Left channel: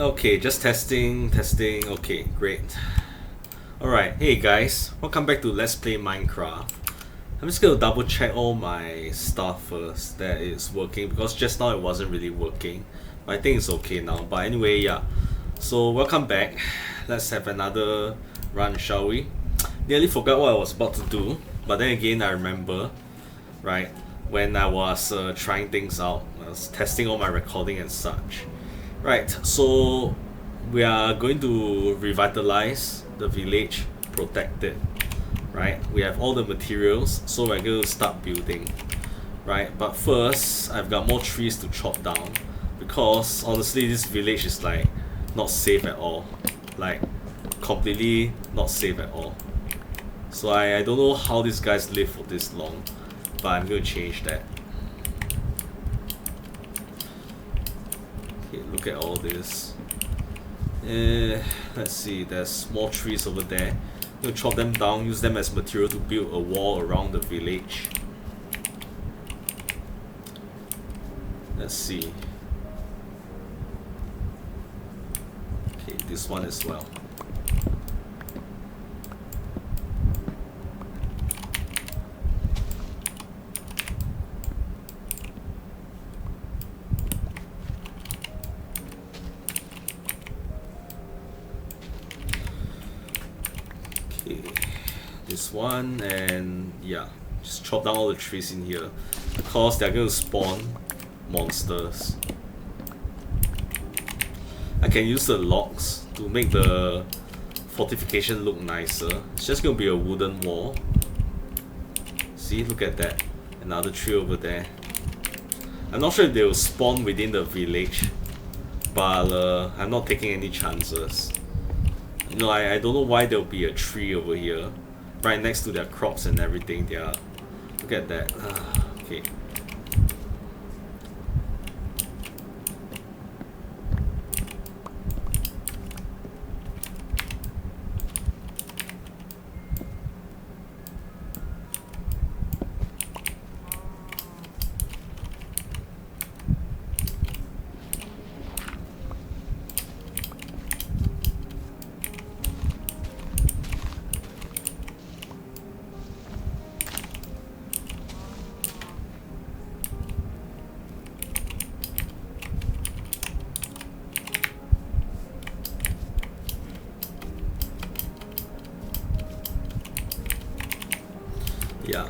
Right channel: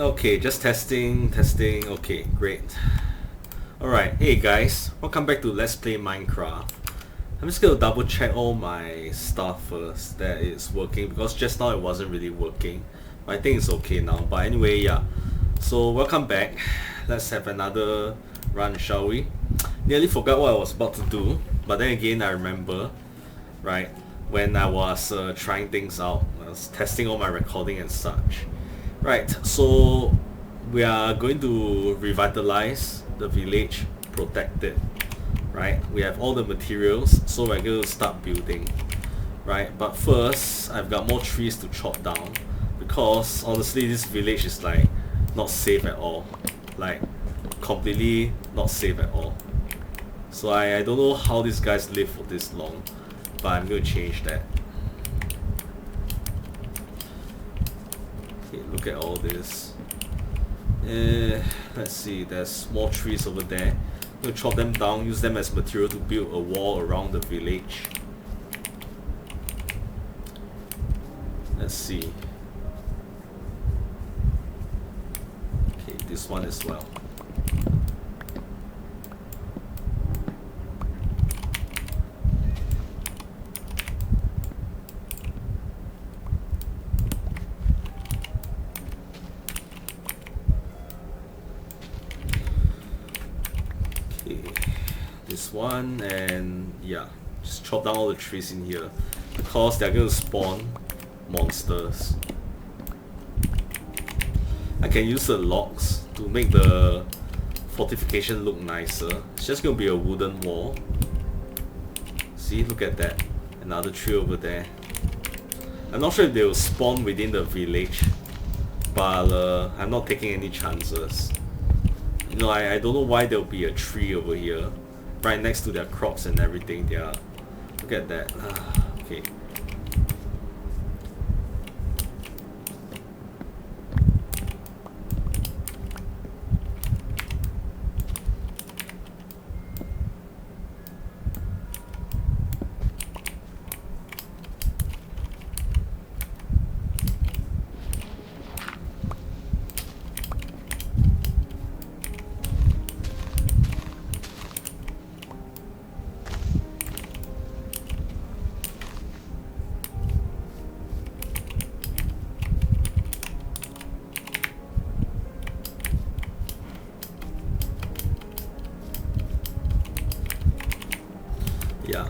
Okay, just testing. Okay, great. Alright, hey guys, welcome back to Let's Play Minecraft. I'm just gonna double check all my stuff first that it's working, because just now it wasn't really working. But I think it's okay now. But anyway, yeah. So welcome back. Let's have another run, shall we? Nearly forgot what I was about to do, but then again I remember, right, when I was trying things out. I was testing all my recording and such. Right, so we are going to revitalize the village, protect it. Right, we have all the materials, so we're going to start building. Right, but first I've got more trees to chop down, because honestly this village is like not safe at all. Like completely not safe at all. So I don't know how these guys live for this long, but I'm going to change that. Okay, look at all this. Let's see, there's more trees over there. I'm going to chop them down, use them as material to build a wall around the village. Let's see. Okay, this one as well. This one, and yeah, just chop down all the trees in here, because they're going to spawn monsters. I can use the logs to make the fortification look nicer. It's just going to be a wooden wall. See, look at that, another tree over there. I'm not sure if they will spawn within the village, but I'm not taking any chances. You know, I don't know why there'll be a tree over here right next to their crops and everything. Look at that. Okay. Yeah,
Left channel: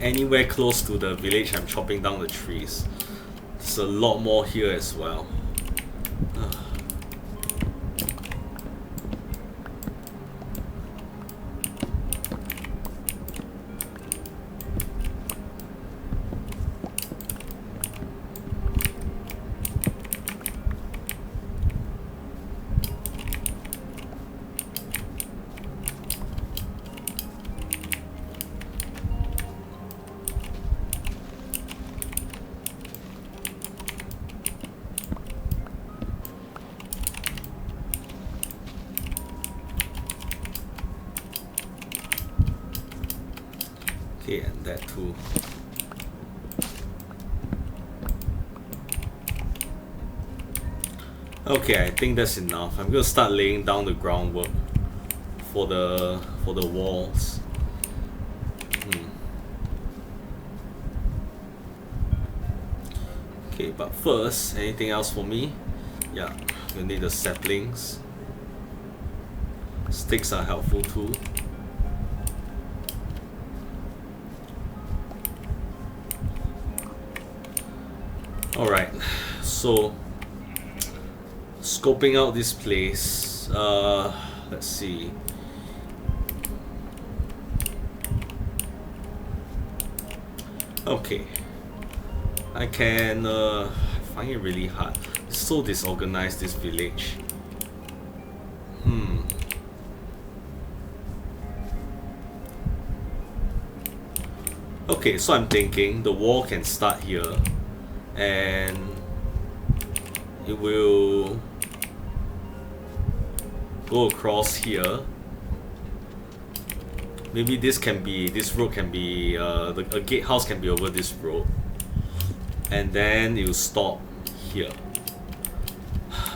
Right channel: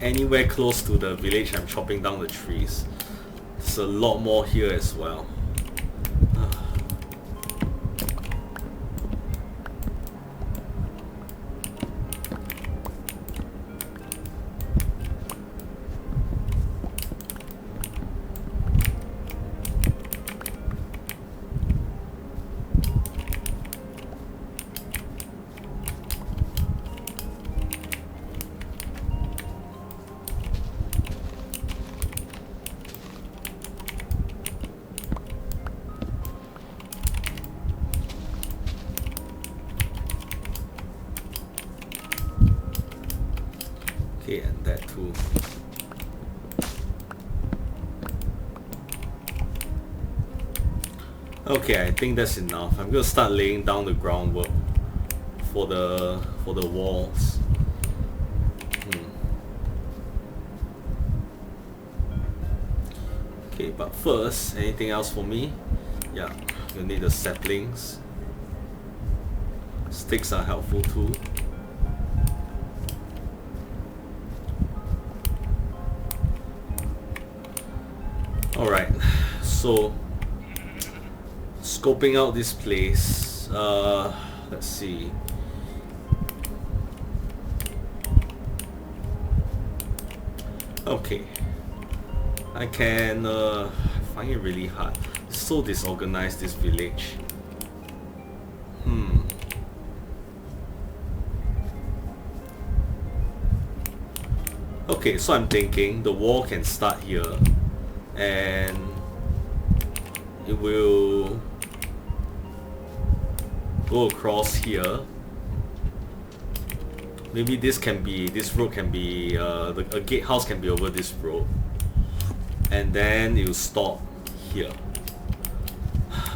anywhere close to the village I'm chopping down the trees. There's a lot more here as well. Okay, and that too. Okay, I think that's enough. I'm gonna start laying down the groundwork for the walls. Okay, but first, anything else for me? Yeah, you need the saplings. Sticks are helpful too. Alright, so scoping out this place, let's see. Okay, I can find it really hard. It's so disorganized, this village. Okay, so I'm thinking the wall can start here, and it will go across here. Maybe this road can be, a gatehouse can be over this road, and then it will stop here.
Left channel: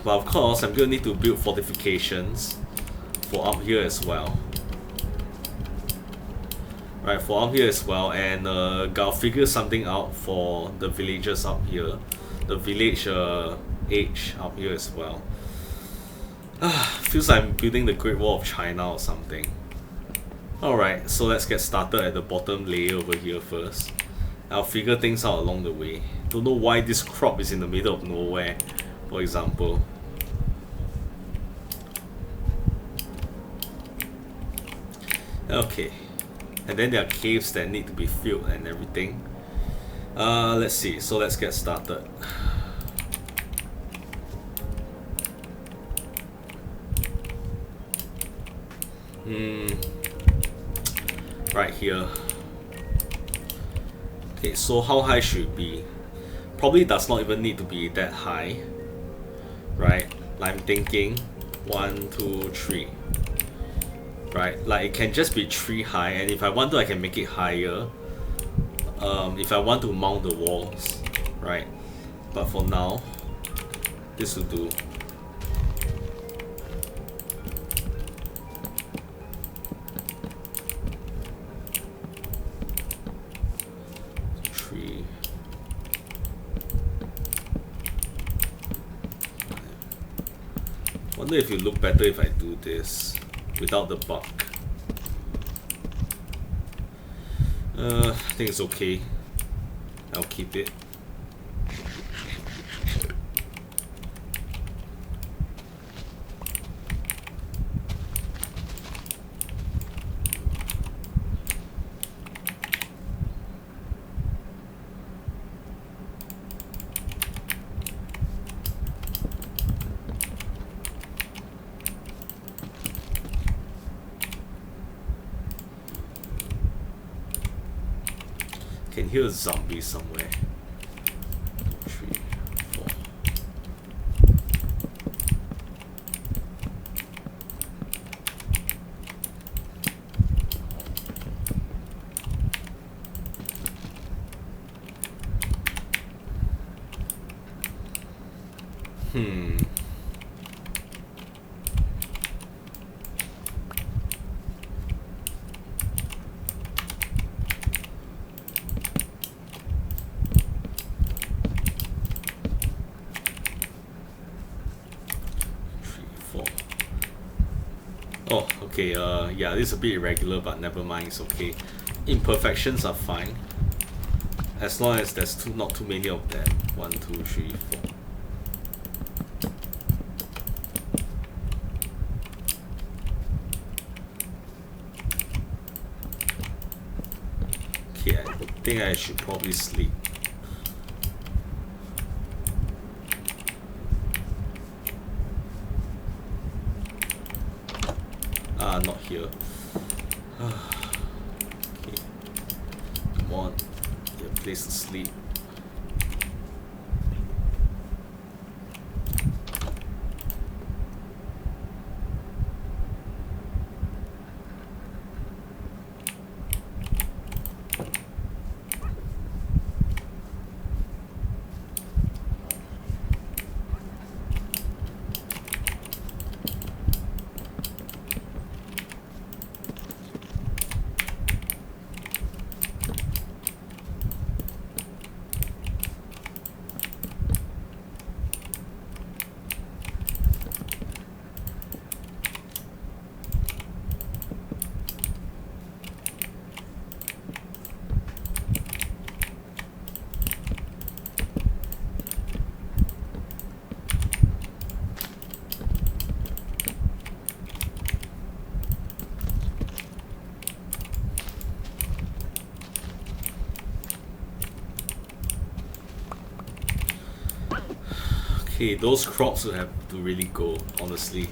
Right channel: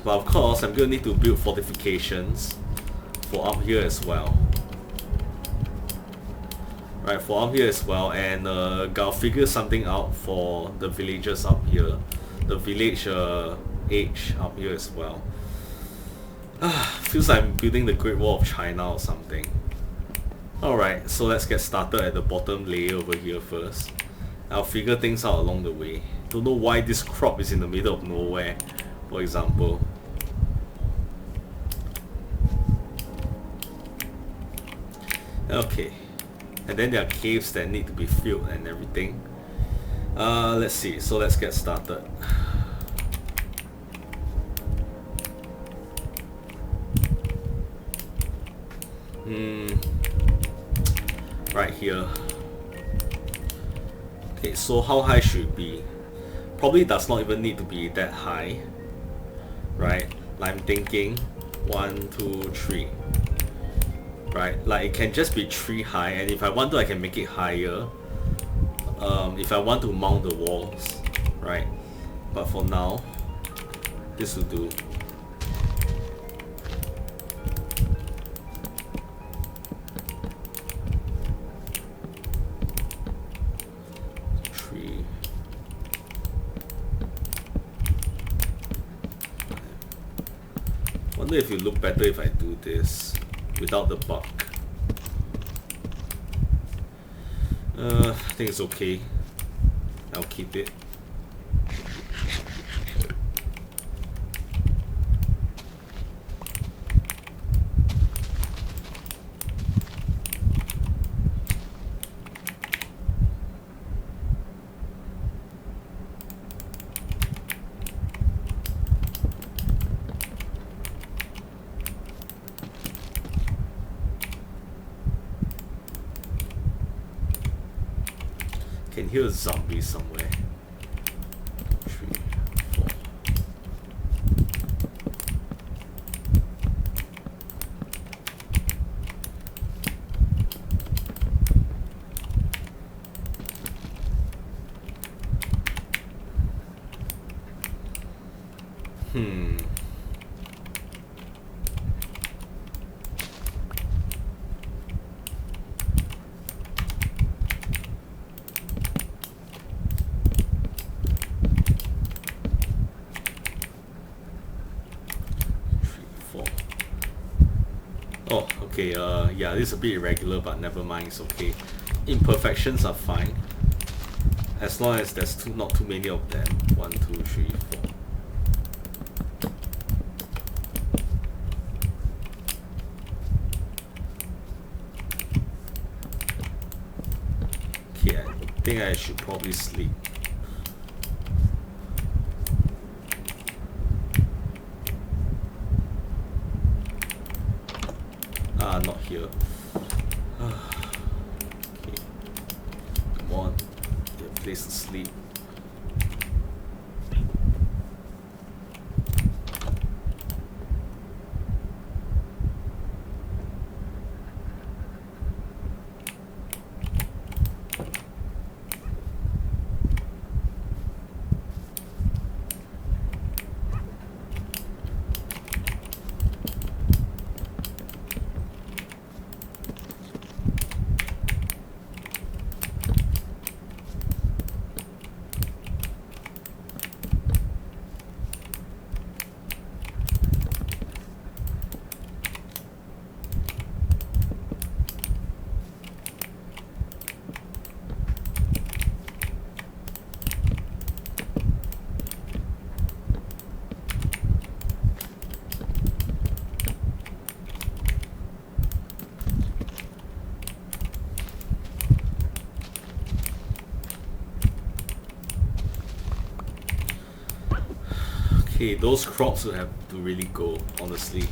But of course, I'm gonna need to build fortifications for up here as well. Right, for up here as well, and gotta figure something out for the villagers up here. The village age up here as well. Feels like I'm building the Great Wall of China or something. Alright, so let's get started at the bottom layer over here first. I'll figure things out along the way. Don't know why this crop is in the middle of nowhere, for example. Okay. And then there are caves that need to be filled and everything. Let's see, so let's get started. Right here. Okay, so how high should it be? Probably does not even need to be that high. Right? Like I'm thinking 1, 2, 3. Right? Like it can just be 3 high, and if I want to I can make it higher. If I want to mount the walls. Right? But for now, this will do. Wonder if it look better if I do this without the buck. I think it's okay. I'll keep it. Can hear a zombie somewhere. 3, 4. Oh, okay, yeah, this is a bit irregular, but never mind, it's okay. Imperfections are fine. As long as there's not too many of them. 1, 2, 3, 4. Okay, I think I should probably sleep. Not here. Okay. Come on. Get a place to sleep. Okay, those crops will have to really go, honestly.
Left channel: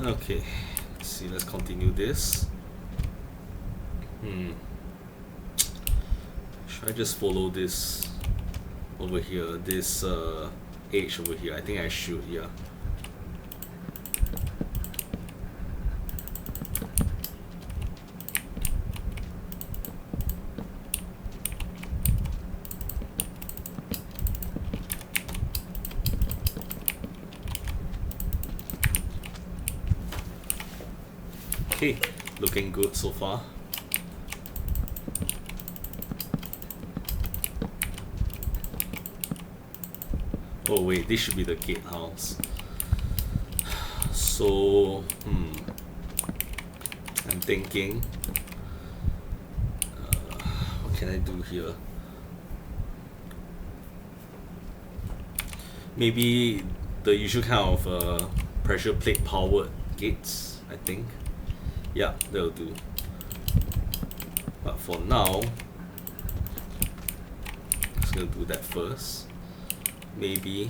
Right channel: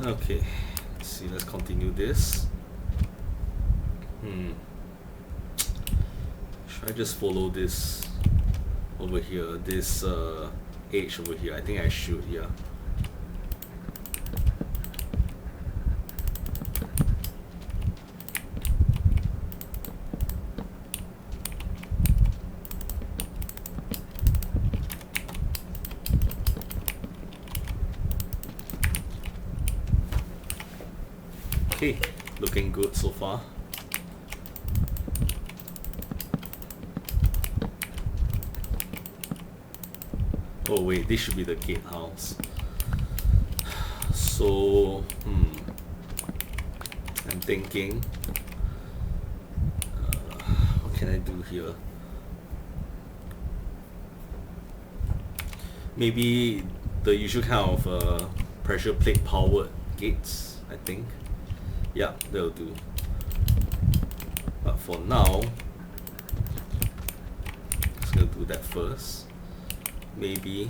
Okay, let's see, let's continue this. Should I just follow this over here, this edge over here? I think I should, yeah. Okay, looking good so far. Oh wait, this should be the gatehouse. So, I'm thinking, what can I do here? Maybe the usual kind of pressure plate powered gates, I think. Yeah, that'll do. But for now, just gonna do that first. Maybe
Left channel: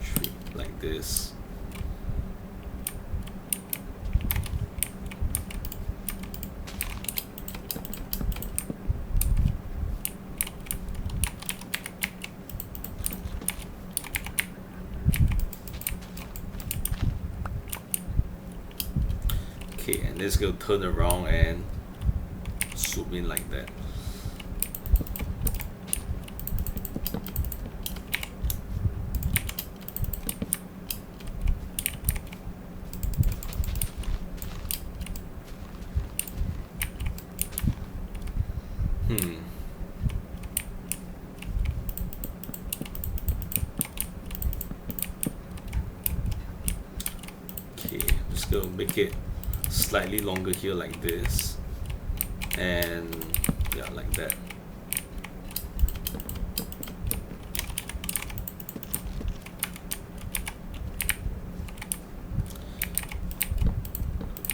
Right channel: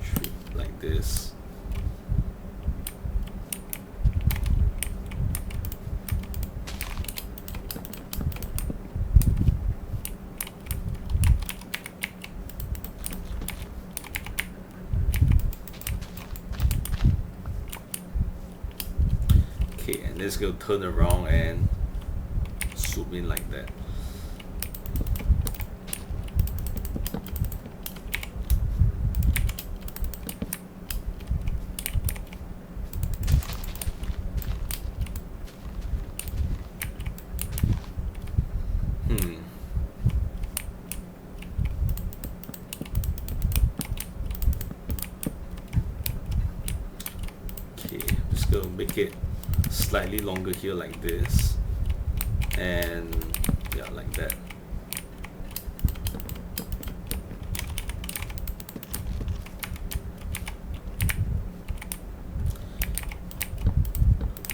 treat like this. Okay, and let's go turn around and swoop in like that. Okay, I'm just gonna make it slightly longer here like this, and yeah, like that.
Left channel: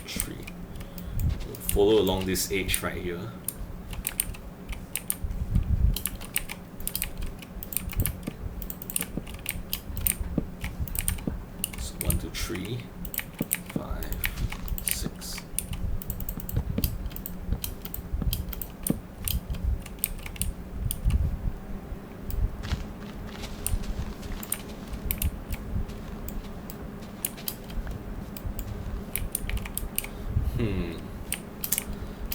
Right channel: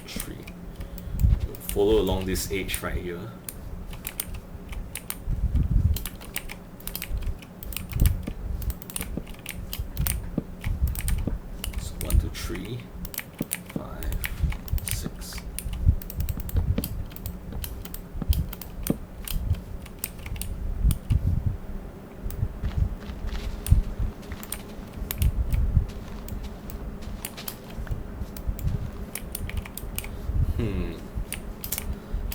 Tree. Follow along this edge right here. So 1, 2, 3, 5, 6.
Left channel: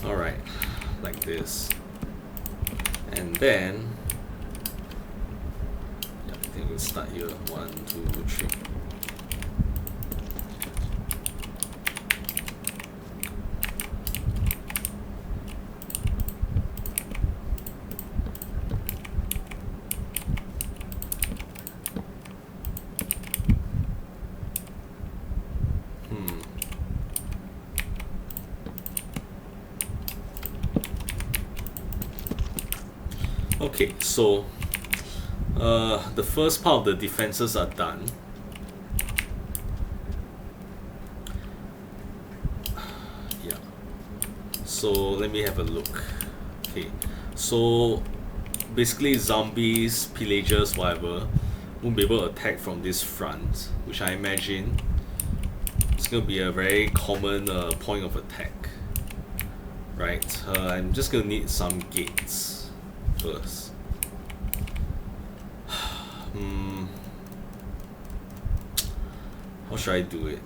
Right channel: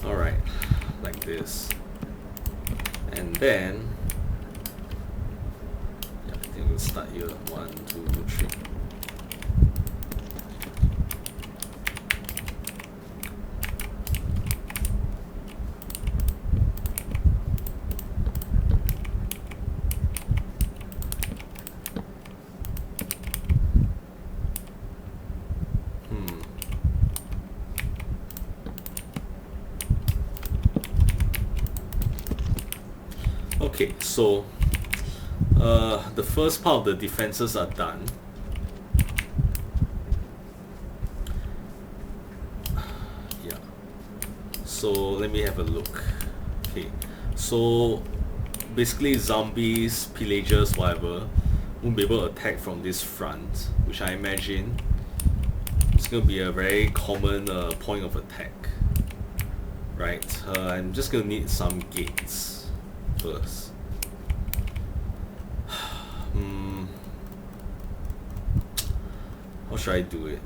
Alright, like this. And then, yeah, I think we'll start here. 1, 2, 3. Okay, so the first part of the defenses are done. Yeah. So let me have a look. Okay, so basically zombies, pillagers, whatever, won't be able to attack from this front, which I imagine is going to be a very common point of attack. Right, I'm just going to need some gates first. How should I do it?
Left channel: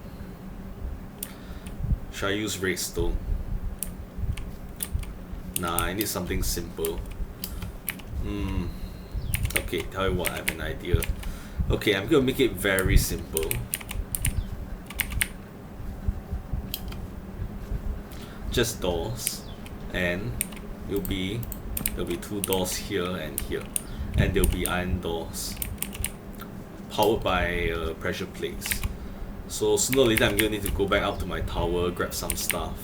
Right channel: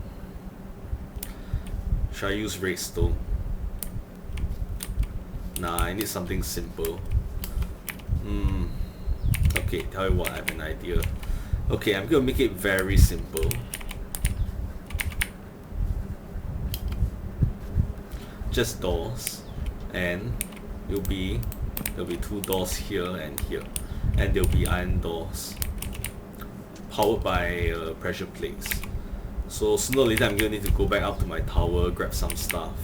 Should I use redstone? Nah, I need something simple. Okay, tell you what, I have an idea. Okay, I'm gonna make it very simple. Just doors, and there'll be 2 doors here and here, and there'll be iron doors powered by pressure plates. So sooner or later I'm gonna need to go back up to my tower, grab some stuff.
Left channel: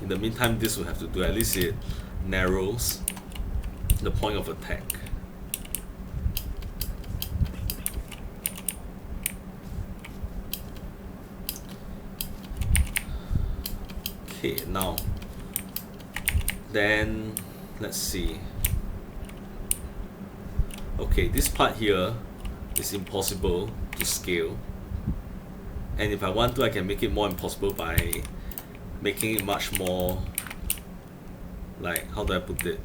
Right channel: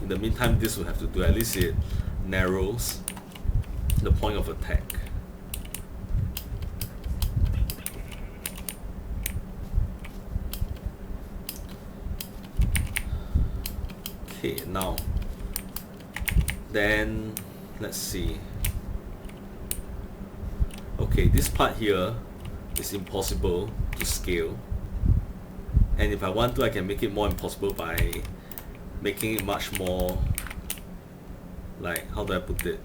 In the meantime, this will have to do. At least it narrows the point of attack. Okay, now then let's see. Okay, this part here is impossible to scale, and if I want to, I can make it more impossible by making it much more, like, how do I put it?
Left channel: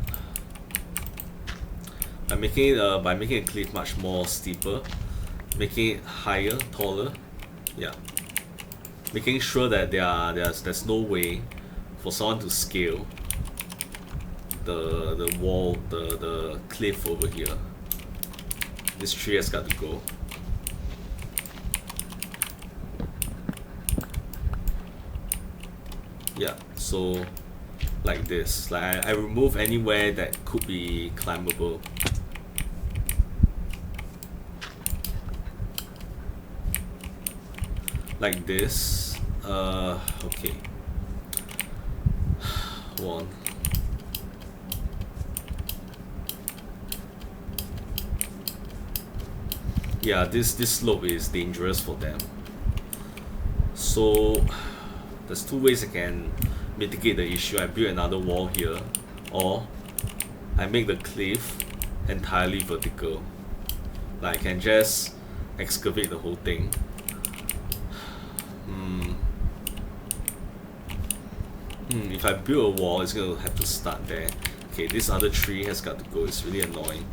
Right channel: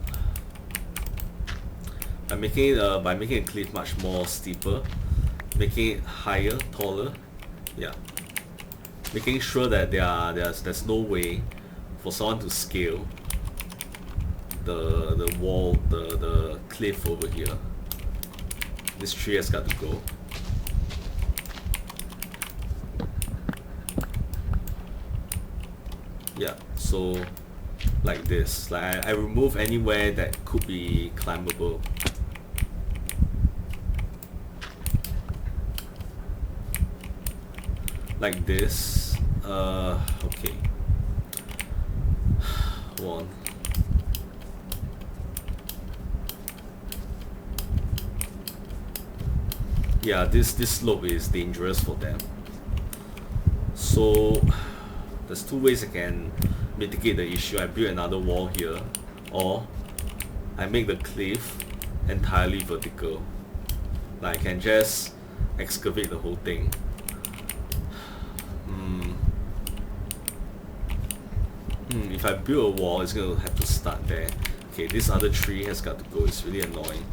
By making a cliff much more steeper, making it higher, taller, yeah. Making sure that there's no way for someone to scale the wall, the cliff over here. This tree has got to go. Yeah, so like this. Like I remove anywhere that could be climbable. Like this. Okay. One. Yeah, this slope is dangerous for them. So there's two ways I can mitigate the issue. I build another wall here, or I make the cliff entirely vertical. Like I can just excavate the whole thing. If I build a wall, it's gonna have to start there. Okay, this other tree has got to go. It's really annoying.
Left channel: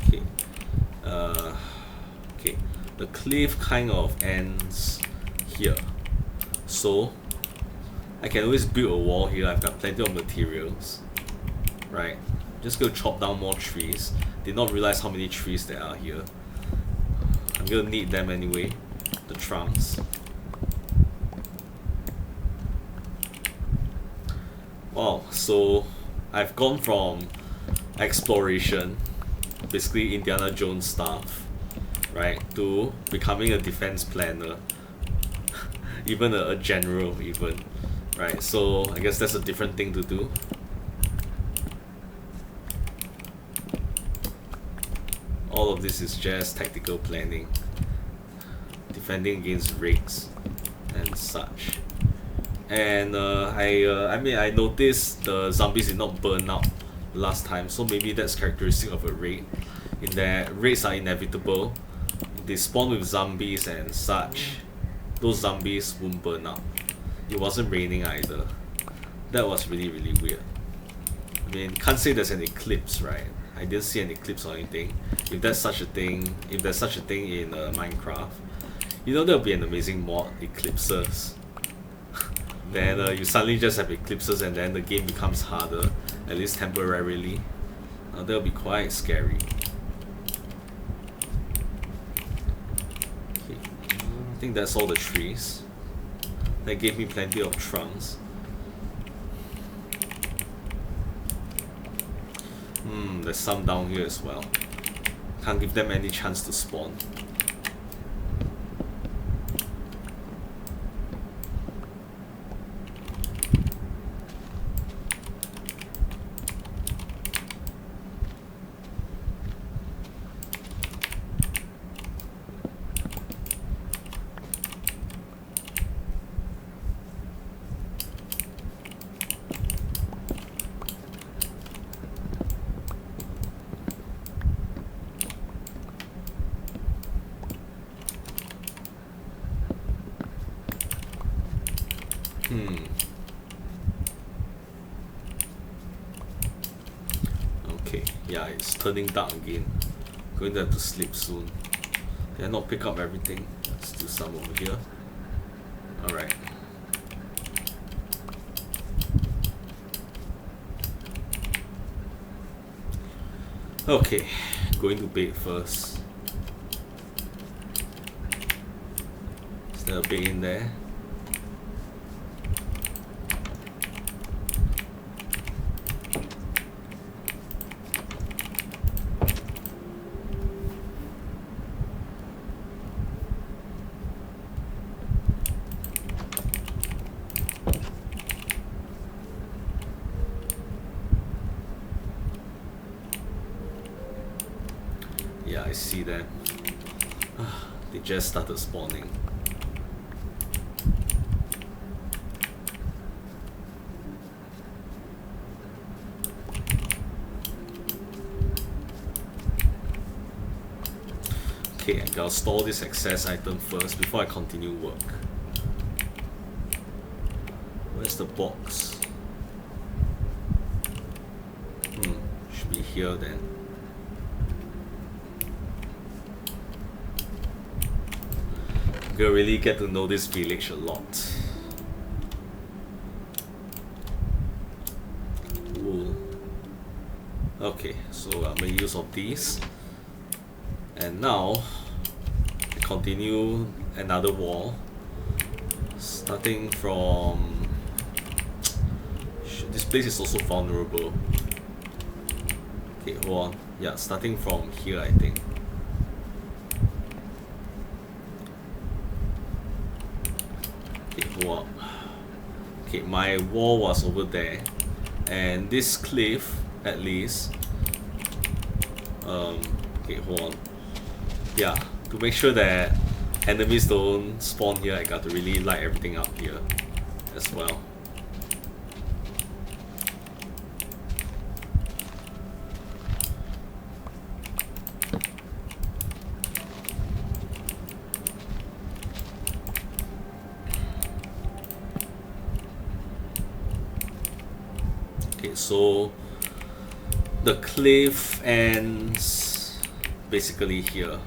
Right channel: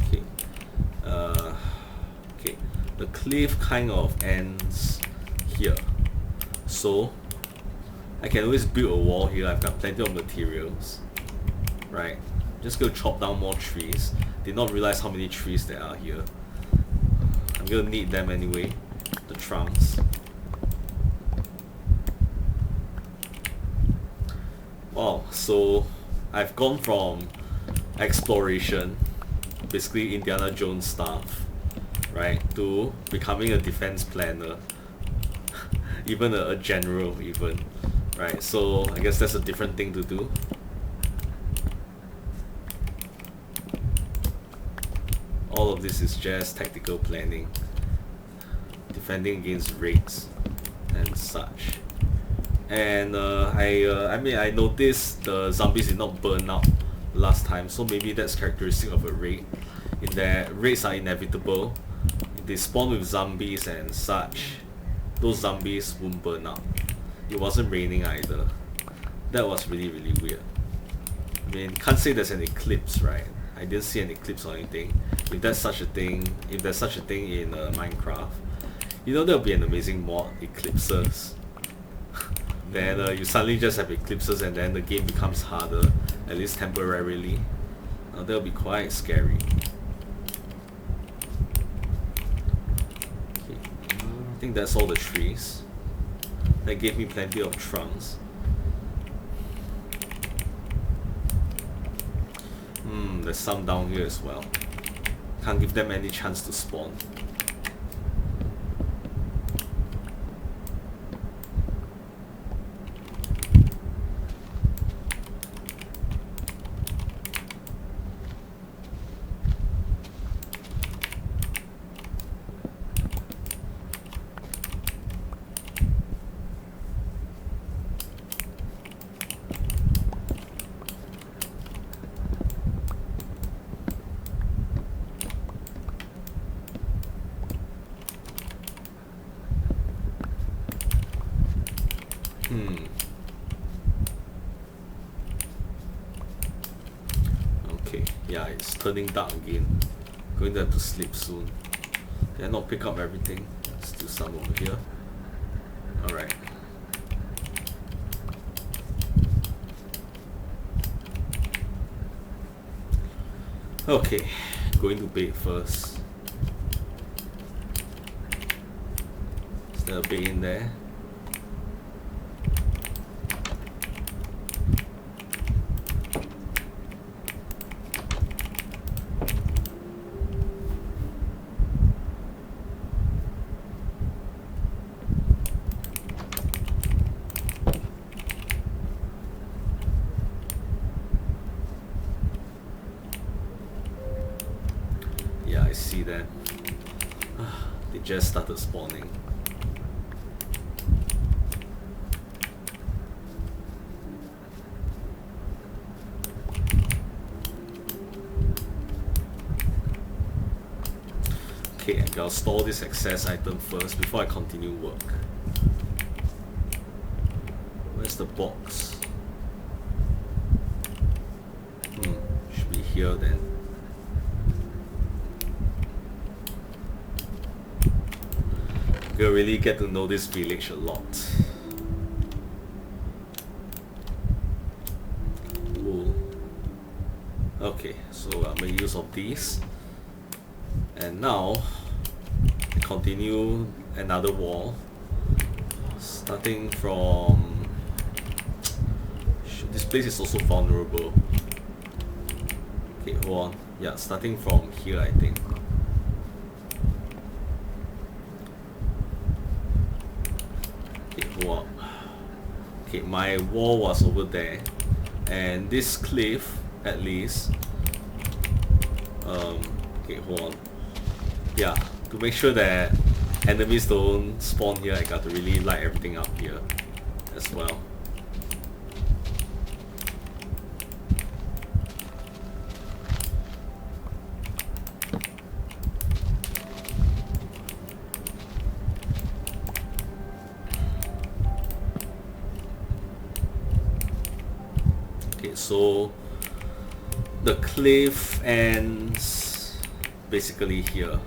Okay. Okay. The cliff kind of ends here. So I can always build a wall here. I've got plenty of materials. Right. Just go chop down more trees. Did not realize how many trees there are here. I'm gonna need them anyway. The trunks. Wow, so I've gone from exploration, basically Indiana Jones stuff, right, to becoming a defense planner. Even a general even. Right, so I guess that's a different thing to do. All of this is just tactical planning, defending against raids and such. And I mean, I noticed the zombies did not burn out last time, so maybe that's characteristic of a raid, in that raids are inevitable. If they spawn with zombies and such, those zombies won't burn out. It wasn't raining either. That was really weird. I mean, can't say there's an eclipse, right? I didn't see an eclipse or anything. If there's such a thing in Minecraft, you know, there'll be an amazing mod, eclipses. Then you suddenly just have eclipses and then the game becomes harder, at least temporarily. That'll be quite scary. Okay. I think that's all the trees. That gave me plenty of trunks. There's some down here as well. Can't give them any chance to spawn. Okay, yeah, it's turning dark again. Going to have to sleep soon. Did I not pick up everything? Still some over here. Alright. Okay, going to bed first. Is there a bed in there? Yeah, I see that. They just started spawning. Okay, I gotta store this excess item first before I continue work. Where's the box? Should be here then. I'm gonna really get to know this village a lot. Okay, so I'll make use of these. And now, we continue another wall. Starting from... This place is also vulnerable. Okay, hold on. Yeah, starting from here, I think. Okay, hold on. Okay, my wall was over there. And this cliff, at least... okay, hold on. Yeah, to make sure that enemies don't spawn here, I got to really light everything up here as well. Okay, so the cliff ends basically here.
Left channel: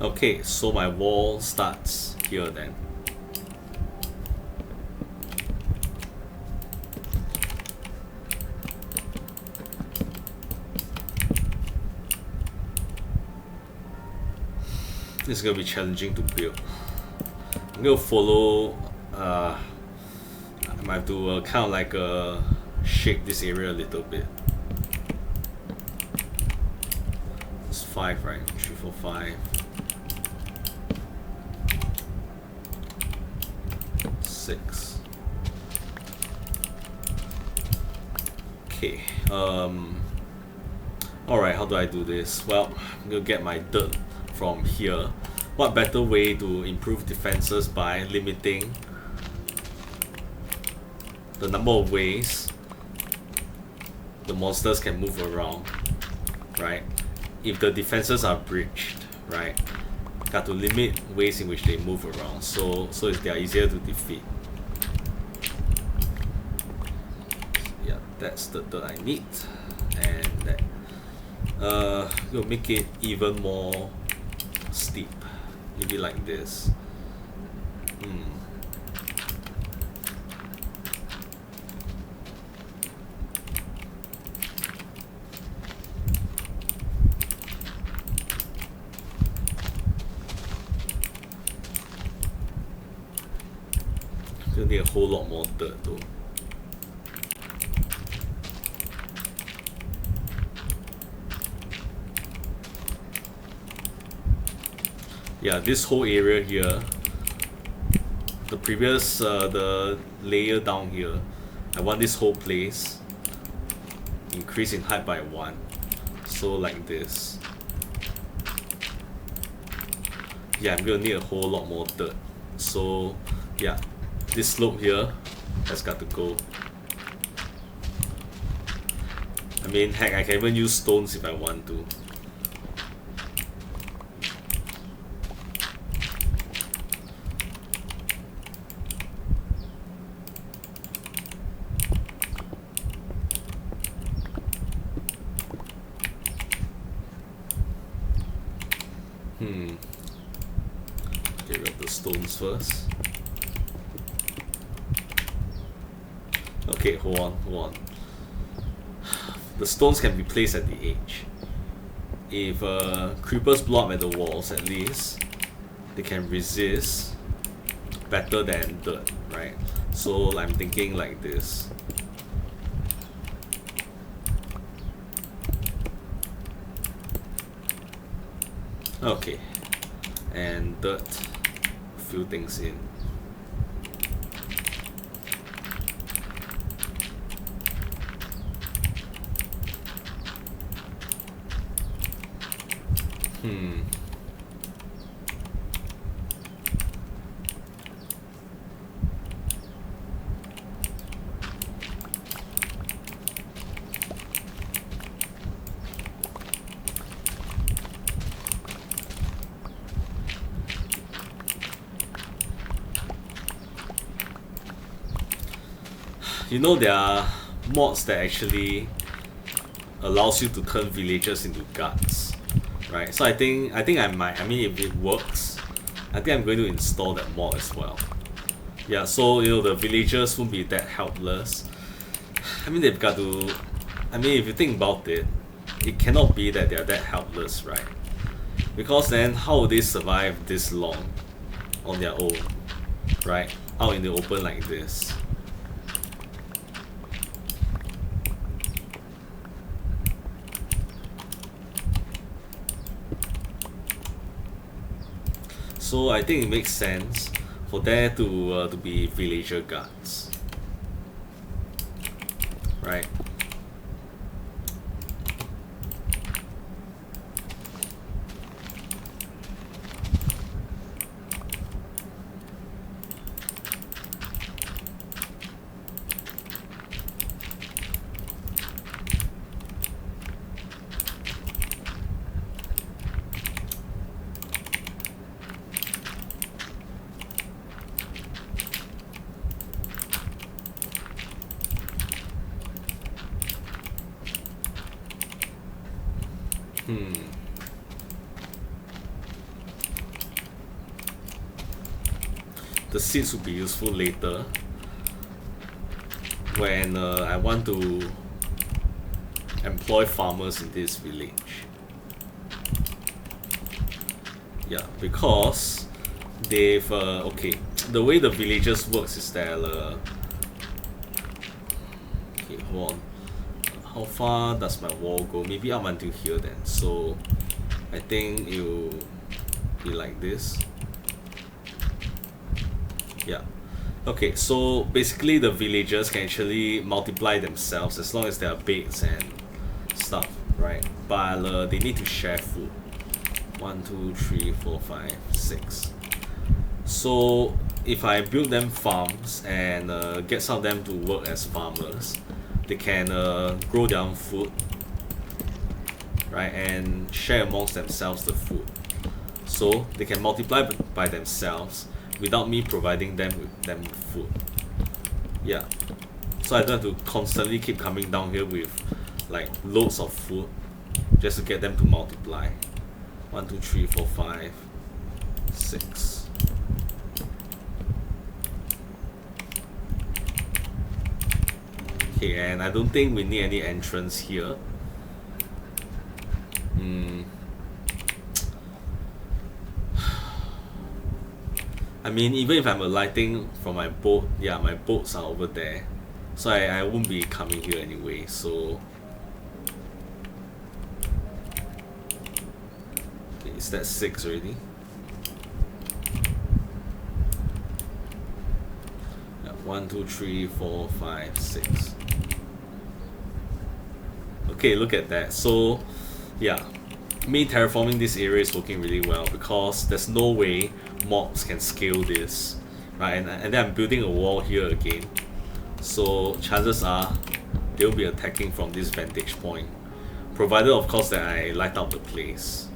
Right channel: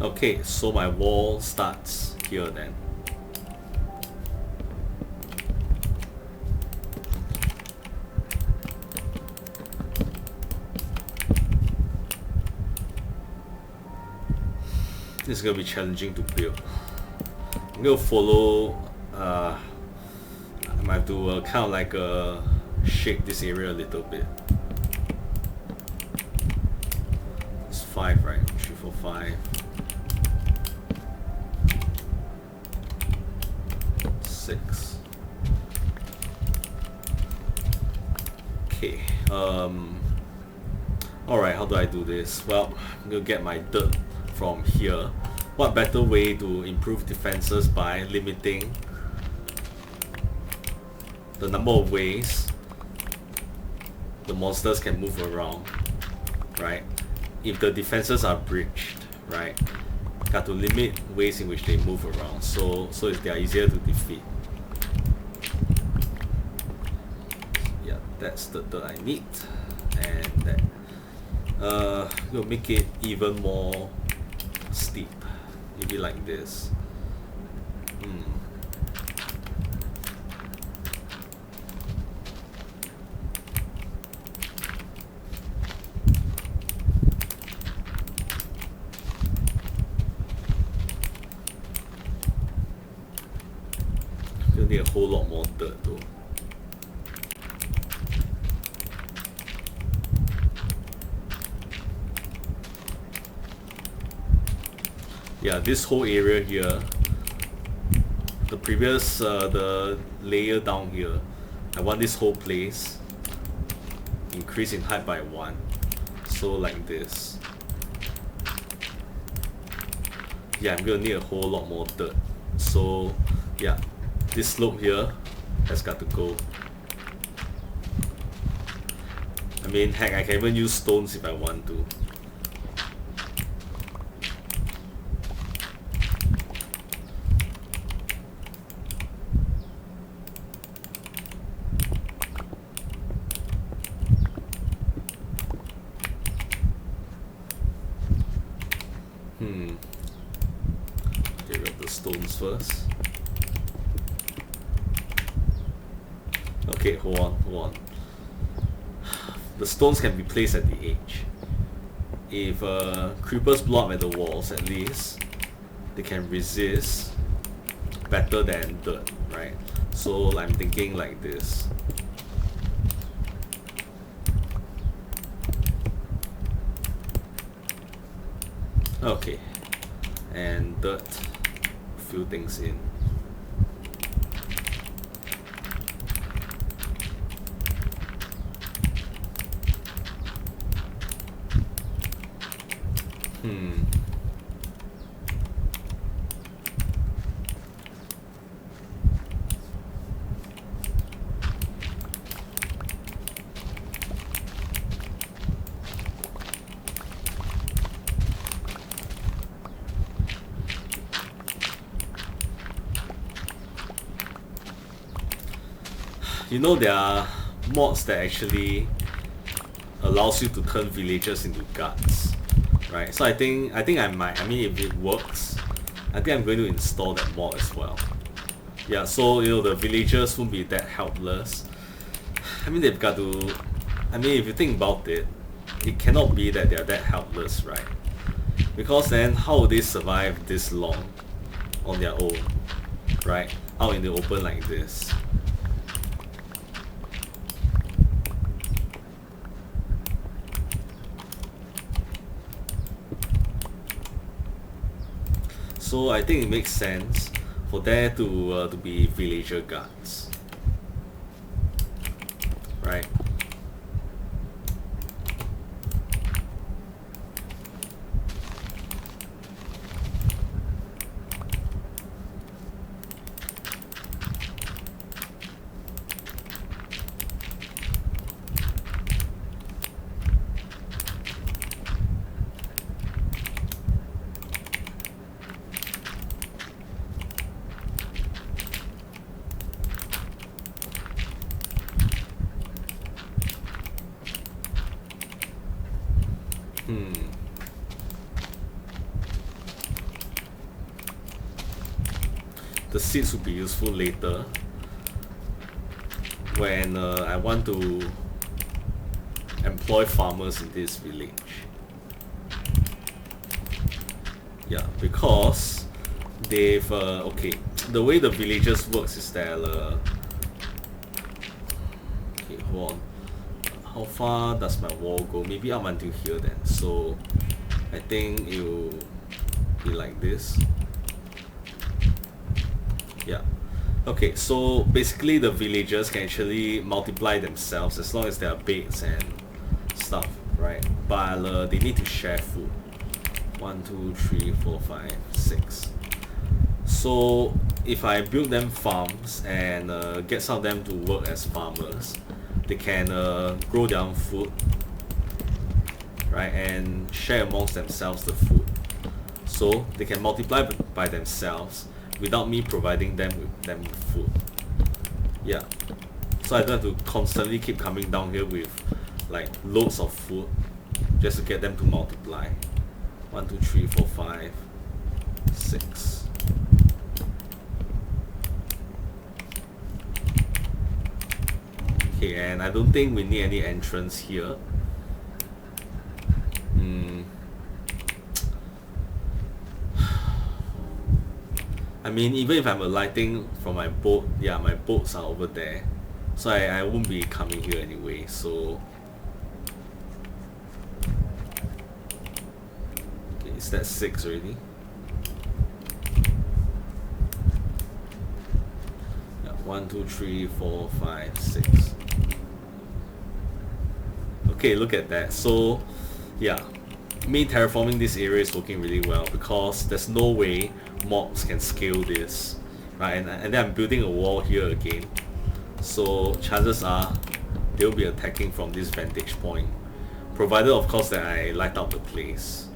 Okay, so my wall starts here then. This is gonna be challenging to build. I'm gonna follow. I might have to kind of like shake this area a little bit. It's 5, right? 3, 4, 5. 6. Okay. Alright, how do I do this? Well, I'm gonna get my dirt from here. What better way to improve defenses by limiting the number of ways the monsters can move around, right? If the defenses are breached, right, got to limit ways in which they move around, so they are easier to defeat. Yeah, that's the dirt I need, and that will make it even more steep, maybe like this. Gonna need a whole lot more dirt though. Yeah, this whole area here, the previous, the layer down here, I want this whole place increase in height by 1. So like this. Yeah, I'm gonna need a whole lot more dirt. So yeah, this slope here has got to go. I mean, heck, I can even use stones if I want to. Get rid of the stones first. Okay, hold on. The stones can be placed at the edge. If creepers blow up at the walls, at least they can resist better than dirt, right? So I'm thinking like this. Okay, and dirt, fill things in. You know, there are mods that actually allows you to turn villagers into guards, right? So I think I might. I mean, if it works, I think I'm going to install that mod as well. Yeah, so the villagers won't be that helpless. I mean, they've got to. I mean, if you think about it, it cannot be that they're that helpless, right? Because then, how would they survive this long on their own, right? Out in the open like this. So I think it makes sense for there to be villager guards, right? The seeds will be useful later when I want to employ farmers in this village. Yeah, because they've okay. The way the villagers works is that okay, hold on. How far does my wall go? Maybe up until here then. So I think it will be like this. Yeah. Okay, so basically the villagers can actually multiply themselves as long as there are baits and stuff, right? But they need to share food. 1, 2, 3, 4, 5, 6. So if I build them farms and get some of them to work as farmers, they can grow their own food, right? And share amongst themselves the food. So they can multiply by themselves without me providing them with food. Yeah. So I don't have to constantly keep coming down here with like loads of food just to get them to multiply. 1, 2, 3, 4, 5, 6. Okay, and I don't think we need any entrance here. I mean, even if I'm alighting from my boat, yeah, my boats are over there. So I won't be coming here anyway, so... Okay, is that 6 already? Yeah, 1, 2, 3, 4, 5, 6. Okay, look at that. So, yeah. Me terraforming this area is working really well because there's no way mobs can scale this, right? And then I'm building a wall here again, so chances are they'll be attacking from this vantage point, provided of course that I light up the place.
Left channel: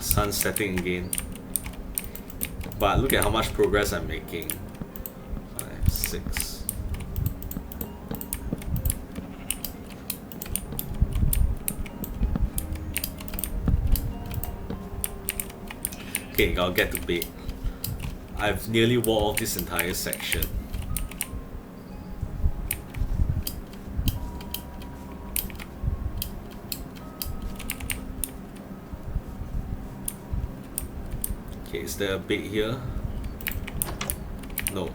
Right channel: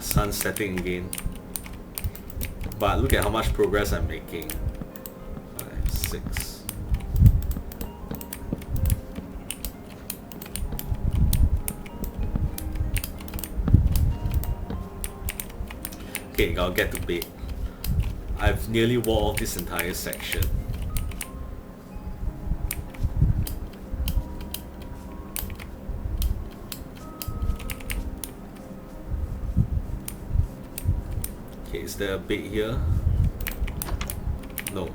Sun setting again, but look at how much progress I'm making. 5, 6. Okay, I'll get to bed. I've nearly walled off this entire section. Okay, is there a bait here? No.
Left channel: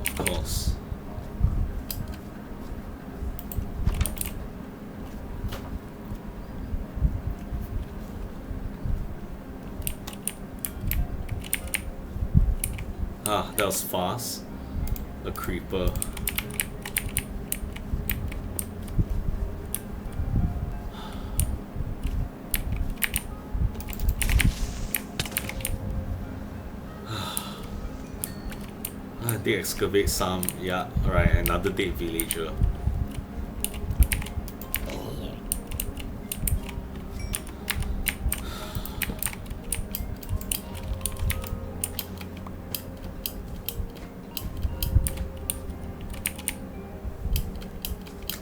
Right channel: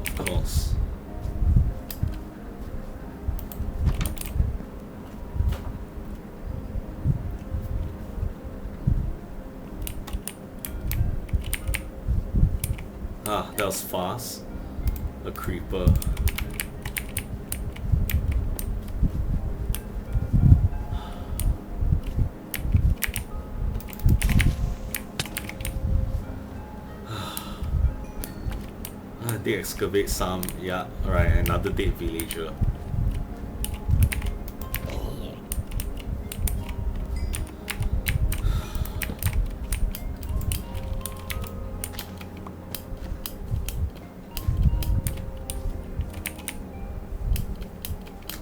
Of course. Ah, that was fast. A creeper. They excavate some. Yeah, alright, another dead villager.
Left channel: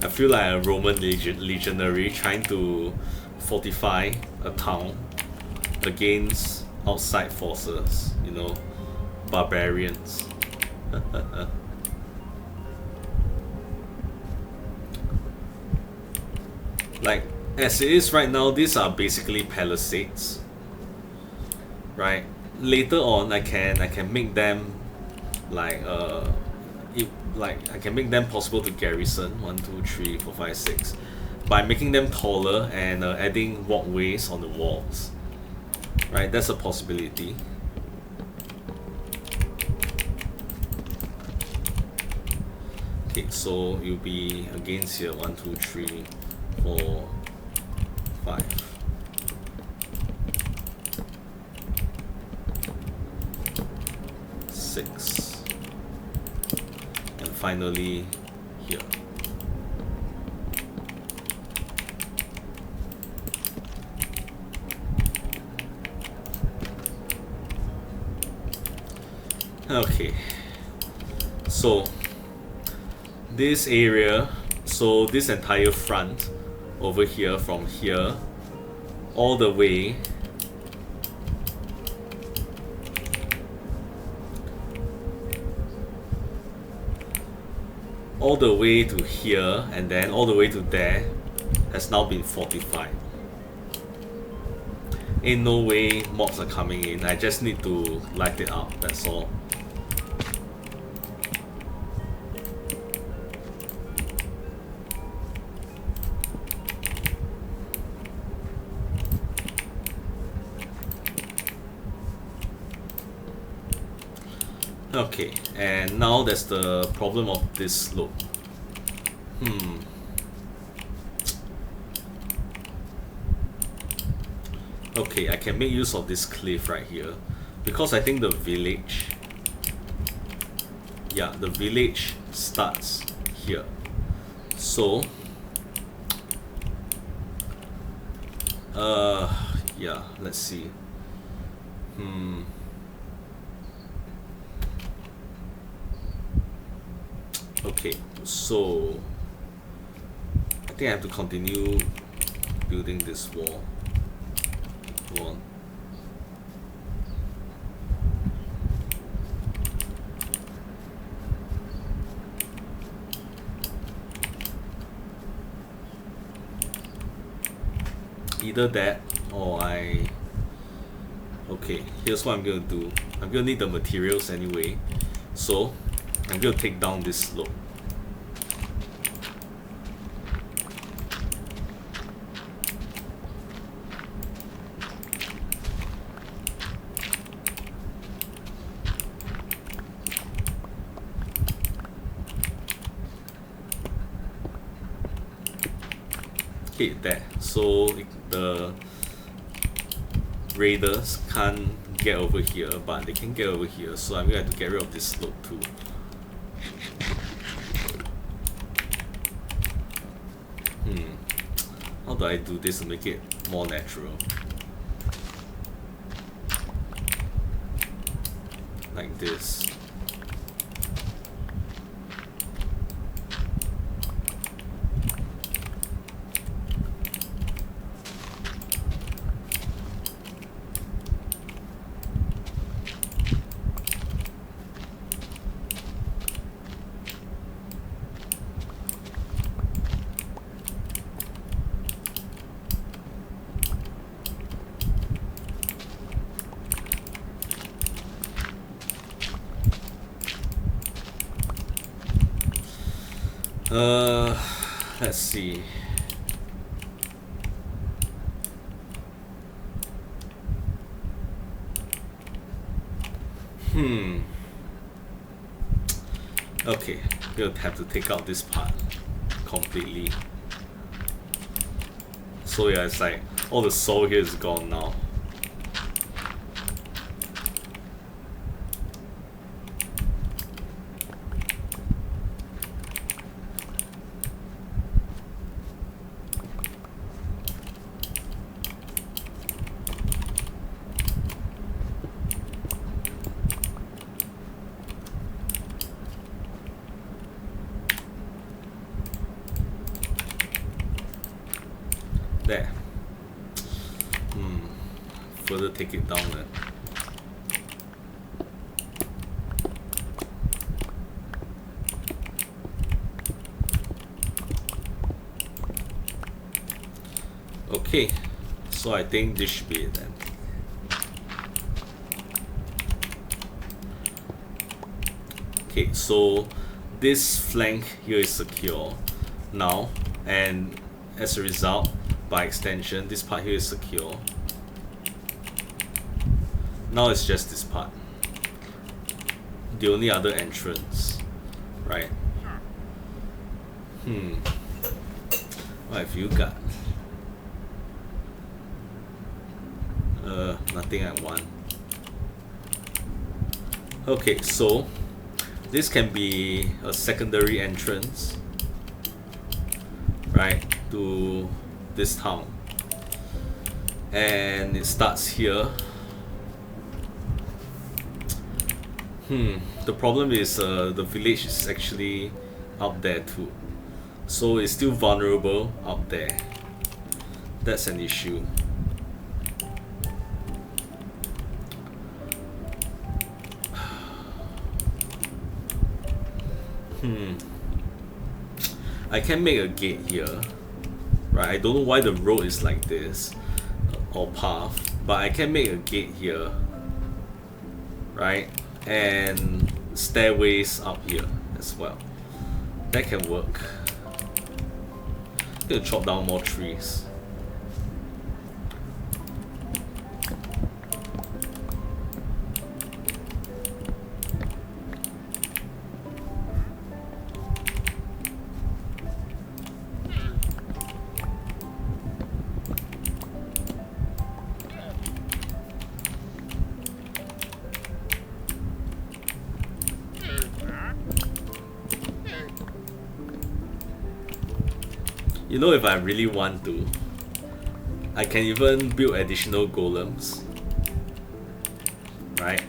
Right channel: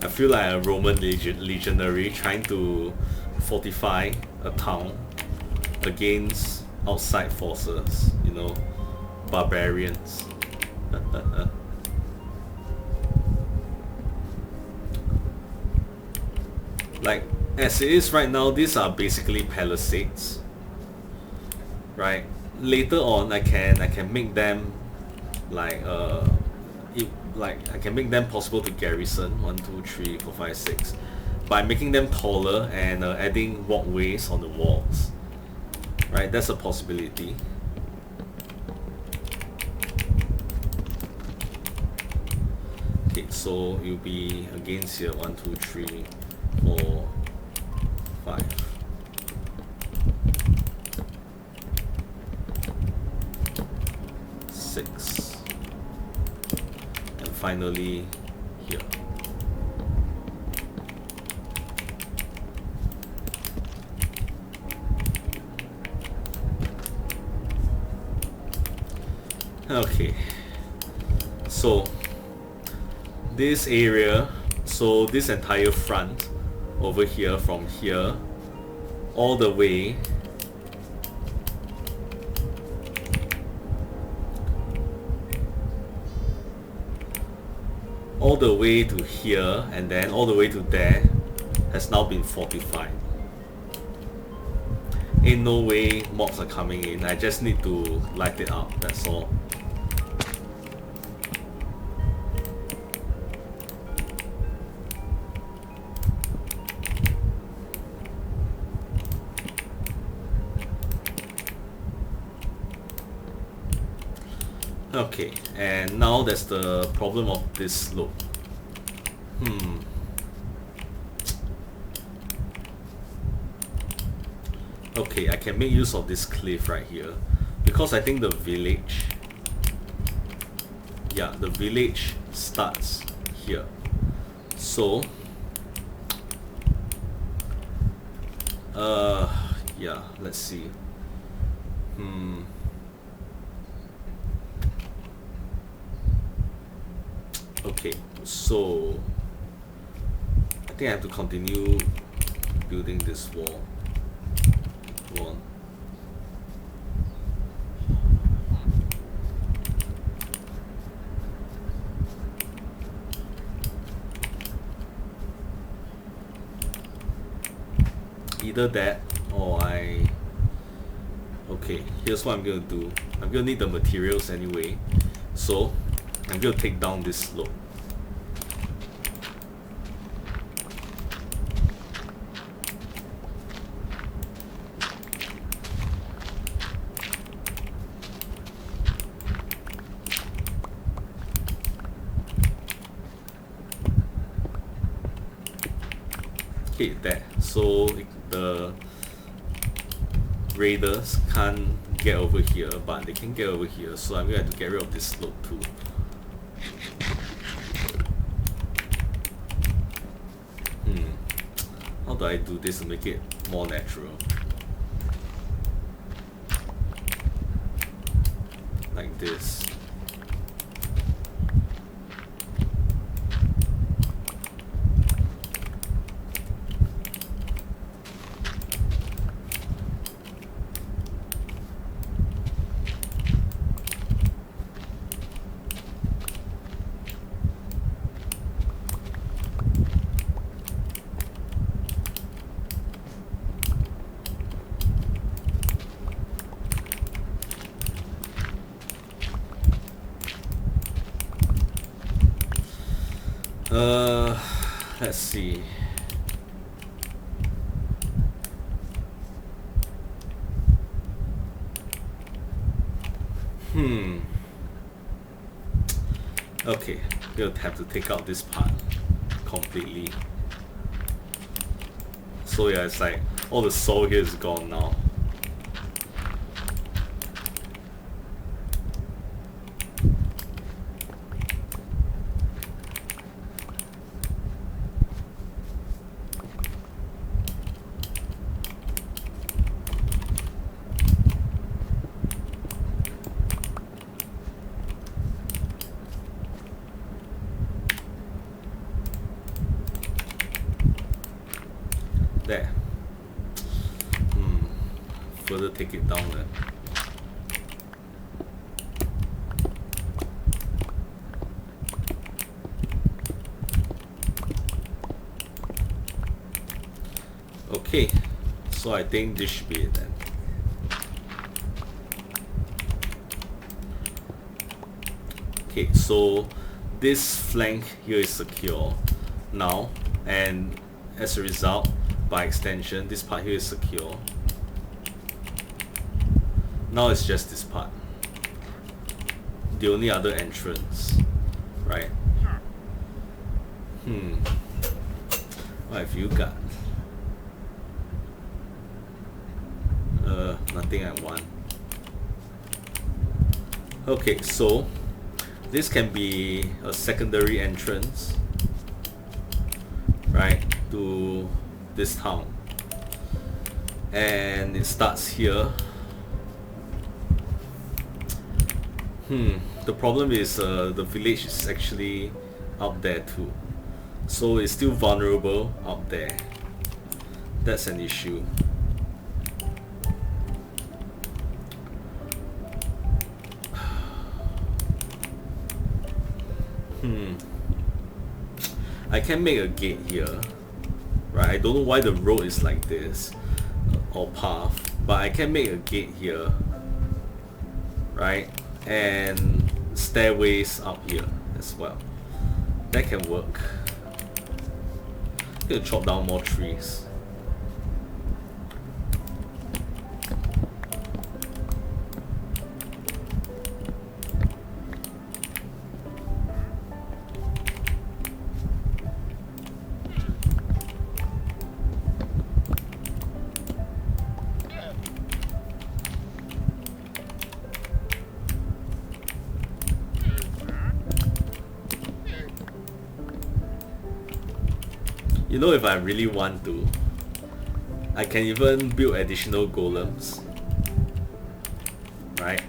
I feel like a Roman legionary trying to fortify a town against outside forces, you know, barbarians. Like, as it is right now, these are basically palisades, right? Later on, I can make them like I can make them possible to garrison 1, 2, 3, 4, 5, 6 by making them taller and adding walkways on the walls, right? That's a possibility. Okay, so you'll be against here 1, 2, 3, 4, 5. Six. And finally here. Okay, so this area, so this entire front over here, from here all the way to here and then all the way to there has now been fortified. Ain't no way mobs are coming in. I just need to light it up, that's all. Okay, and now there's the problem of this slope. Okay, I can make use of this cliff right here because I think the village, yeah, the village starts here. So yeah, let's see. Okay, so I think I have to continue building this wall. Go on. Either that or okay, here's what I'm gonna do. I'm gonna need the materials anyway, so I'm gonna take down this slope. Okay, there. So the raiders can't get over here, but they can get over here, so I'm gonna have to get rid of this slope too. How do I do this to make it more natural? Like this. Let's see. Okay, we'll have to take out this part completely. So yeah, it's like all the soul here is gone now. There. Further take it down then. Okay, so I think this should be it then. Okay, so this flank here is secure now, and as a result, by extension, this part here is secure. Now it's just this part. The only other entrance, right? What have you got? Nothing I want. Okay, so this can be a secondary entrance, right, to this town, and it starts here. The problem is the village is actually up there too, so it's still vulnerable up there. That's an issue. I can make a gate here, right? I don't know why the road is like this, or path, but I can make a gate here, right? And stairways up here as well. That can work. I'm gonna chop down more trees. You know, if I really want to, I can even build additional golems, right?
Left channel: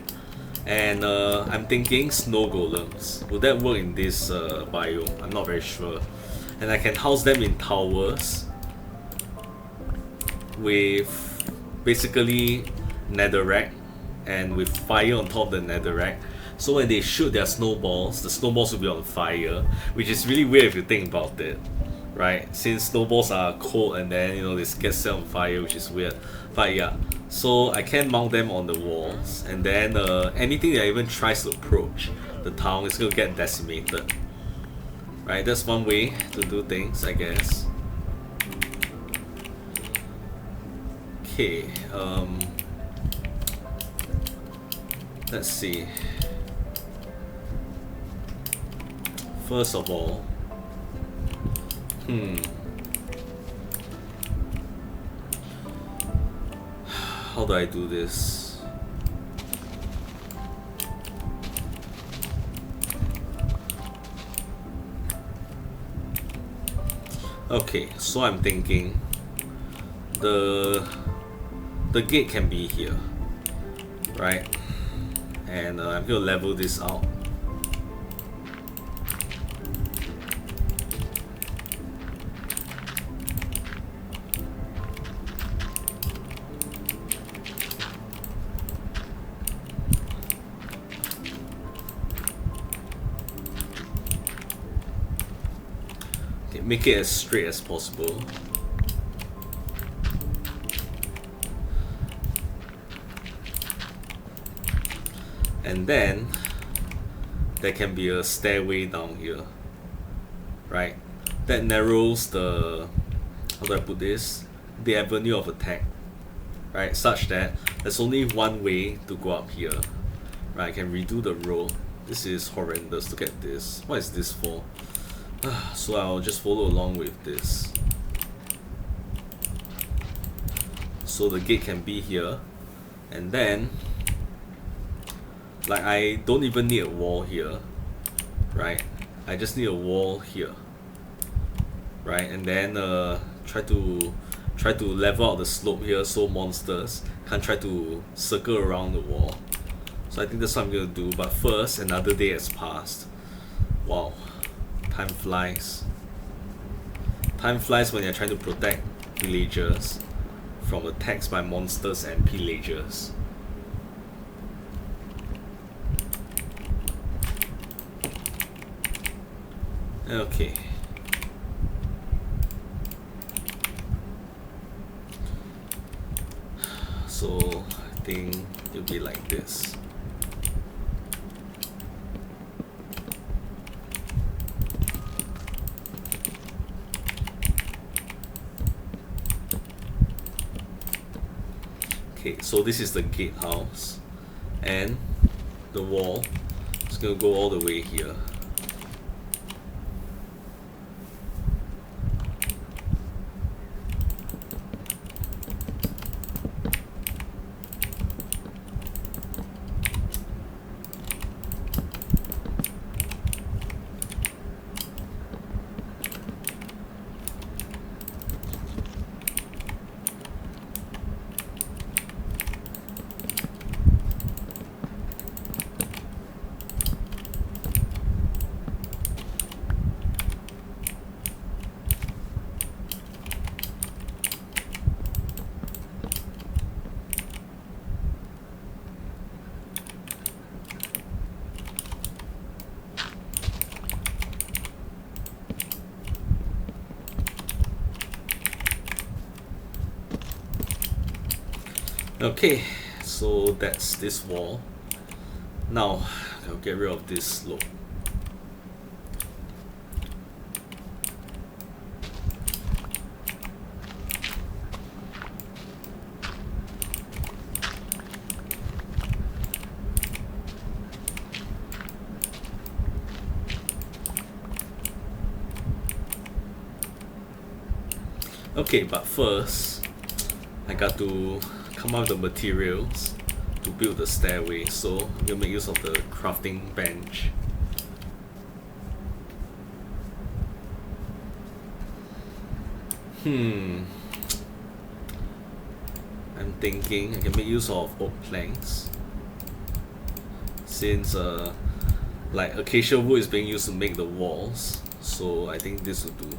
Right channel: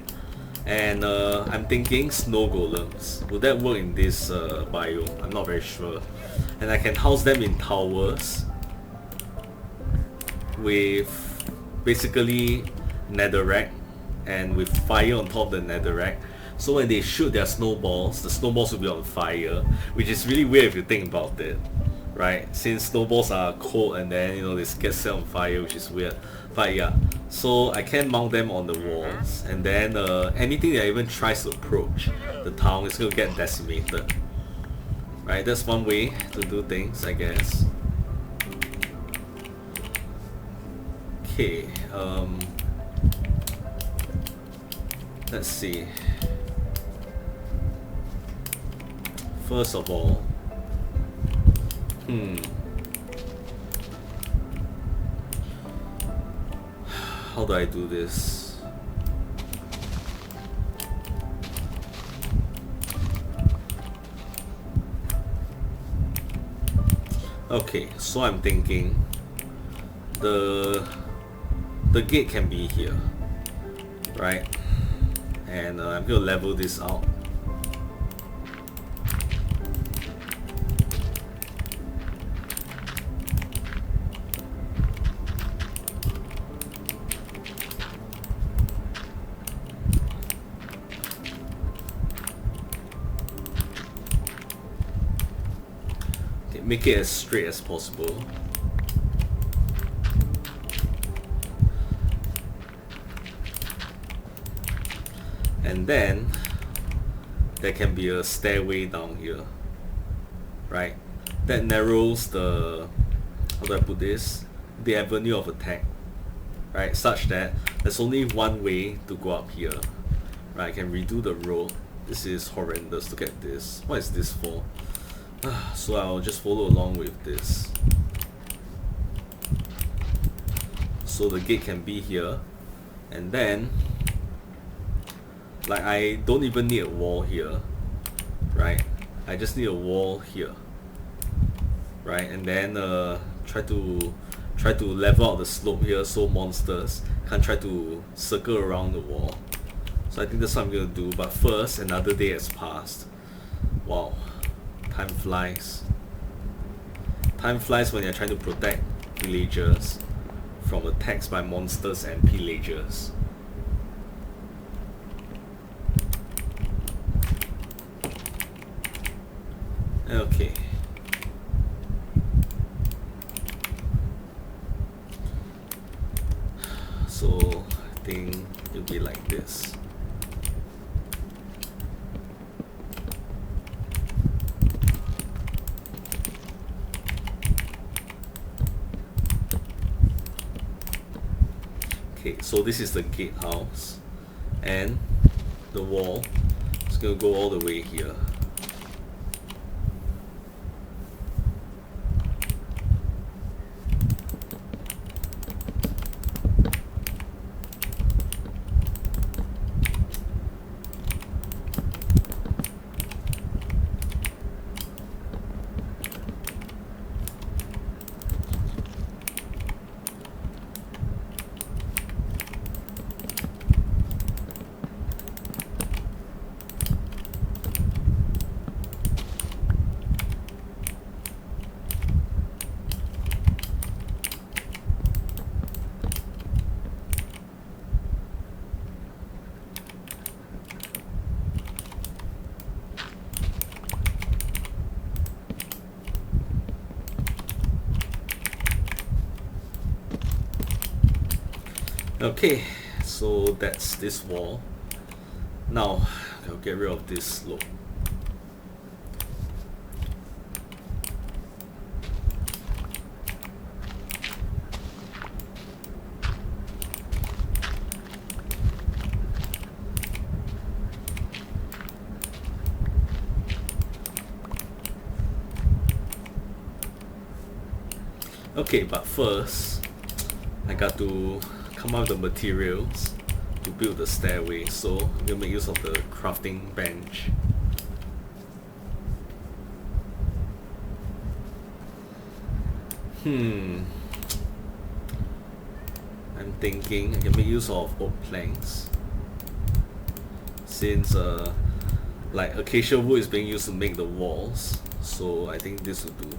And I'm thinking snow golems. Would that work in this biome? I'm not very sure. And I can house them in towers with basically netherrack and with fire on top of the netherrack. So when they shoot their snowballs, the snowballs will be on fire, which is really weird if you think about it. Right, since snowballs are cold and then they get set on fire, which is weird. But yeah, so I can mount them on the walls, and then anything that even tries to approach the town is gonna get decimated. Right, that's one way to do things, I guess. Okay, let's see. First of all, how do I do this? Okay, so I'm thinking the gate can be here, right? And I'm gonna level this out. Make it as straight as possible. And then there can be a stairway down here, right? That narrows the, how do I put this? The avenue of attack, right? Such that there's only one way to go up here, right? I can redo the roll. This is horrendous. Look at this. What is this for? So I'll just follow along with this. So the gate can be here, and then like I don't even need a wall here, right? I just need a wall here, right? And then try to level out the slope here so monsters can't try to circle around the wall. So I think that's what I'm gonna do. But first, another day has passed. Wow, time flies. Time flies when you're trying to protect villagers from attacks by monsters and pillagers. Okay. So I think it'll be like this. Okay, so this is the gatehouse, and the wall is gonna go all the way here. Okay, so that's this wall. Now I'll get rid of this slope. Okay, but first I got to come up with the materials to build the stairway, so I'm gonna make use of the crafting bench. I'm thinking I can make use of oak planks, since like acacia wood is being used to make the walls, so I think this will do.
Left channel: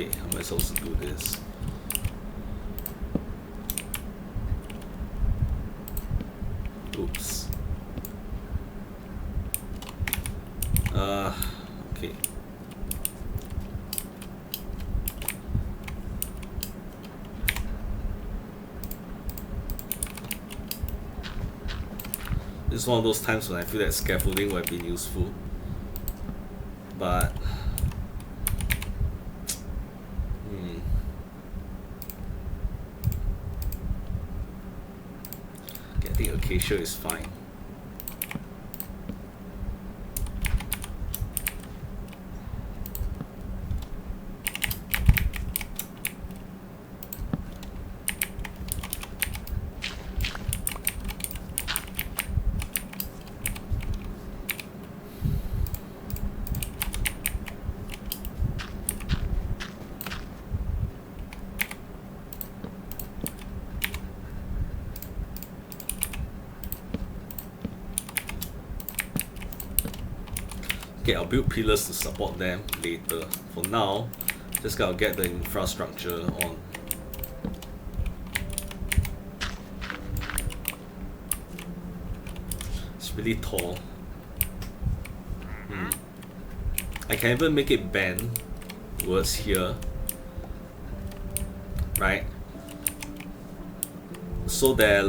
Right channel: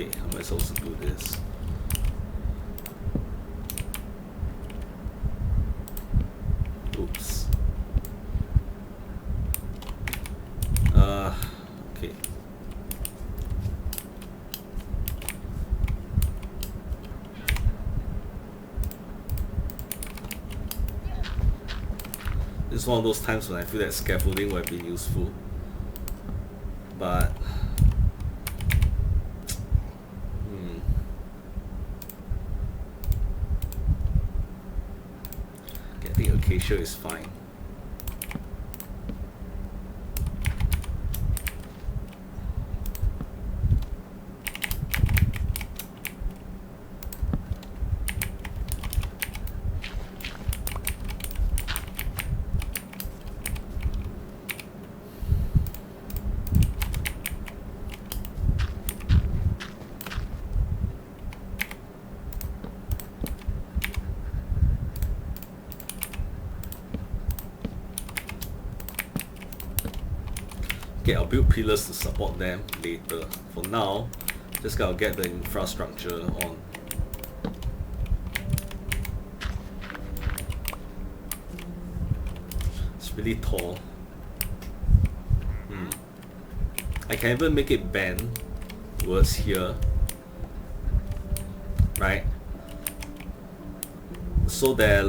Okay, how am I supposed to do this? Oops. Okay. This is one of those times when I feel that scaffolding would have been useful, but I think acacia is fine. Okay, I'll build pillars to support them later. For now, just gotta get the infrastructure on. really tall. I can even make it bend towards here, right? So that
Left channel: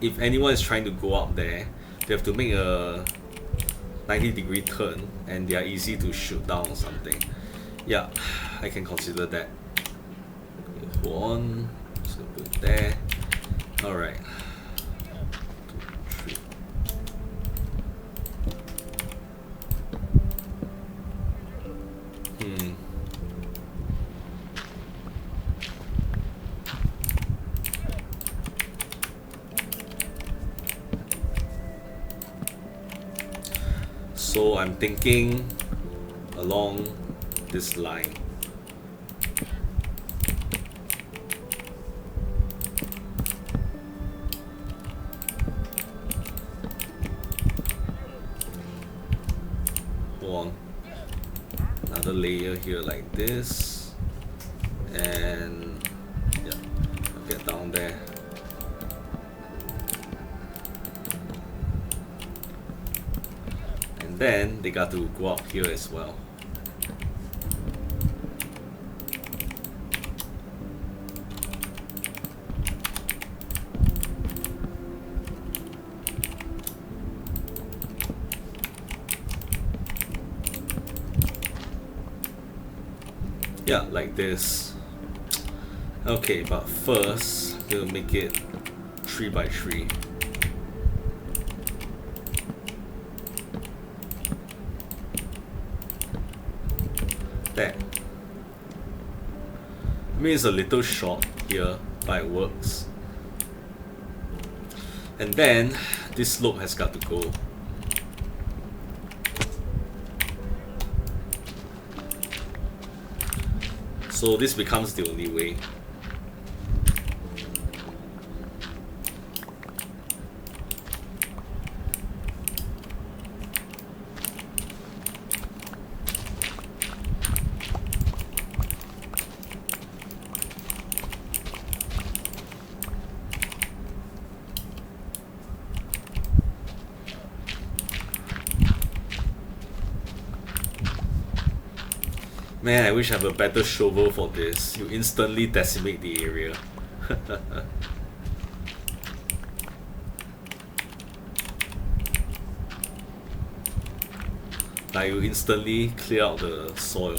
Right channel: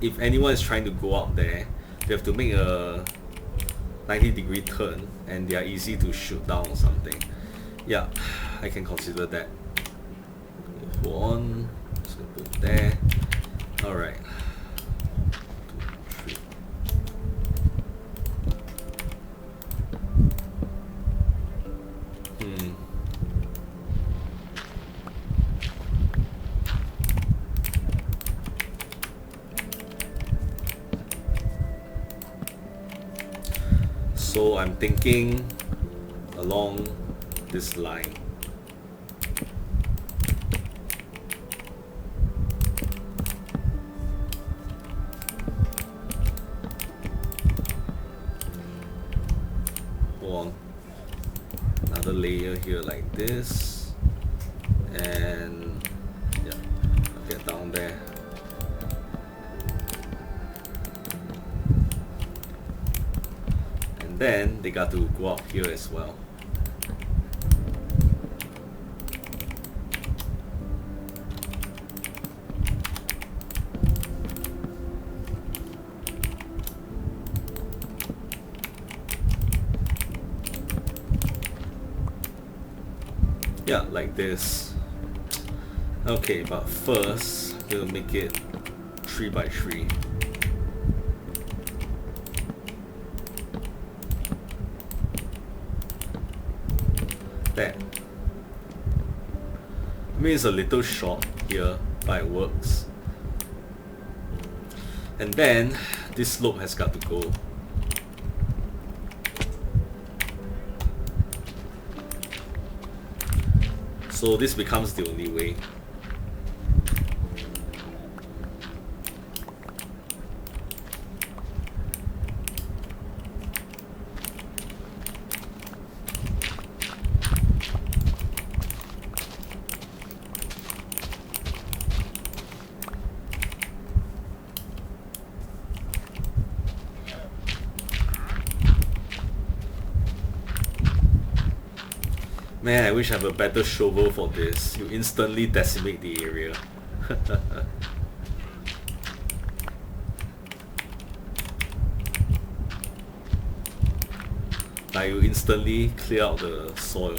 if anyone is trying to go up there, they have to make a 90-degree turn and they are easy to shoot down or something. Yeah, I can consider that. Hold on, just gonna put it there. Alright. 2, 3. So I'm thinking along this line. Hold on. Another layer here like this. And yeah, I'll get down there. And then they got to go up here as well. Yeah, like this. Okay, but first, I'm gonna make it 3 by 3. There. I mean, it's a little short here, but it works. And then, this slope has got to go. So this becomes the only way. Man, I wish I have a better shovel for this. You instantly decimate the area. Like you instantly clear out the soil.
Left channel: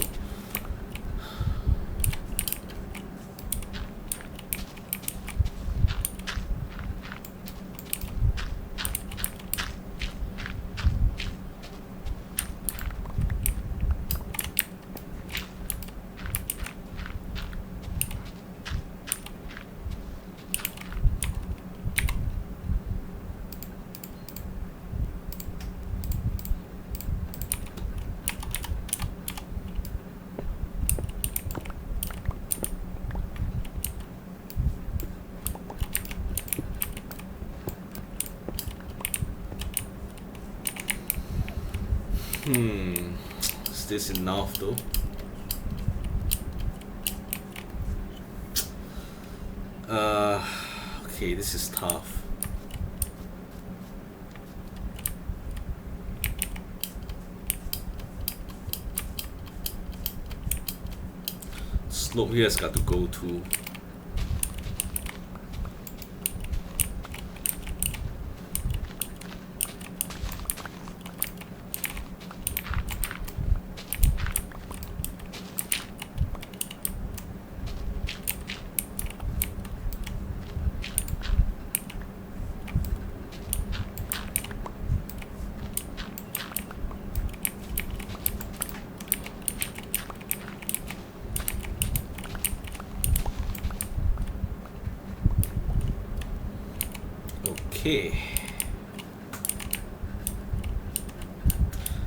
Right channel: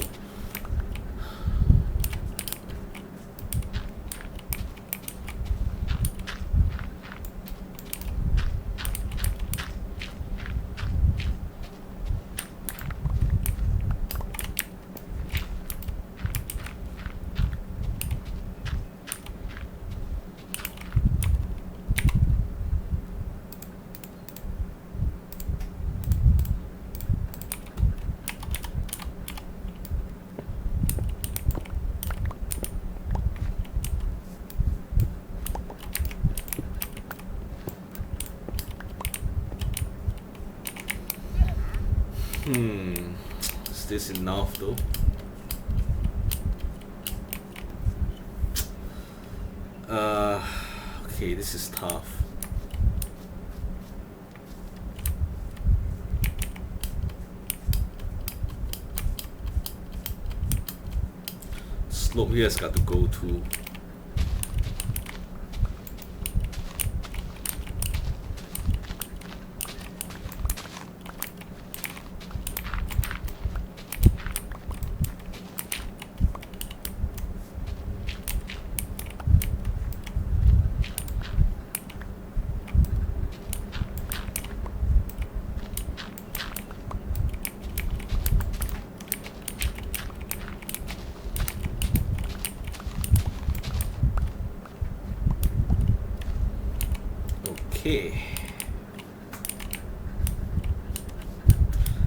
Is this enough though? Okay, this is tough. Slope here has got to go too.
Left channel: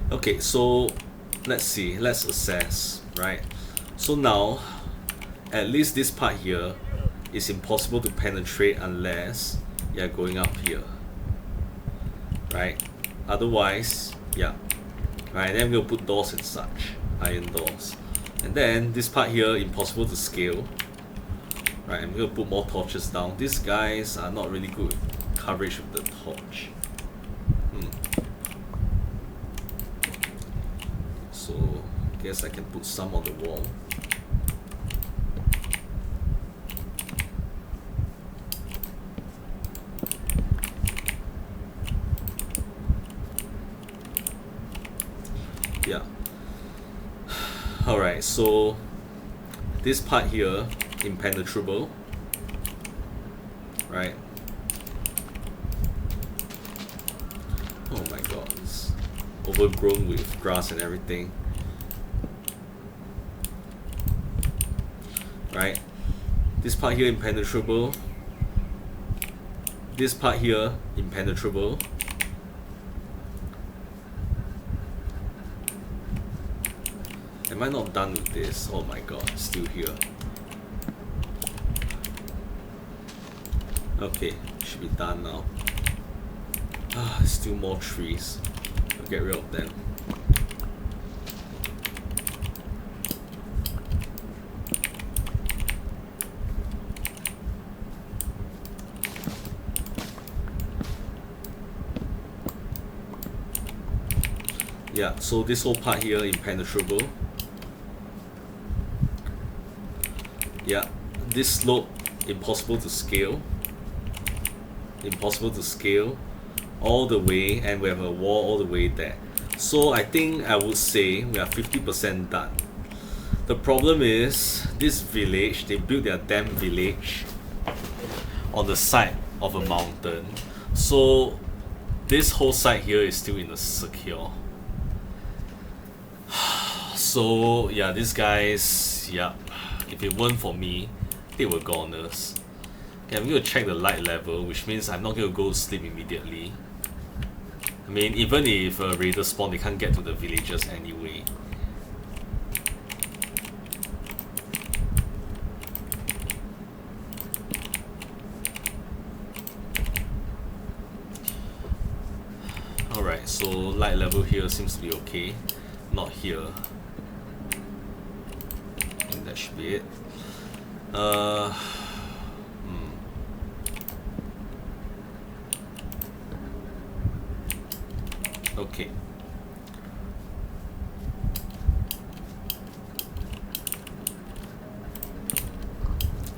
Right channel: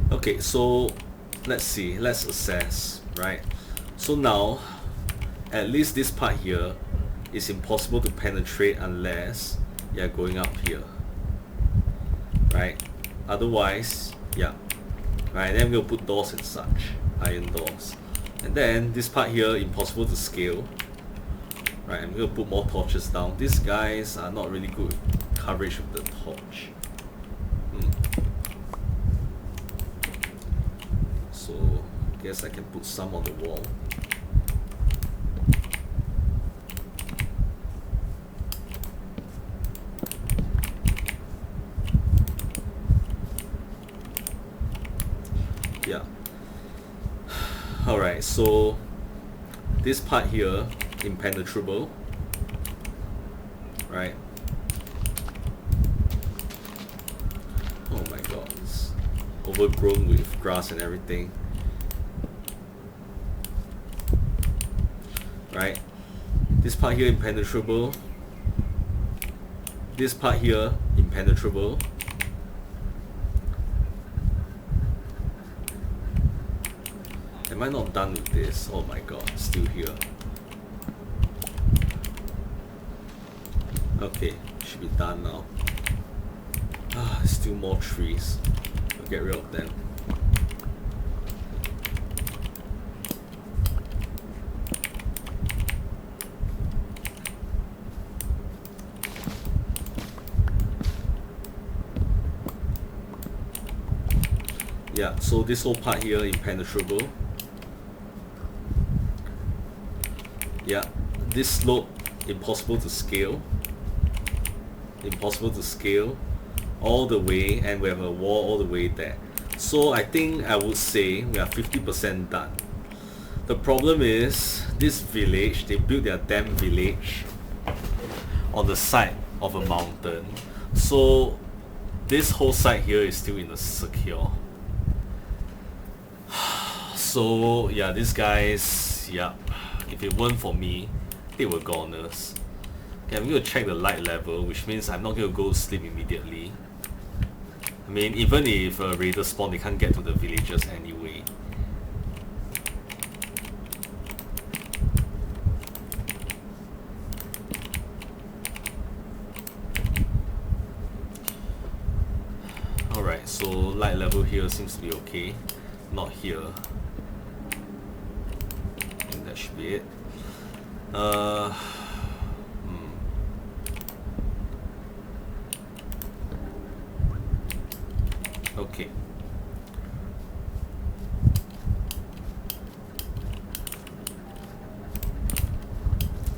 Okay, so let's see, let's assess, right? So now, at least this part here is impossible to penetrate unless you're going up here, right? Otherwise, yeah, right, then we'll put doors and such, iron doors. And then this part here, impossible to scale, right? I'm gonna put more torches down. These guys are not really good with coverage with the torch. so I guess I can put some on the wall. Yeah. Alright, so this part here, impenetrable, right? Oh my god, it's overgrown with grass and everything. Right? This part here, impenetrable. This part here, impenetrable. Am I not done with this? Oh my god, still here. Okay, should be done now. Ah, still more trees. I'll get rid of them. Yeah, so this whole part here, impenetrable. Yeah, this slope, impossible to scale. Impossible to scale all the way, and we have a wall all the way there. So I think I would say we are 50% done. The problem is, this village, they built their damn village on the side of a mountain. So this whole side here is still insecure. So yeah, these guys, yeah, if it weren't for me, they were goners. Okay, I'm going to check the light level, which means I'm not going to go sleep immediately. I mean, even if a raider spawn, they can't get to the villagers anyway. Alright, so light level here seems to be okay. Not here. I think that should be it. Okay.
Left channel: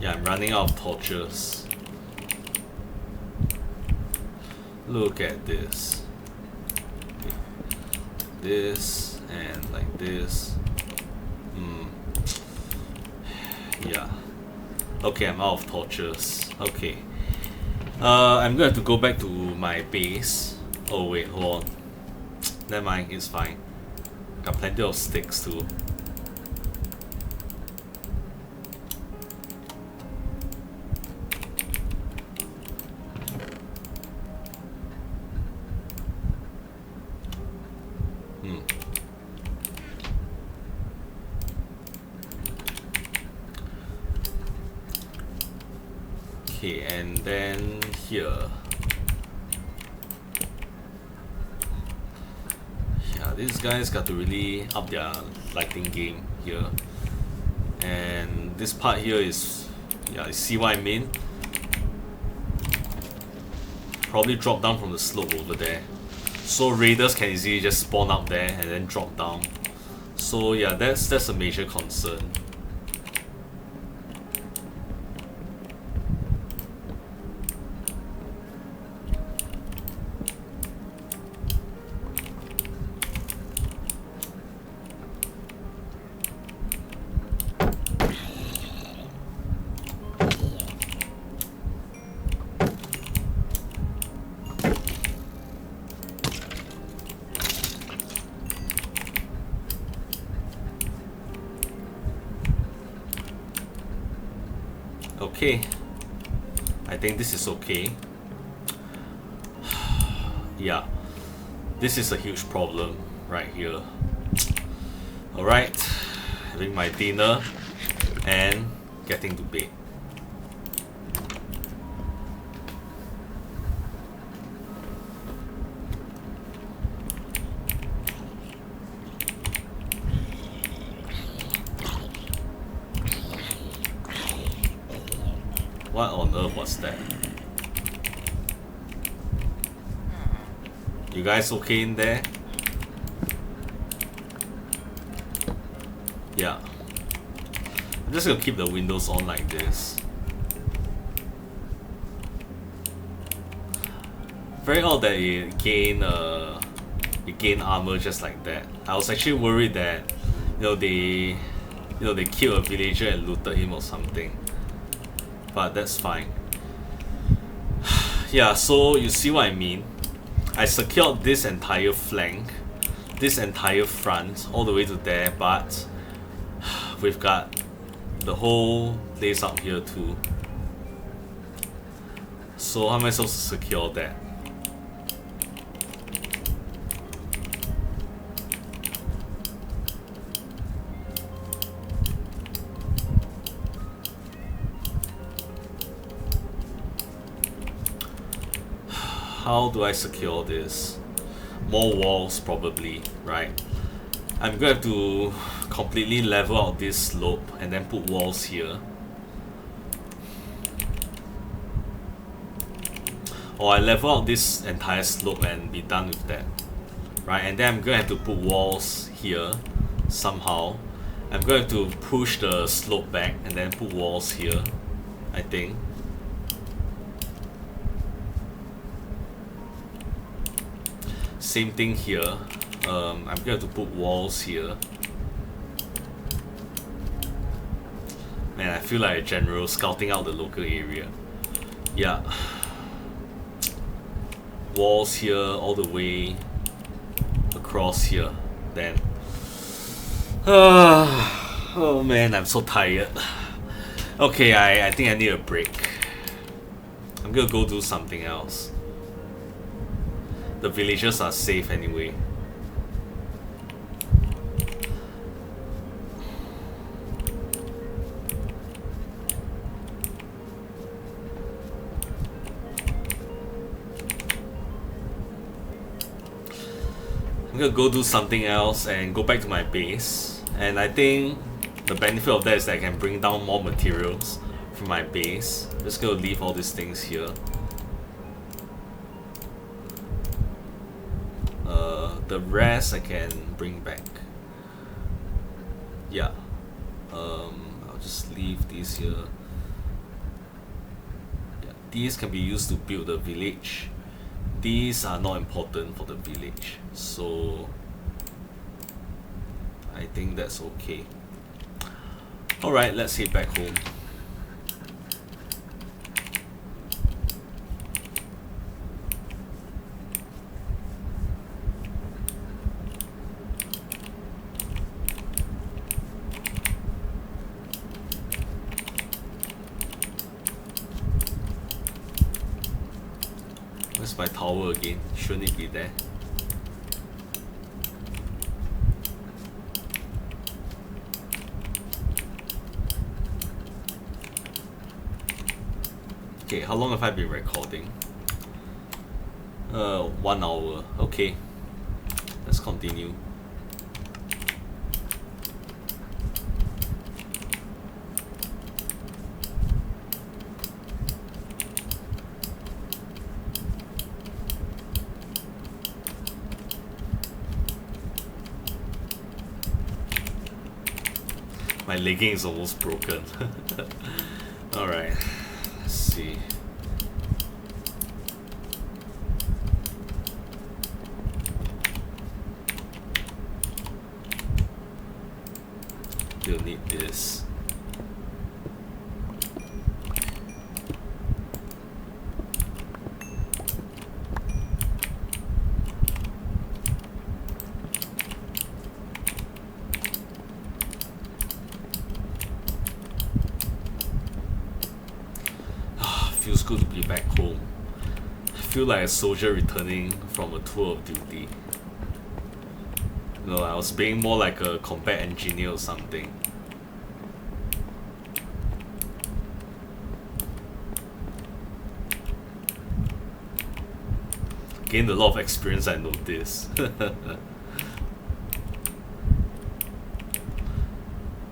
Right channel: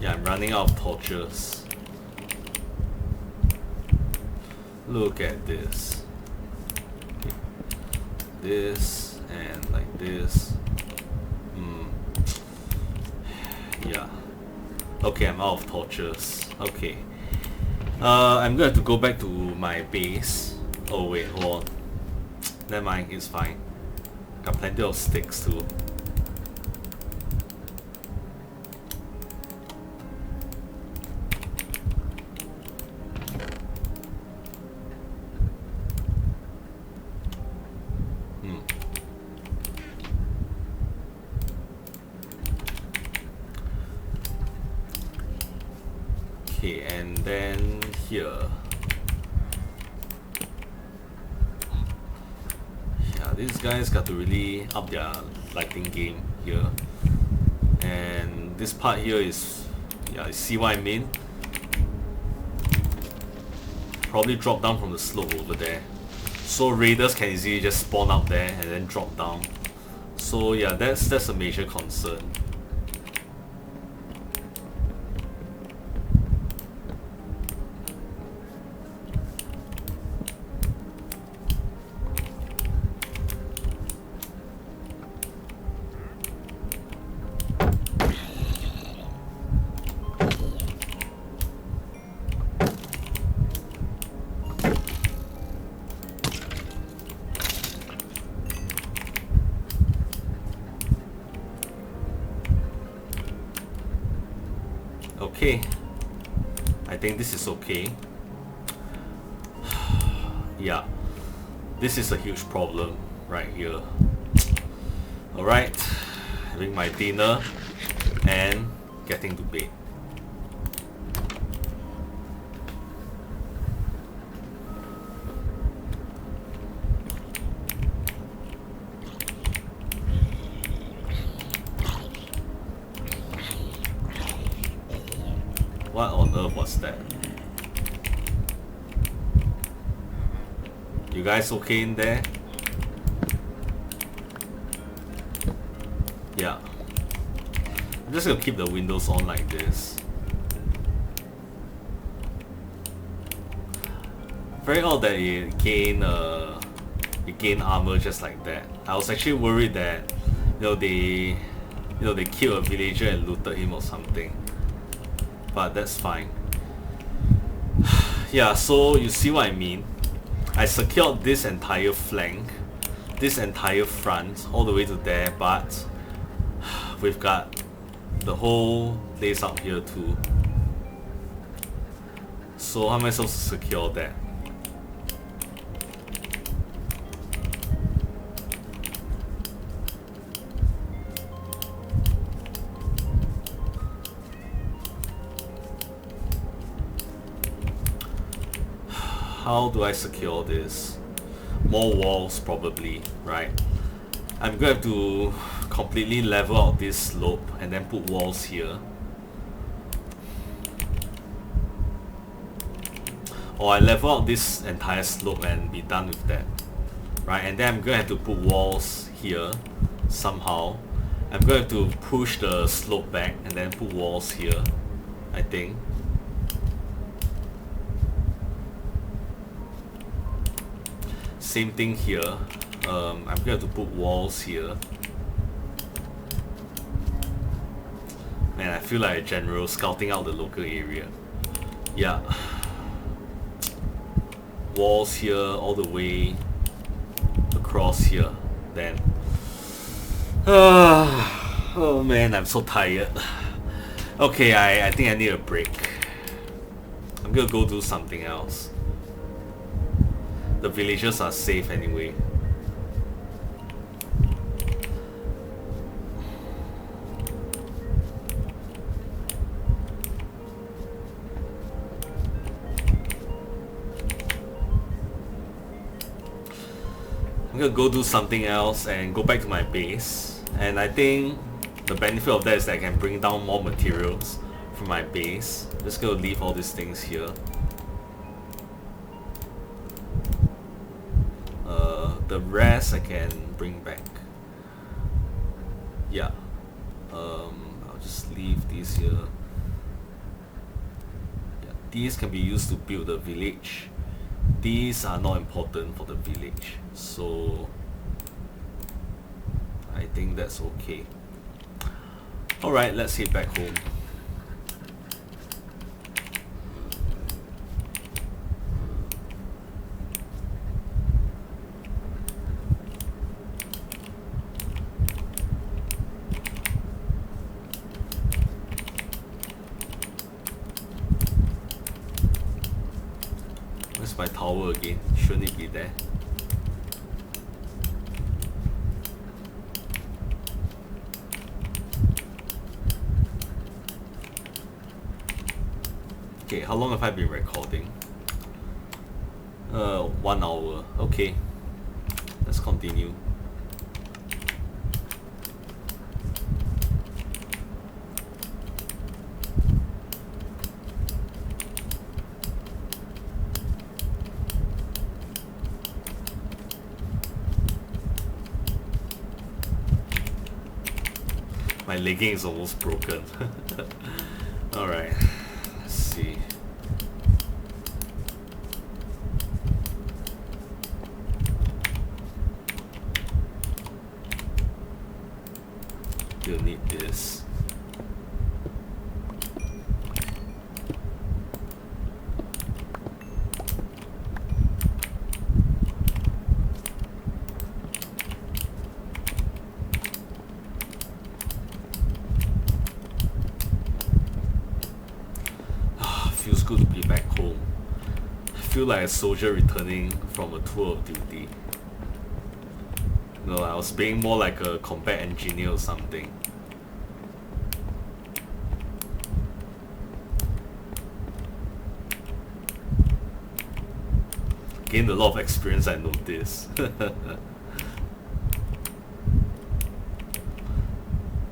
Yeah, I'm running out of torches. Look at this. Okay. This and like this. Yeah. Okay, I'm out of torches. Okay. I'm gonna have to go back to my base. Oh wait, hold on. Never mind, it's fine. Got plenty of sticks too. Okay, and then here. Yeah, these guys got to really up their lighting game here. And this part here is, yeah, you see what I mean? Probably drop down from the slope over there. So raiders can easily just spawn up there and then drop down. So yeah, that's a major concern. Okay, I think this is okay. Yeah, this is a huge problem right here. Alright, having my dinner and getting to bed. What on earth was that? You guys okay in there? Yeah. I'm just gonna keep the windows on like this. Very odd that it gain armor just like that. I was actually worried that they killed a villager and looted him or something. But that's fine. Yeah, so you see what I mean. I secured this entire flank, this entire front, all the way to there, but we've got the whole place up here too. So how am I supposed to secure that? How do I secure this? More walls probably, right? I'm going to have to completely level out this slope and then put walls here. Or I level out this entire slope and be done with that. Right, and then I'm going to have to put walls here somehow. I'm going to have to push the slope back and then put walls here, I think. Same thing here. I'm going to put walls here. Man, I feel like a general scouting out the local area. Yeah. Walls here all the way across here. Then. Oh man, I'm so tired. Okay, I think I need a break. I'm gonna go do something else. The villagers are safe anyway. I'm gonna go do something else and go back to my base. And I think the benefit of that is that I can bring down more materials from my base. Just gonna leave all these things here. The rest I can bring back. Yeah. I'll just leave these here. Yeah, these can be used to build the village. These are not important for the village, so I think that's okay. Alright, let's head back home. Where's my tower again? Shouldn't it be there? Okay, how long have I been recording? 1 hour. Okay, let's continue. My legging is almost broken. Alright, let's see. You'll need this. Feels good to be back home. I feel like a soldier returning from a tour of duty. No, I was being more like a combat engineer or something. Gained a lot of experience, I noticed.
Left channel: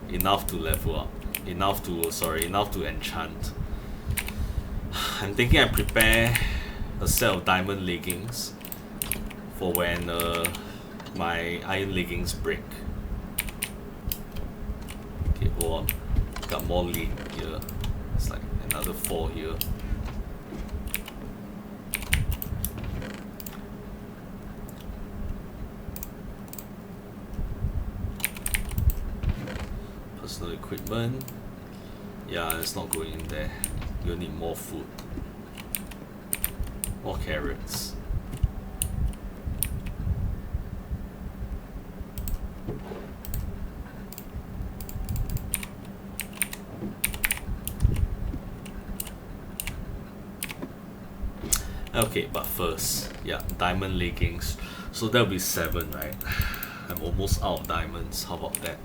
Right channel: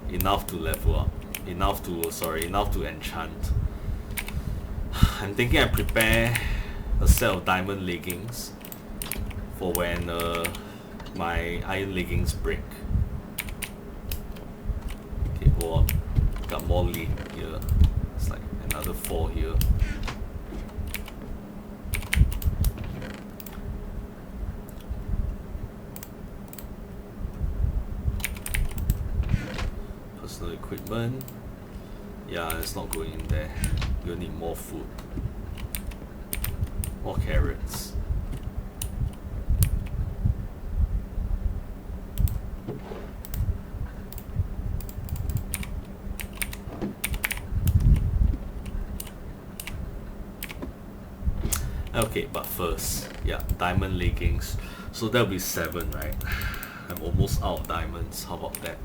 Enough to level up. Enough to enchant. I'm thinking I prepare a set of diamond leggings for when my iron leggings break. go on. Got more lead here. It's like another 4 here. Personal equipment. Yeah, it's not going in there. You'll need more food. More carrots. Okay, but first, yeah, diamond leggings. So that'll be 7, right? I'm almost out of diamonds. How about that?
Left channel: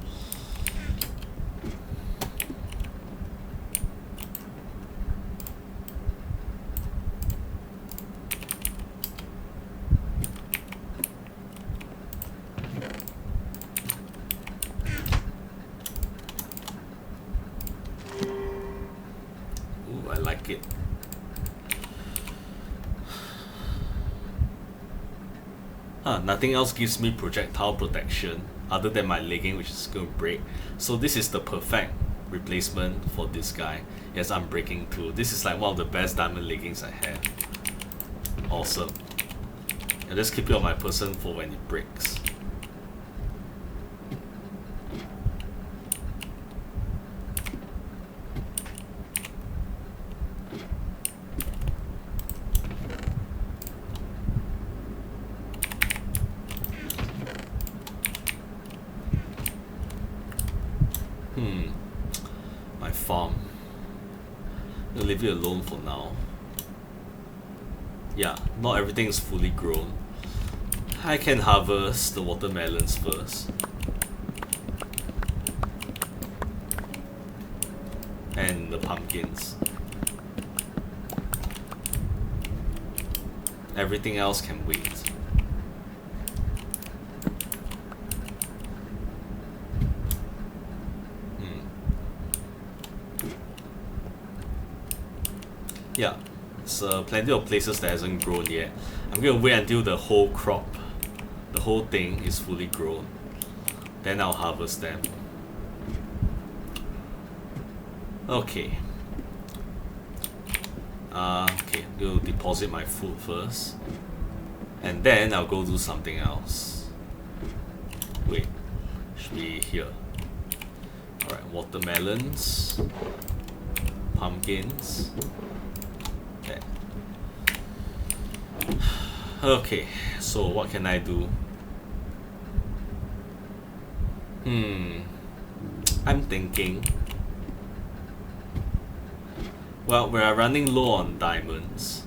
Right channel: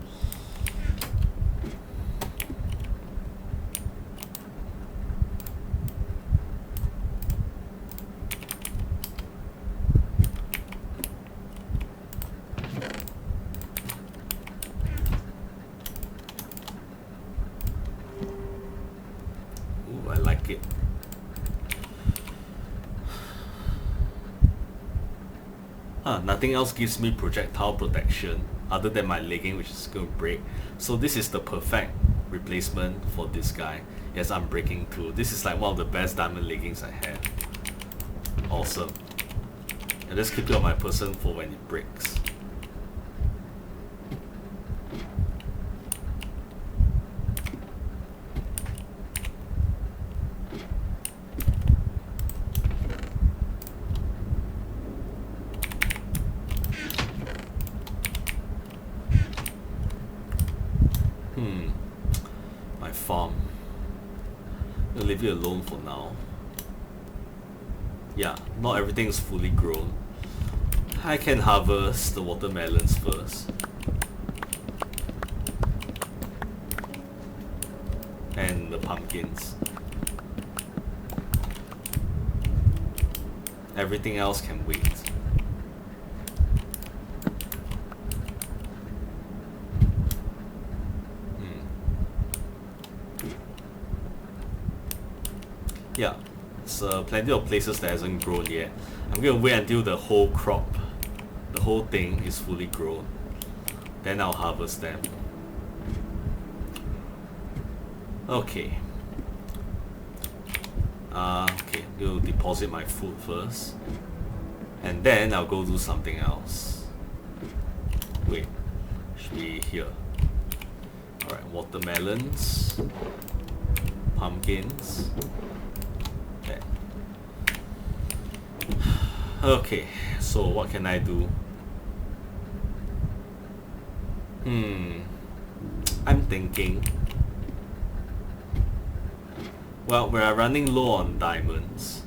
Ooh, I like it. Nothing else gives me projectile protection other than my legging, which is going to break. So this is the perfect replacement for this guy. Yes, I'm breaking too. This is like one of the best diamond leggings I have. Awesome. And just keep it on my person for when it breaks. My farm. I'll leave it alone for now. Yeah, not everything is fully grown. I can harvest the watermelons first. And the pumpkins. Everything else can wait. Yeah, it's plenty of places that hasn't grown yet. I'm gonna wait until the whole crop, the whole thing is fully grown. Then I'll harvest them. Okay. Okay, I'm gonna deposit my food first. And then I'll go do something else. Wait, should be here. Alright, watermelons. Pumpkins. Okay, so what can I do? I'm thinking. Well, we are running low on diamonds.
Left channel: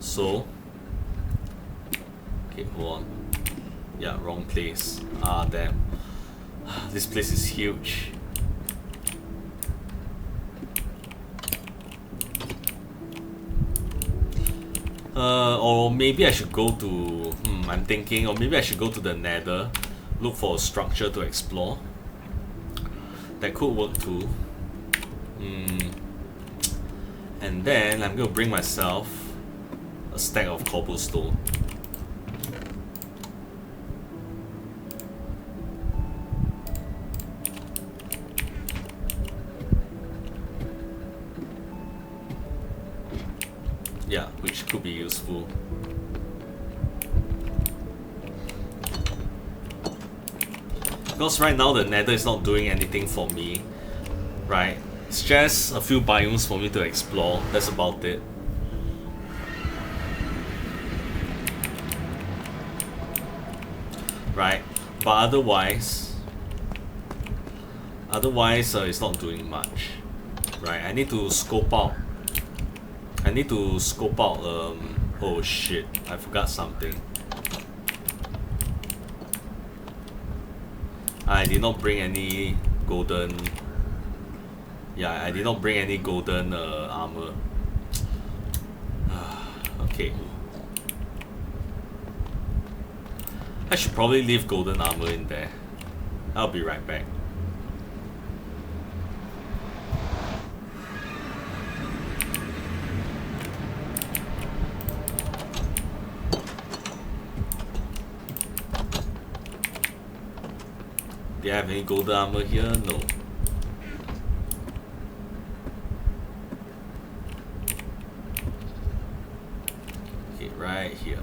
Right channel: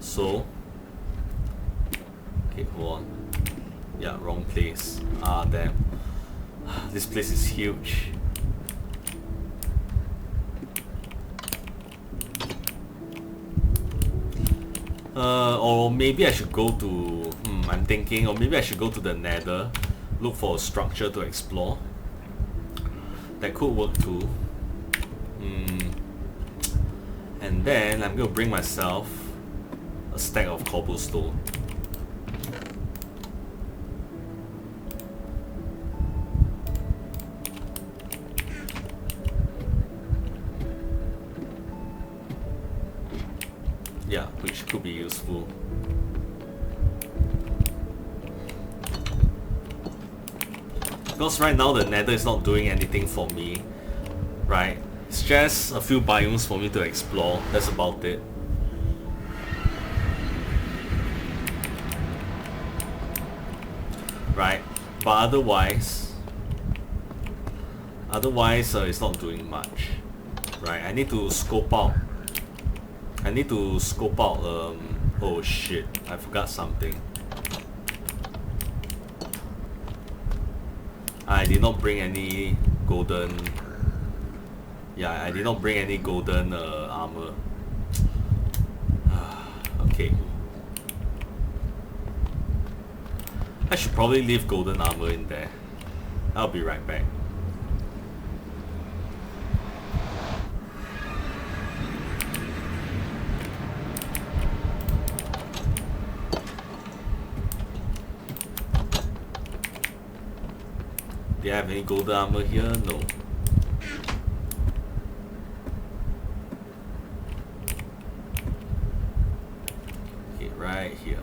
So, okay, hold on. Yeah, wrong place. Ah, damn. This place is huge. Or maybe I should go to, I'm thinking, or maybe I should go to the Nether, look for a structure to explore. That could work too. And then I'm gonna bring myself a stack of cobblestone. Yeah, which could be useful. Because right now the Nether is not doing anything for me, right? It's just a few biomes for me to explore, that's about it. Right, but otherwise it's not doing much. Right, I need to scope out. Oh shit, I forgot something. I did not bring any golden... Yeah, I did not bring any golden armor. Okay. I should probably leave golden armor in there. I'll be right back. Do I have any golden armor here? No. Okay, right here.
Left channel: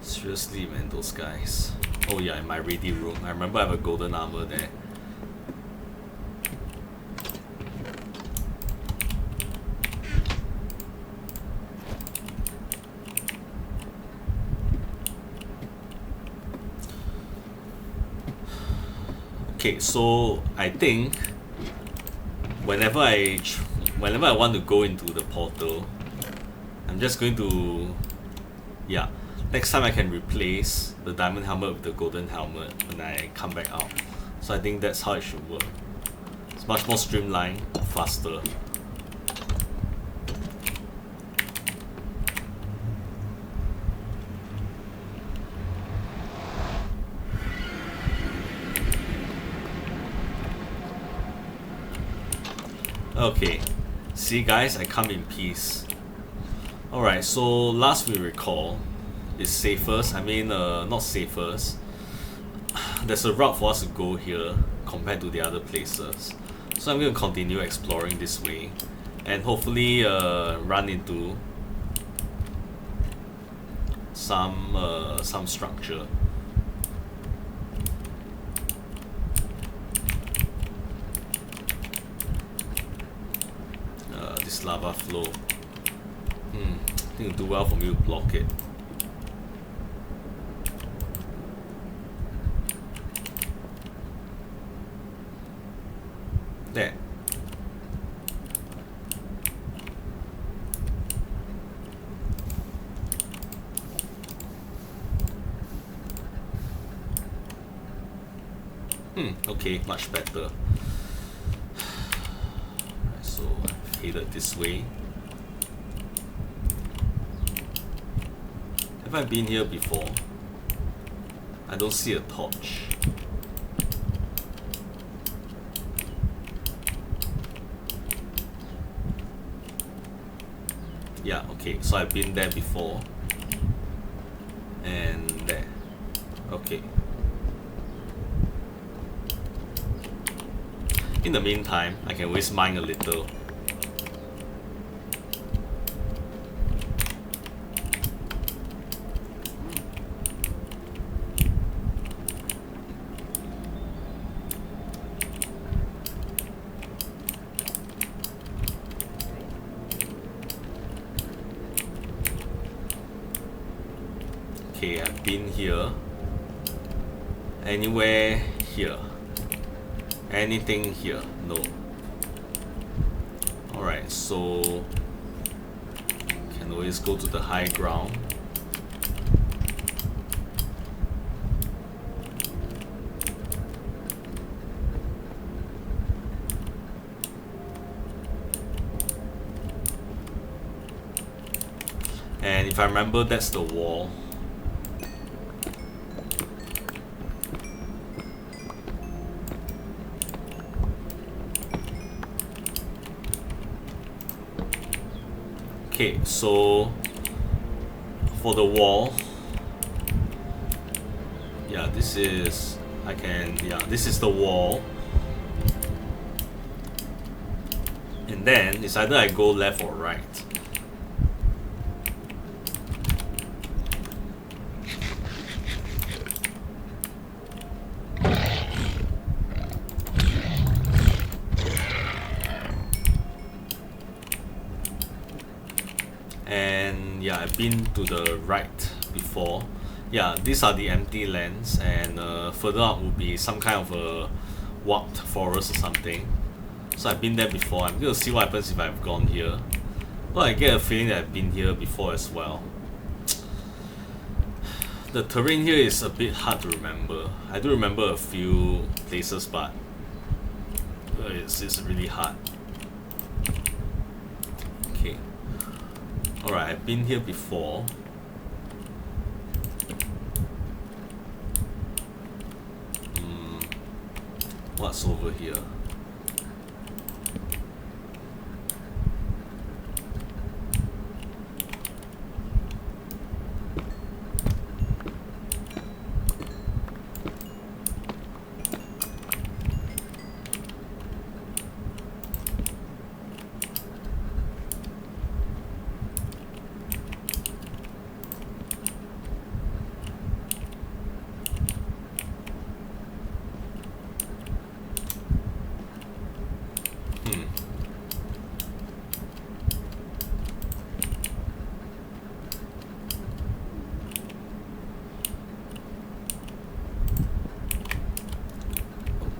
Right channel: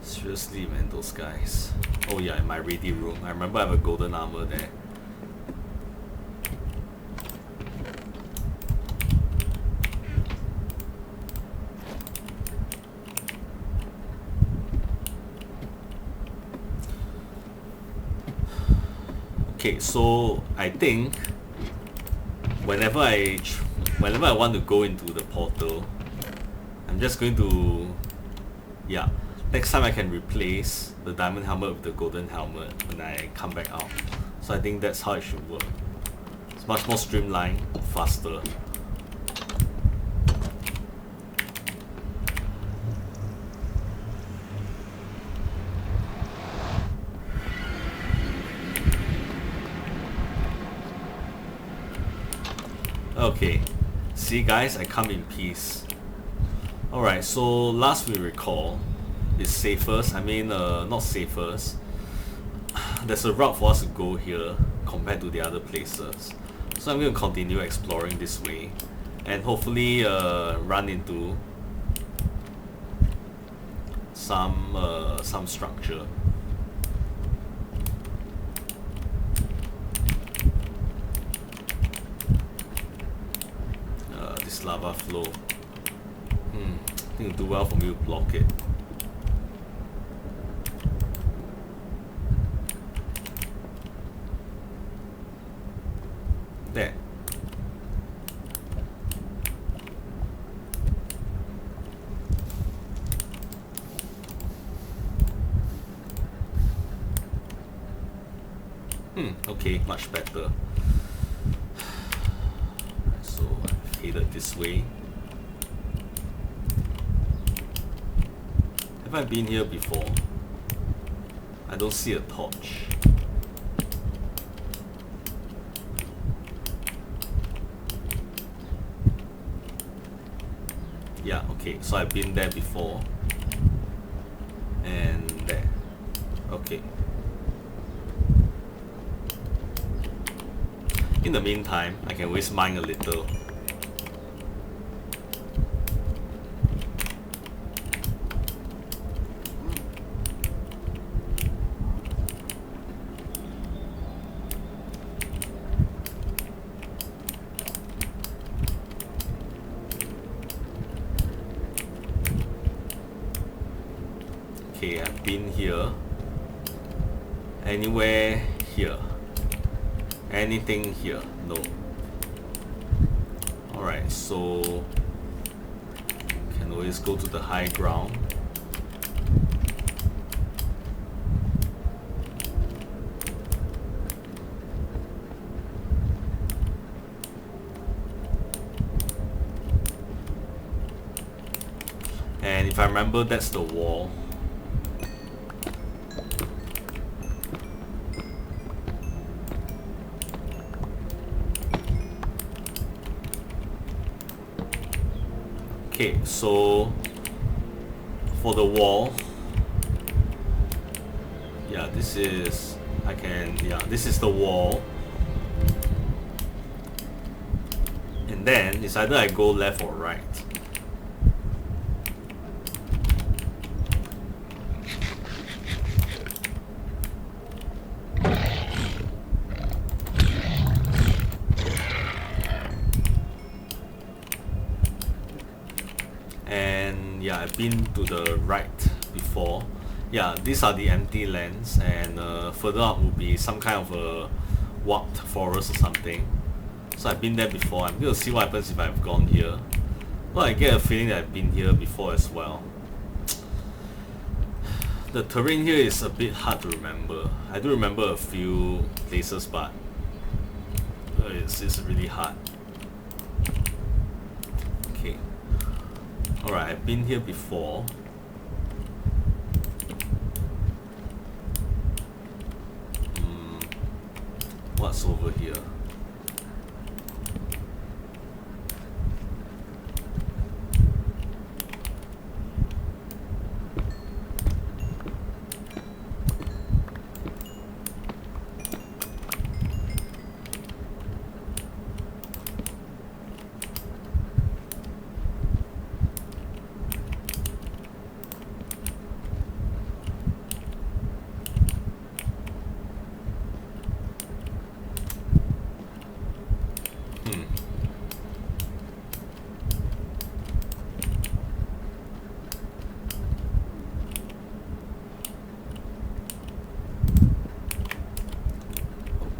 Seriously, man, those guys. Oh yeah, in my ready room. I remember I have a golden armor there. Okay, so I think whenever I want to go into the portal, I'm just going to, yeah, next time I can replace the diamond helmet with the golden helmet when I come back out. So I think that's how it should work. It's much more streamlined, faster. Okay, see guys, I come in peace. Alright, so last we recall is safest, not safest. There's a route for us to go here compared to the other places. So I'm going to continue exploring this way and hopefully run into some structure. This lava flow. I think it'll do well for me to block it. There. Okay, much better. So I've headed this way. Have I been here before? I don't see a torch. Yeah, okay, so I've been there before. And there. Okay. In the meantime, I can always mine a little. Okay, I've been here. Anywhere here? Anything here? No. Alright, so can always go to the high ground. And if I remember, that's the wall. Okay, so for the wall, yeah, this is this is the wall, and then it's either I go left or right. And yeah, I've been to the right before. Yeah, these are the empty lands, and further up would be some kind of a warped forest or something. So I've been there before. I'm going to see what happens if I've gone here. Well, I get a feeling that I've been here before as well. The terrain here is a bit hard to remember. I do remember a few places, but it's really hard. Okay. Alright, I've been here before. What's over here?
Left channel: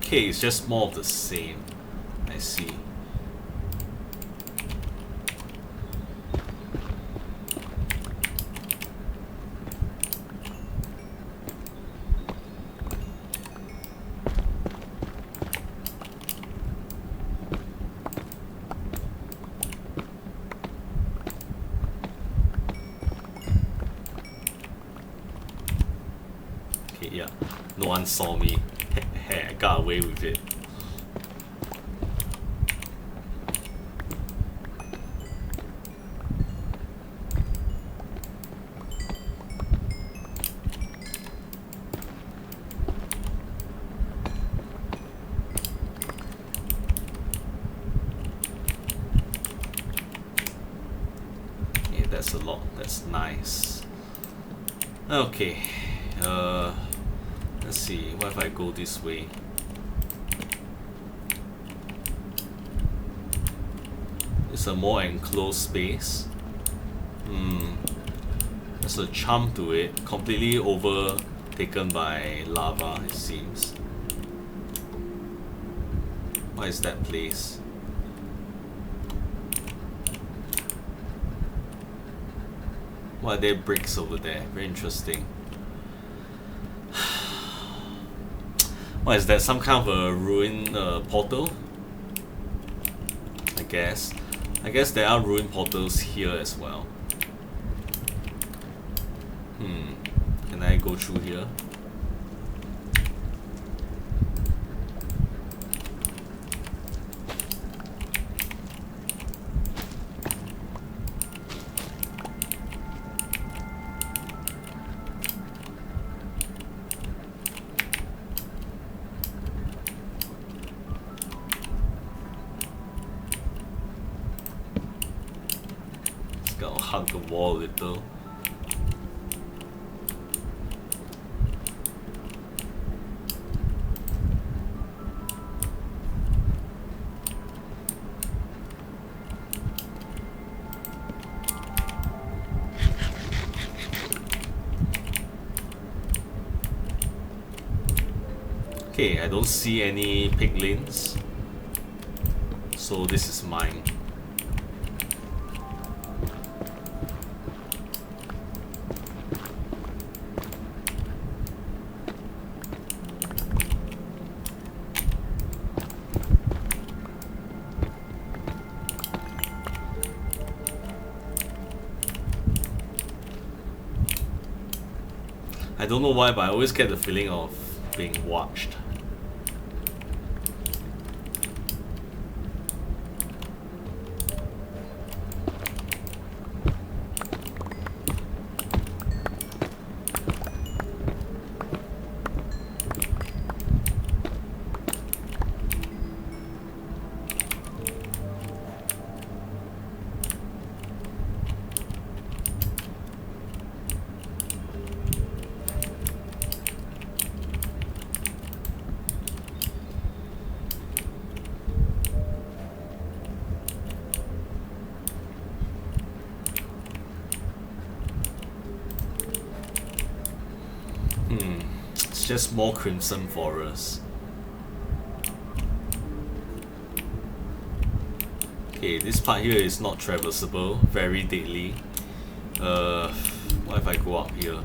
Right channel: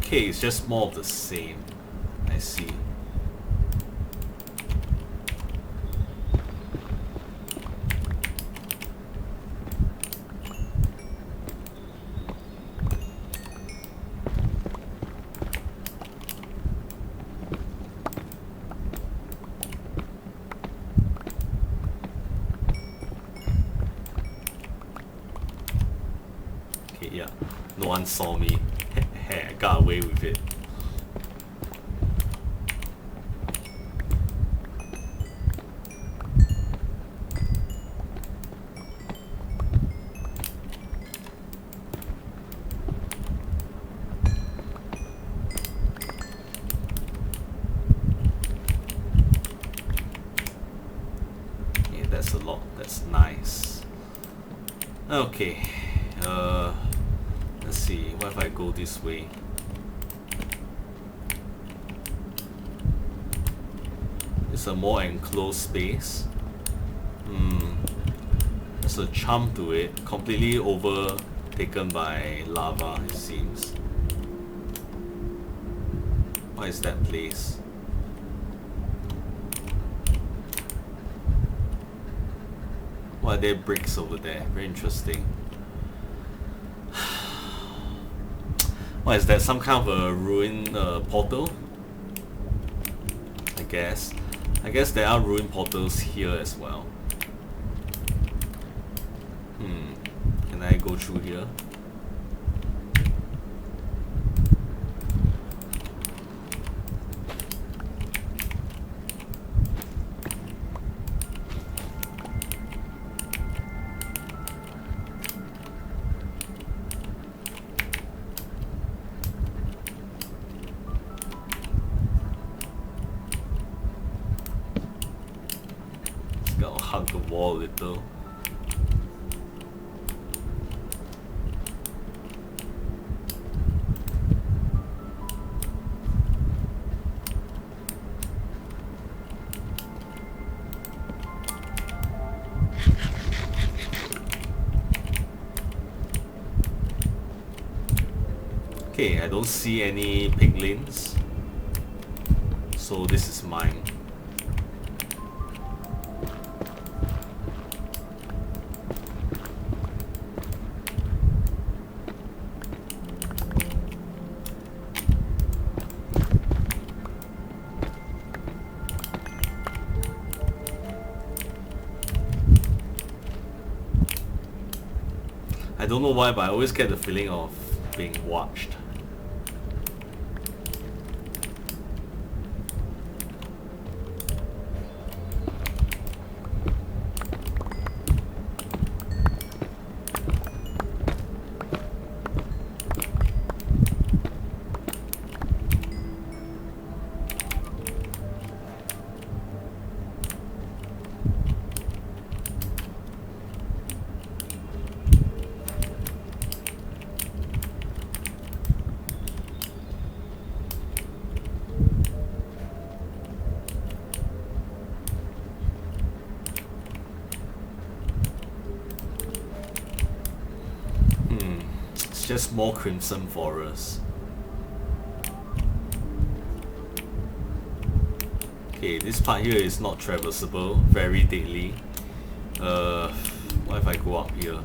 Okay, it's just more of the same. I see. Okay, yeah. No one saw me. I got away with it. Yeah, that's a lot. That's nice. Okay. Let's see. What if I go this way? It's a more enclosed space. There's a charm to it. Completely overtaken by lava, it seems. What is that place? Why are there bricks over there? Very interesting. What is that? Some kind of a ruined portal? I guess. I guess there are ruined portals here as well. Can I go through here? Gotta hug the wall a little. Okay, I don't see any piglins, so this is mine. I don't know why, but I always get the feeling of being watched. It's just more crimson forest. Okay, this part here is not traversable, very deadly. What if I go up here?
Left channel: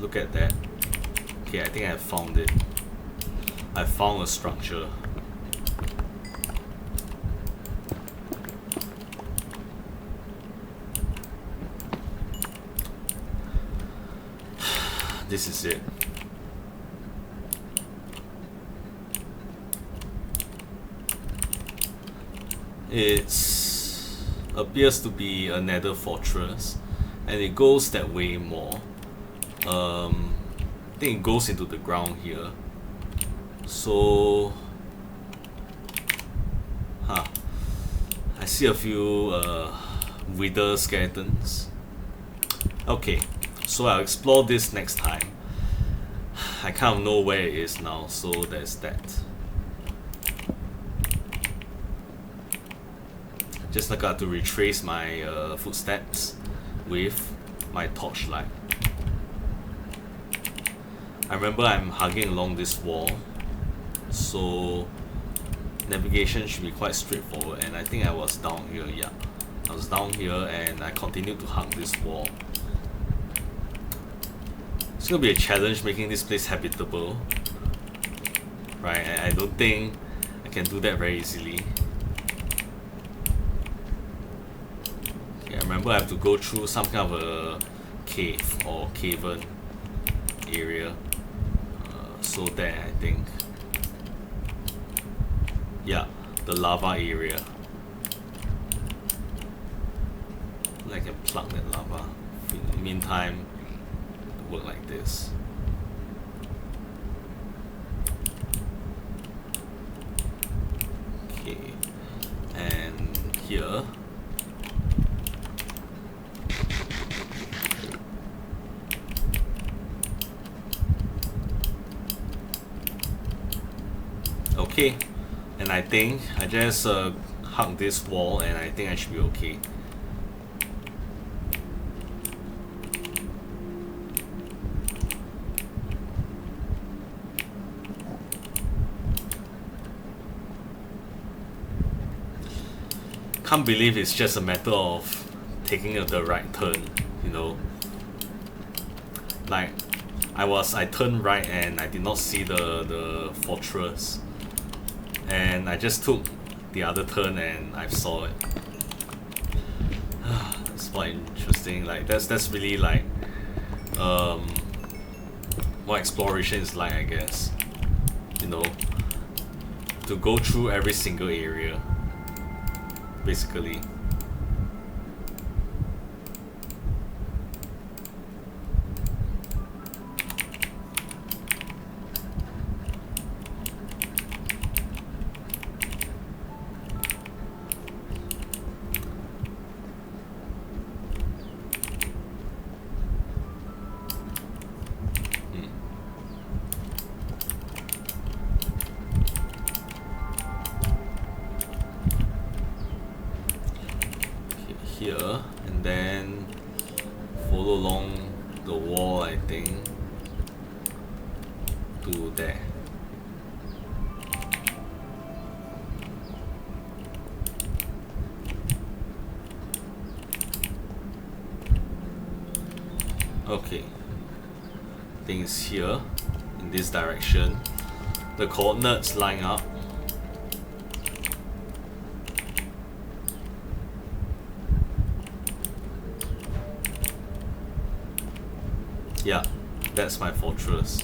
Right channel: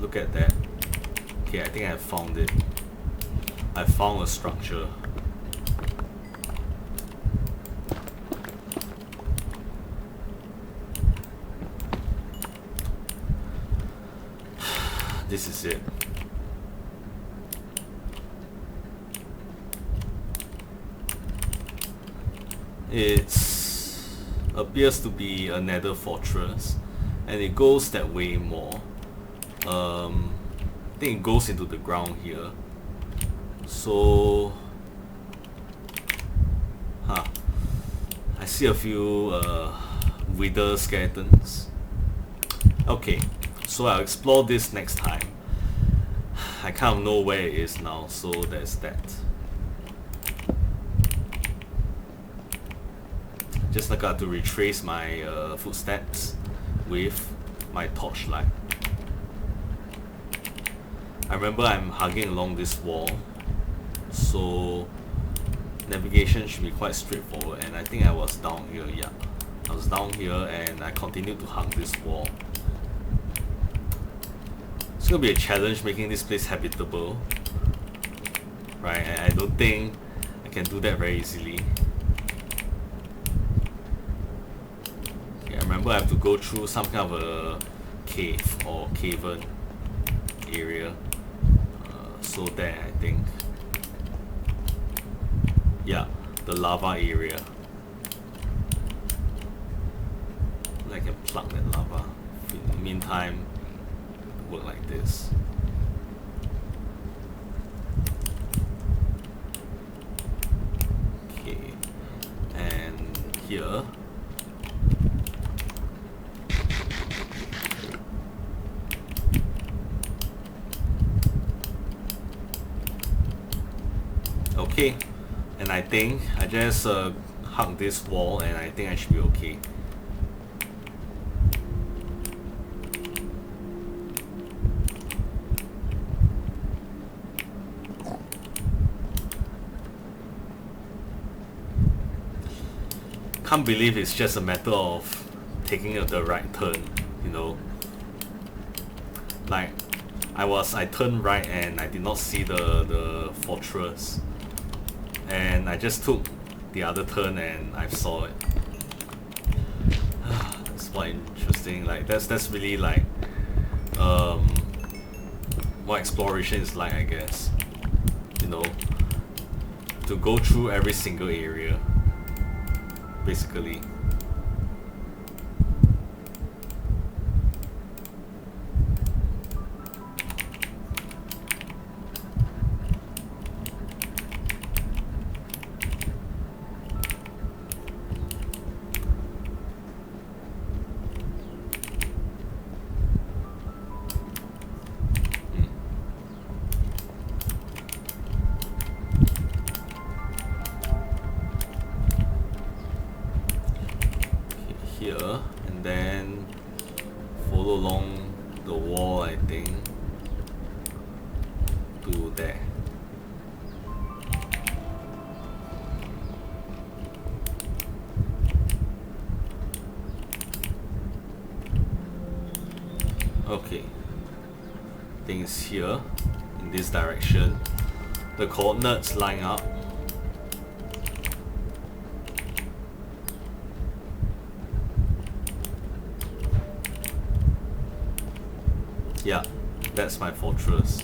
Look at that. Okay, I think I found it. I found a structure. This is it. It appears to be a nether fortress, and it goes that way more. I think it goes into the ground here. So, I see a few wither skeletons. Okay, so I'll explore this next time. I kind of know where it is now, so there's that. Just like I have to retrace my footsteps with my torchlight. I remember I'm hugging along this wall, so navigation should be quite straightforward, and I think I was down here, yeah. I was down here and I continued to hug this wall. It's gonna be a challenge making this place habitable, right? And I don't think I can do that very easily. Okay, I remember I have to go through some kind of a cave or cavern area. So there, I think. Yeah, the lava area. I can plug that lava. In the meantime, work like this. Okay, and here. Okay, and I think I just hug this wall, and I think I should be okay. Can't believe it's just a matter of taking the right turn, you know. Like, I turned right and I did not see the fortress, and I just took the other turn and I saw it. That's quite interesting. Like that's really like what exploration is like, I guess. You know, to go through every single area, basically. Here, and then follow along the wall, I think, to there. Okay, I think it's here, in this direction. The coordinates line up. Yeah, that's my fortress.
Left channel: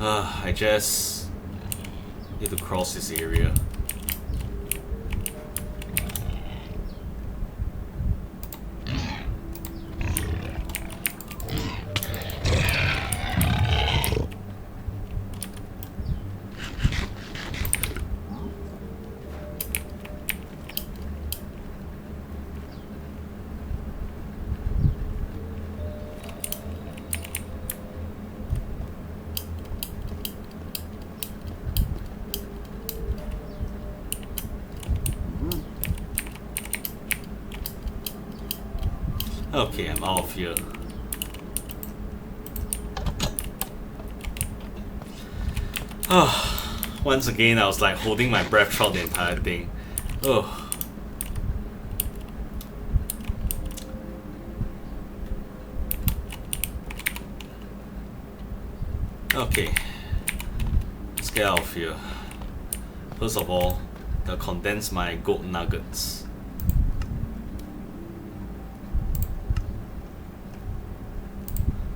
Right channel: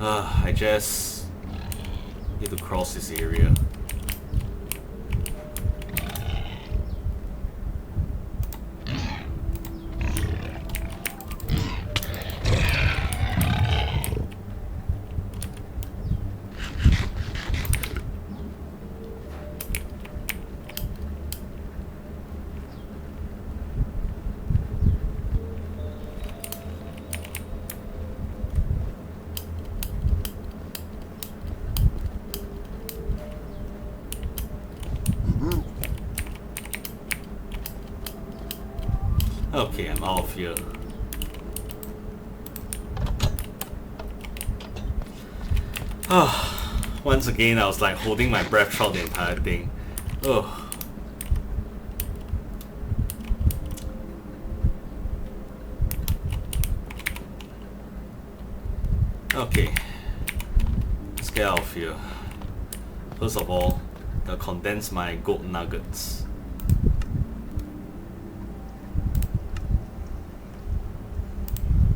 I just need to cross this area. Okay, I'm out of here. Once again, I was like holding my breath throughout the entire thing. Oh. Okay, let's get out of here. First of all, I'll condense my gold nuggets.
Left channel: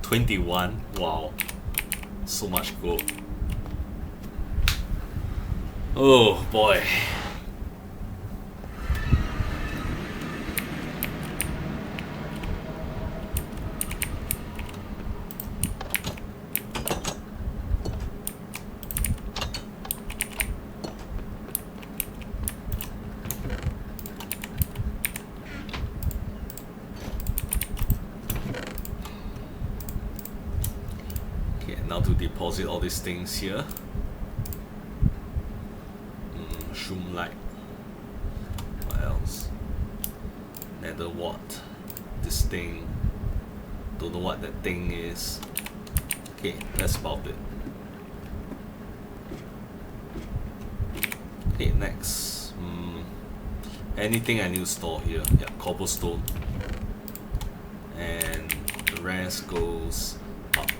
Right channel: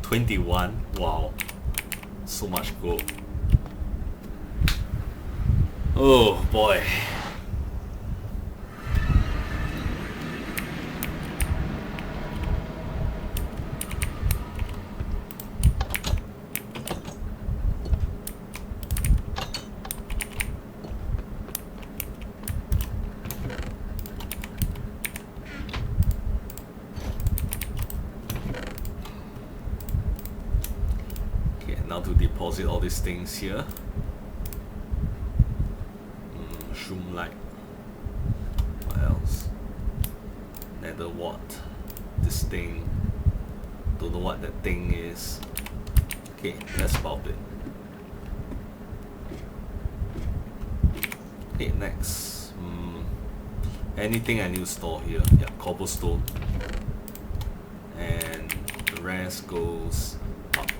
$21, wow, so much gold. Oh boy. Okay, now to deposit all these things here. Shroom light. What else? Nether wart. This thing. Don't know what that thing is. Okay, that's about it. Okay, next. Anything I need to store here. Yeah, cobblestone. And the rest goes up.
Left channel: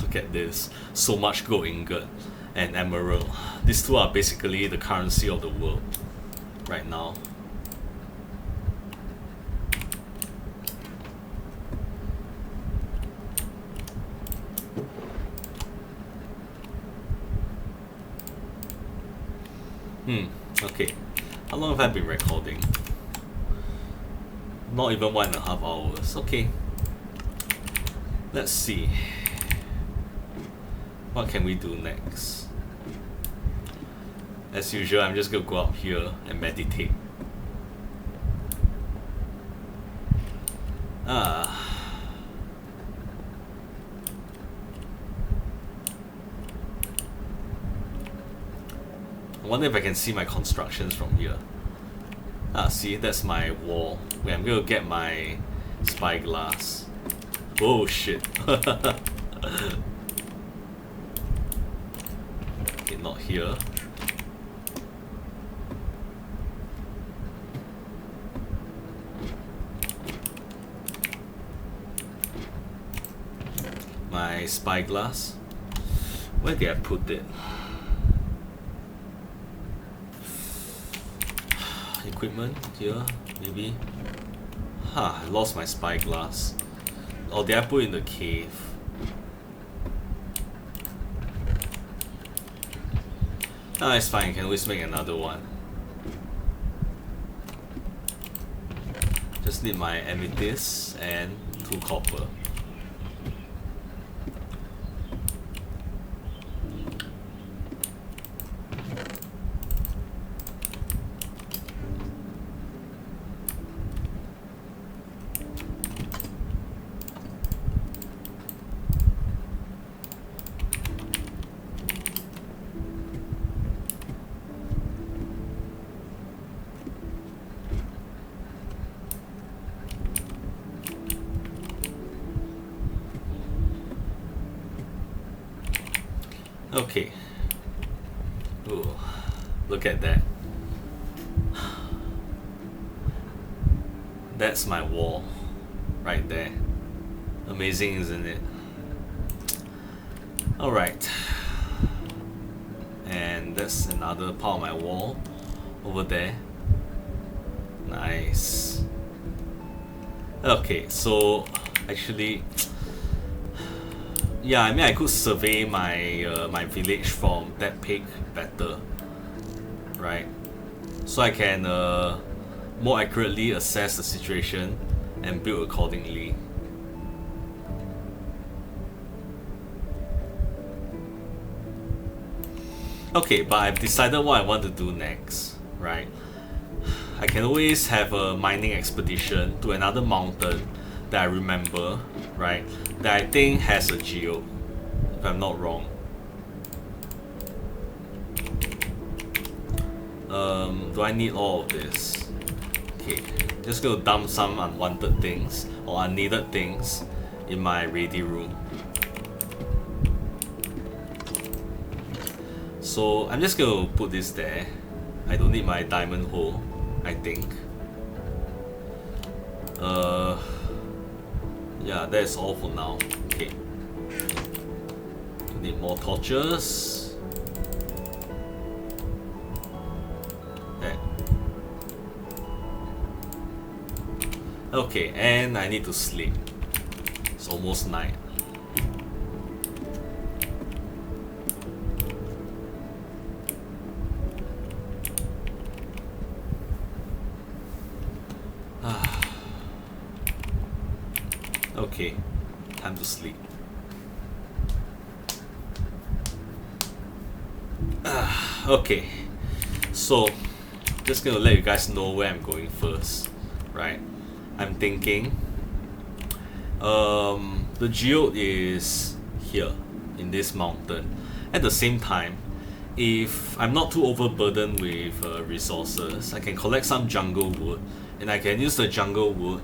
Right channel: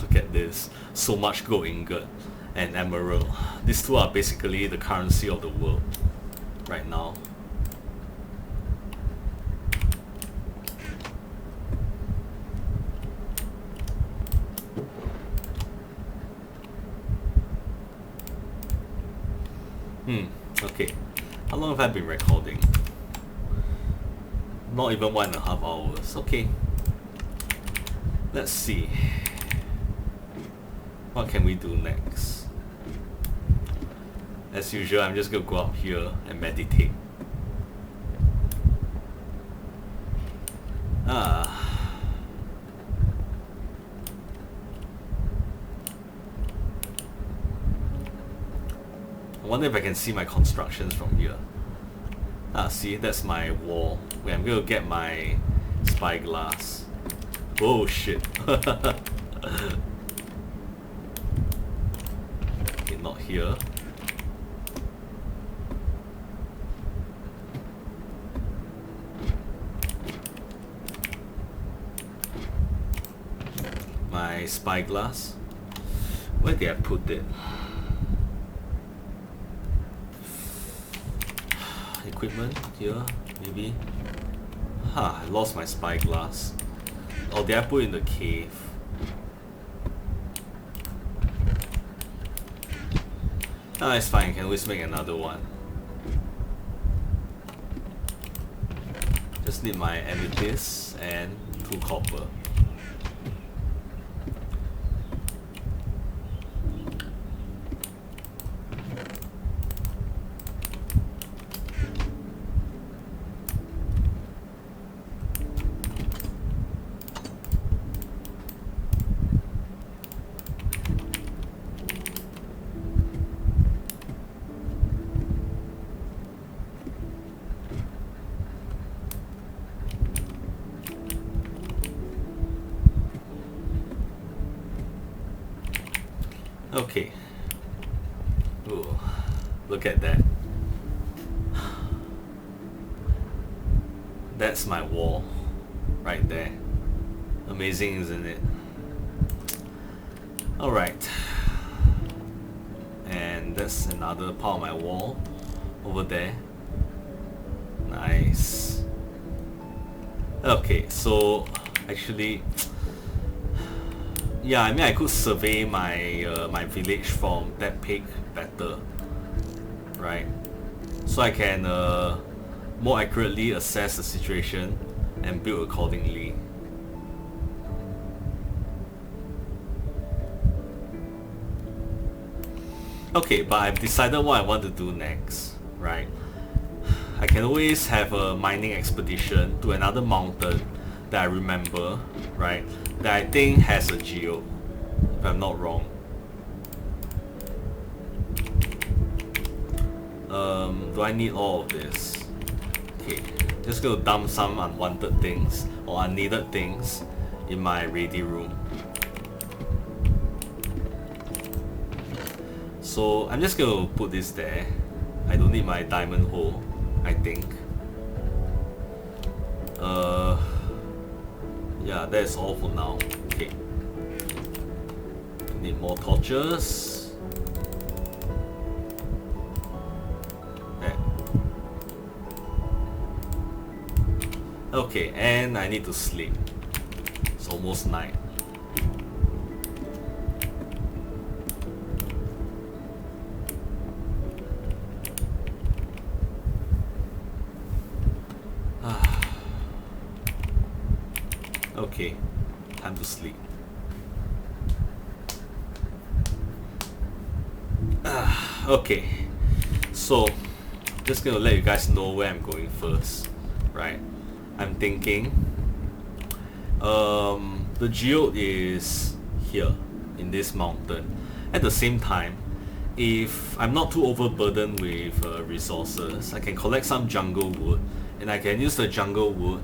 Look at this. So much gold ingot and emerald. These two are basically the currency of the world right now. Okay. How long have I been recording? Not even 1.5 hours. Okay. Let's see. What can we do next? As usual, I'm just gonna go up here and meditate. I wonder if I can see my constructions from here. See, that's my wall. Wait, I'm gonna get my spyglass. Oh shit. Okay, not here. My spyglass. Where did I put it? Equipment here, maybe. I lost my spyglass. Or did I put it in the cave? It's fine, I can always make another one. Just need my amethyst and 2 copper. Okay. Ooh, look at that. That's my wall right there. Amazing, isn't it? Alright. And that's another part of my wall over there. Nice. Okay, so actually, yeah, I mean I could survey my my village from that peak better, right? So I can more accurately assess the situation and build accordingly. Okay, but I've decided what I want to do next, right? I can always have a mining expedition to another mountain that I remember, right? That I think has a geode, if I'm not wrong. Do I need all of this? Okay, just gonna dump some unwanted things or unneeded things in my ready room. So I'm just gonna put this there. I don't need my diamond hole, I think. Yeah, that's all for now. Okay. Need more torches. There. Okay, and I need to sleep. It's almost night. Okay, time to sleep. Okay, so just gonna let you guys know where I'm going first, right? I'm thinking the geode is here in this mountain. At the same time, if I'm not too overburdened with resources, I can collect some jungle wood, and I can use the jungle wood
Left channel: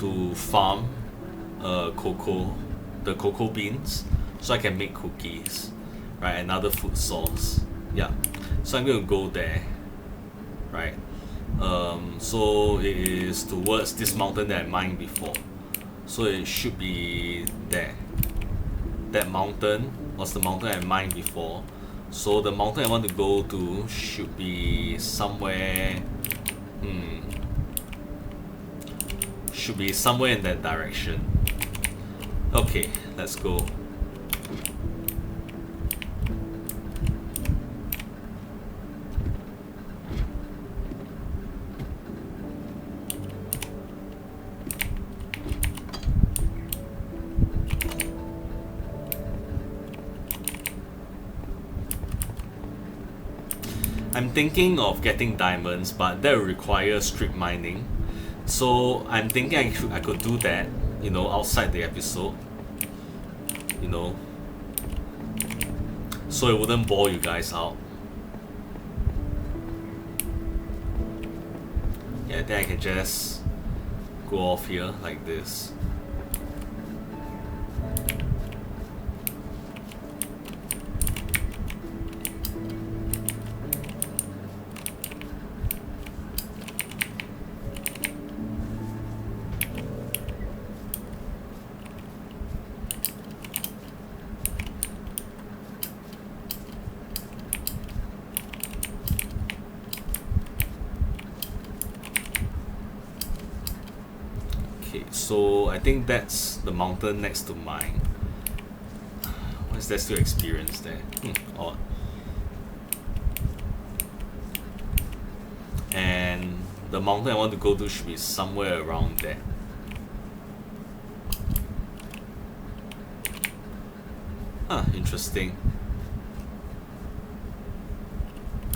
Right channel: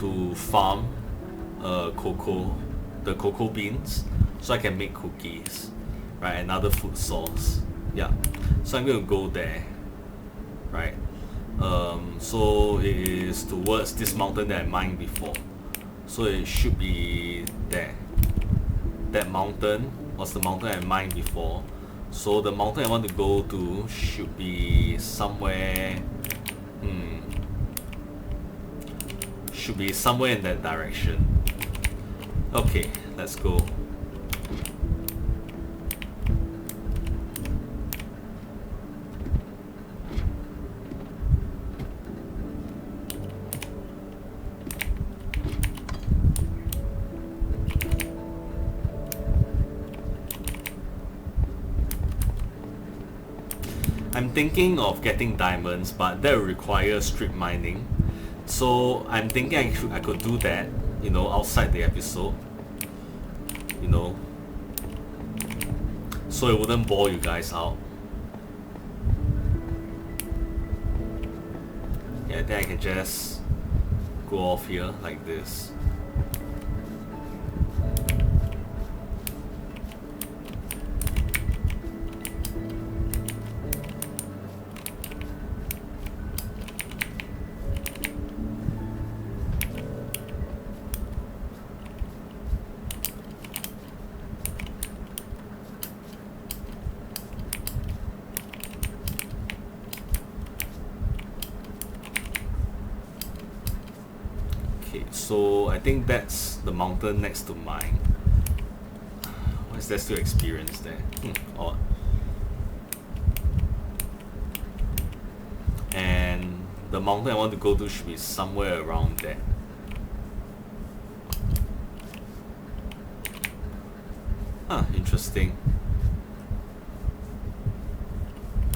to farm the cocoa beans, so I can make cookies, right? Another food source. Yeah, so I'm gonna go there, right? So it is towards this mountain that I mined before, so it should be there. That mountain was the mountain I mined before, so the mountain I want to go to should be somewhere. Should be somewhere in that direction. Okay, let's go. I'm thinking of getting diamonds, but that will require strip mining. So I'm thinking I could do that, outside the episode. So it wouldn't bore you guys out. Yeah, then I can just go off here like this. Okay, so I think that's the mountain next to mine. Why is there still experience there? Odd. And the mountain I want to go to should be somewhere around there. Interesting.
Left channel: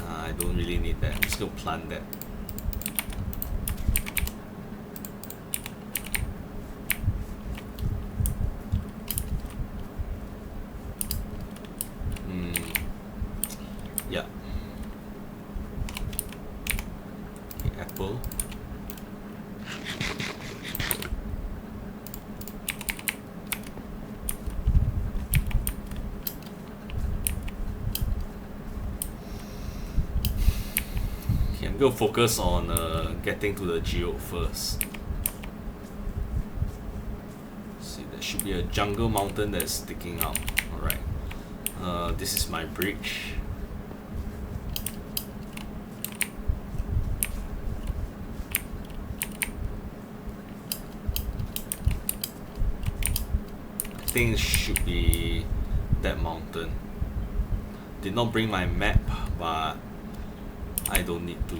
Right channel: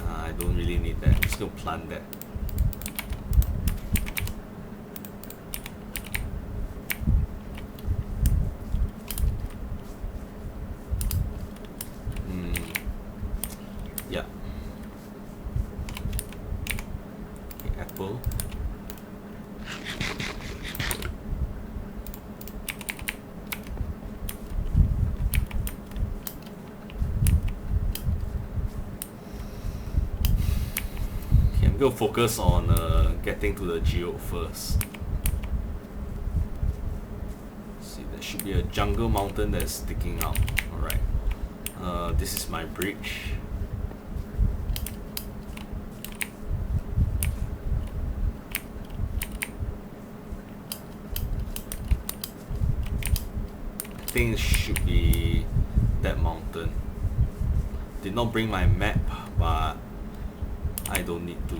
I don't really need that. I'm just gonna plant that. Yeah. Okay, apple. Okay, I'm gonna focus on getting to the geode first. See, there should be a jungle mountain that's sticking out. Alright. This is my bridge. I think it should be that mountain. Did not bring my map, but I don't need to.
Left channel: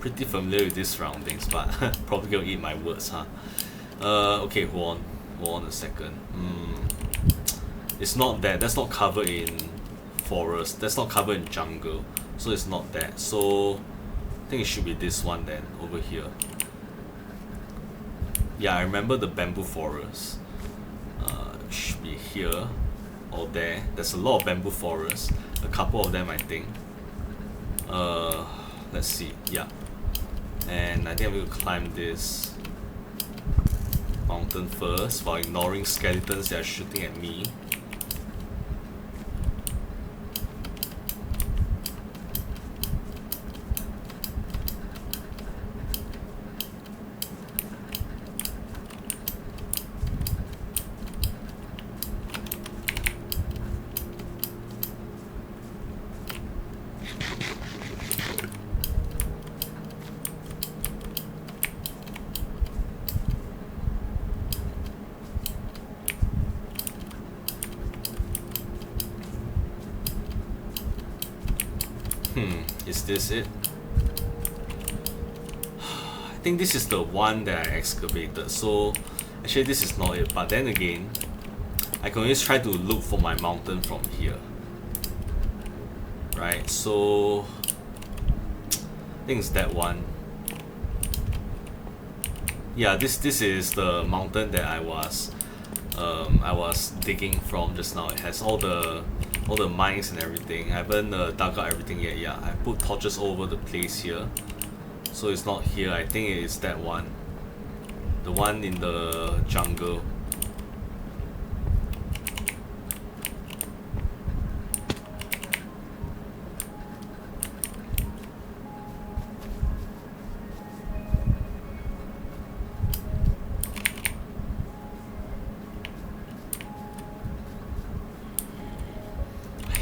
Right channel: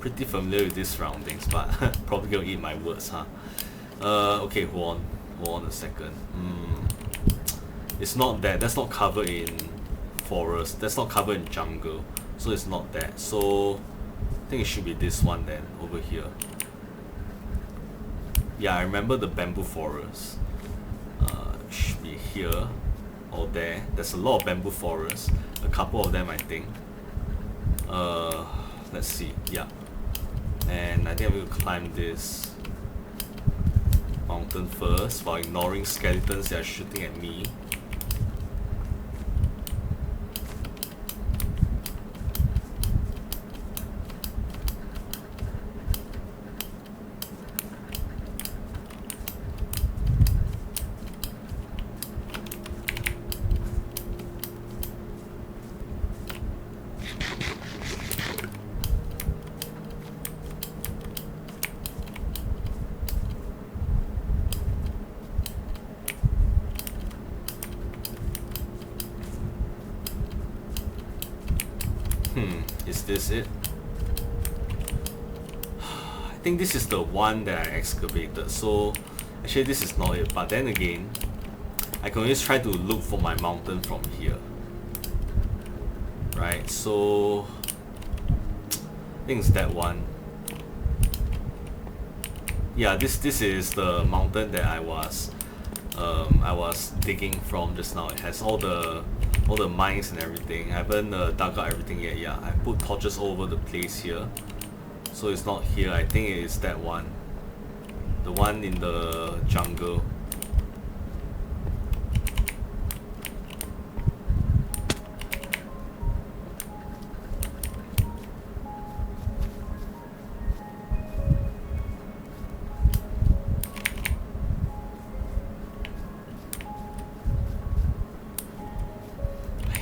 Pretty familiar with these surroundings, but probably gonna eat my words, huh? Okay, hold on a second. It's not that. That's not covered in forest. That's not covered in jungle, so it's not that. So I think it should be this one then, over here. Yeah, I remember the bamboo forest. It should be here or there. There's a lot of bamboo forests. A couple of them, I think. Let's see. Yeah. And I think I'm going to climb this mountain first while ignoring skeletons that are shooting at me. Is this it? I think this is the one that I excavated, so actually this is not it, but then again, I can always try to look for my mountain from here. Right, so I think it's that one. Yeah, this is the mountain that I was digging from just now. It has all the mines and everything. I haven't dug out everything yet. Yeah, I put torches all over the place here, so it's not here. I think it is that one, the one in the jungle.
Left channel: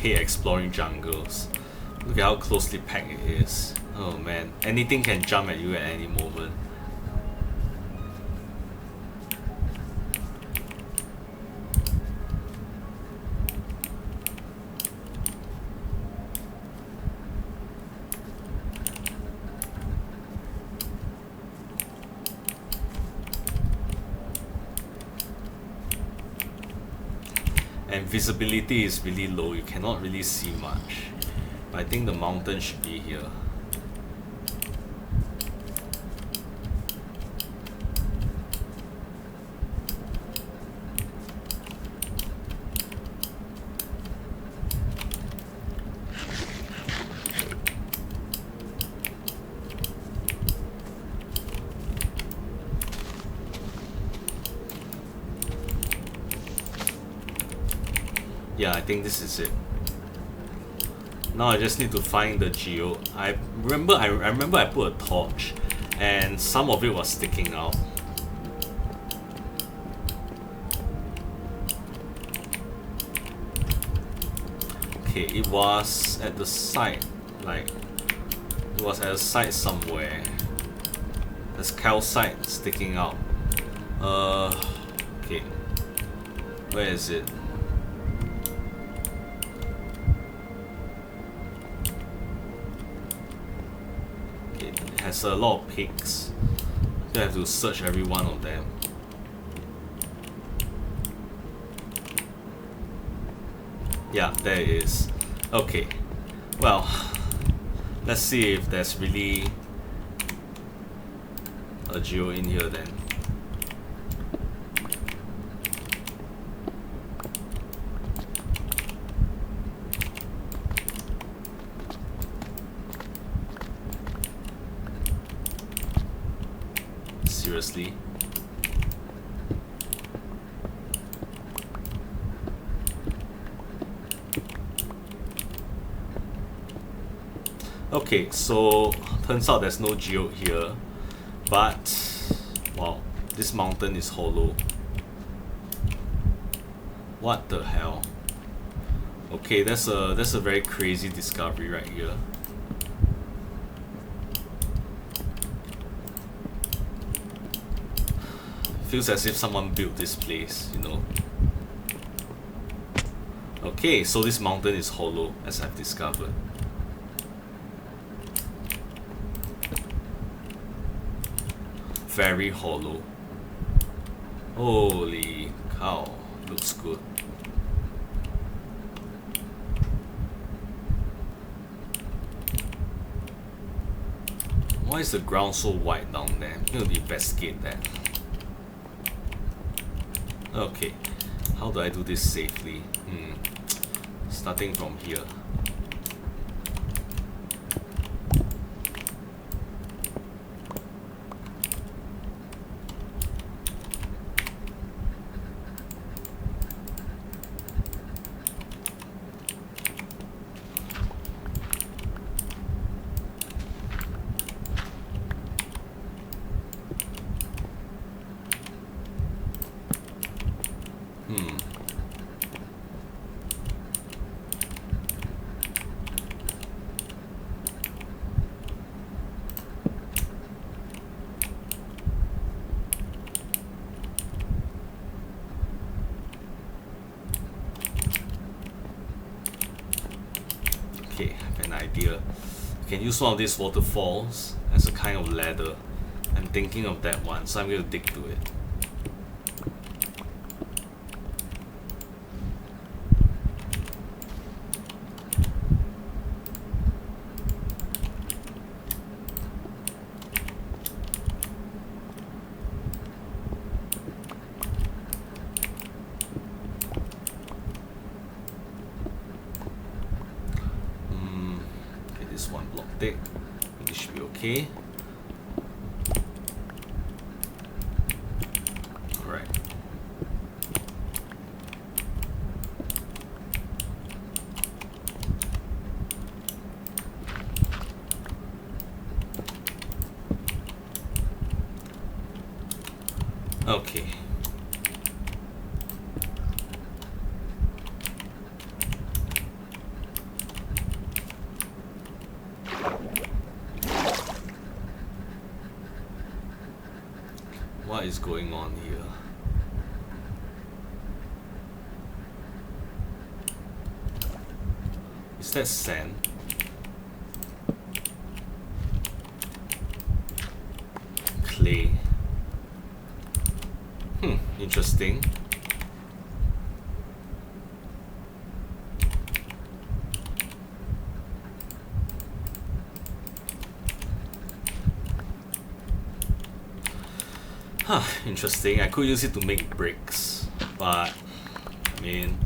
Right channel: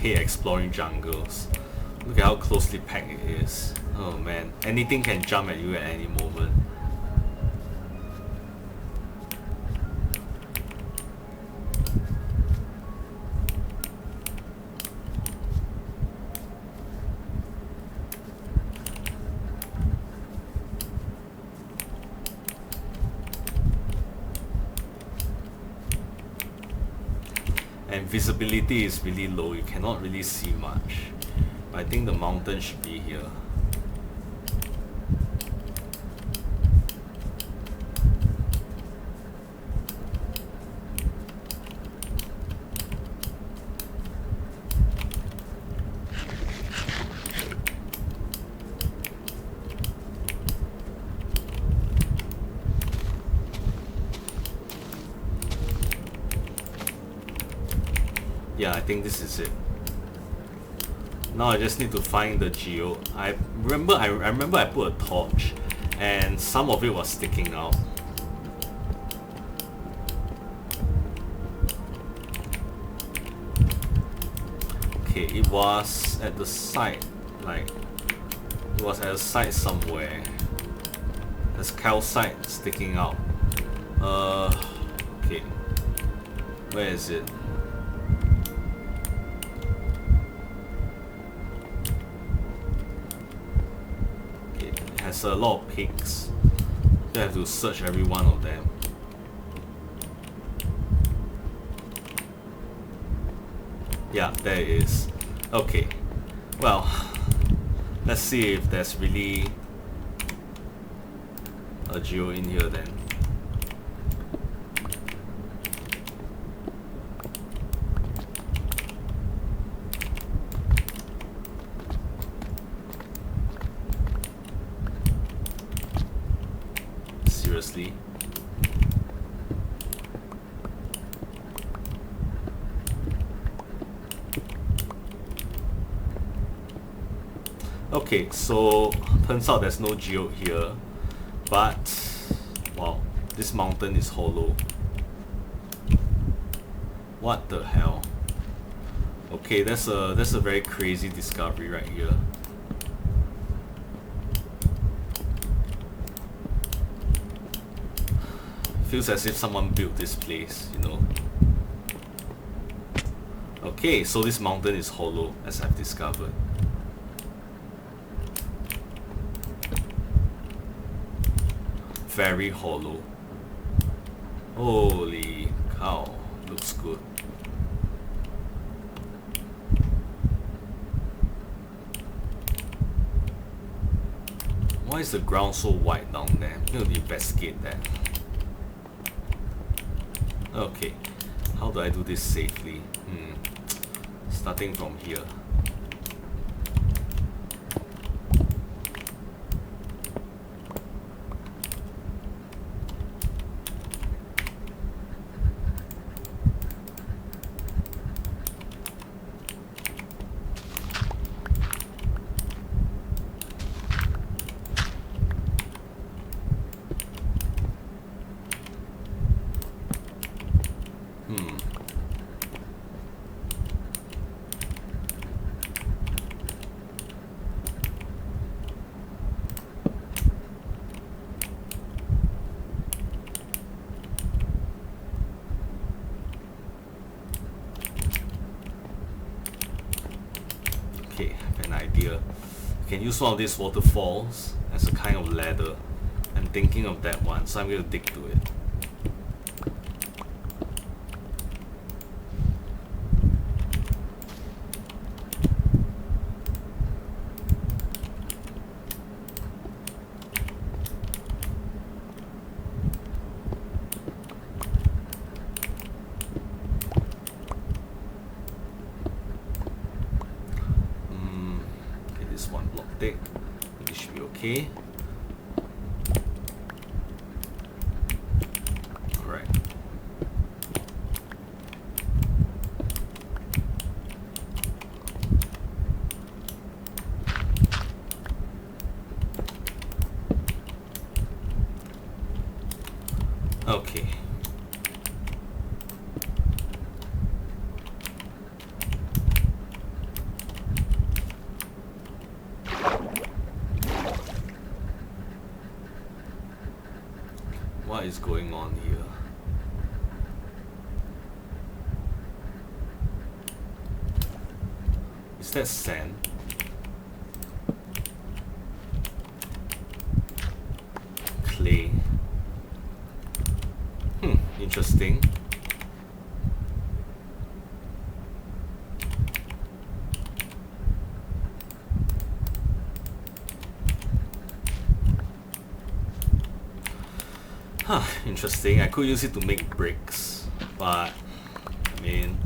Exploring jungles. Look at how closely packed it is. Oh man, anything can jump at you at any moment. And visibility is really low, you cannot really see much. But I think the mountain should be here. Yeah, I think this is it. Now I just need to find the geo. I remember I put a torch and some of it was sticking out. Okay, it was at the side, like it was at a side somewhere. There's calcite sticking out. Okay. Where is it? Has a lot of peaks. I have to search every one of them. Yeah, there it is. Okay. Well, let's see if there's really a geo in here then. Seriously? Okay, so turns out there's no geo here, but wow, this mountain is hollow. What the hell? Okay, that's a very crazy discovery right here. Feels as if someone built this place, you know. Okay, so this mountain is hollow, as I've discovered. Very hollow. Holy cow, looks good. Why is the ground so white down there? I'm going to investigate that. Okay, how do I do this safely? Starting from here. Okay, I have an idea. I can use one of these waterfalls as a kind of ladder. I'm thinking of that one, so I'm going to dig to it. Okay, this one block thick. This should be okay. Alright. Okay. What is going on here? Is that sand? Clay. Interesting. Interesting. I could use it to make bricks, but I mean,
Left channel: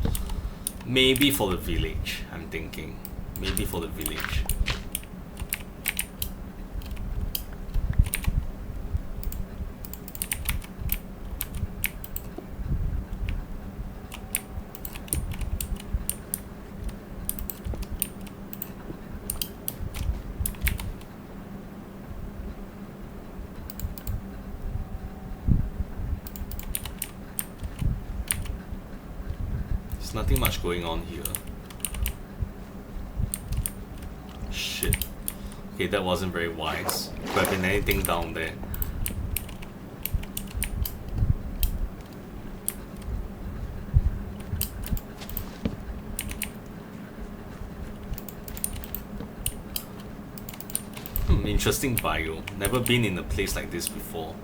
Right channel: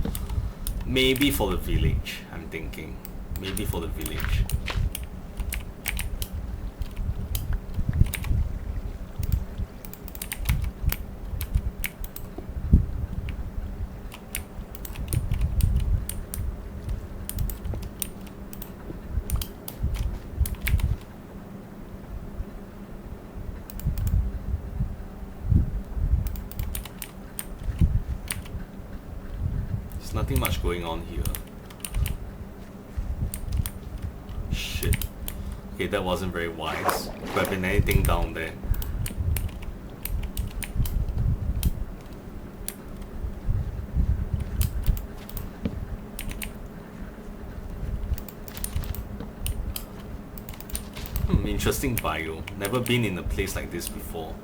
maybe for the village. I'm thinking, maybe for the village. There's nothing much going on here. Shit. Okay, that wasn't very wise. Could have been anything down there. Interesting bio. Never been in a place like this before.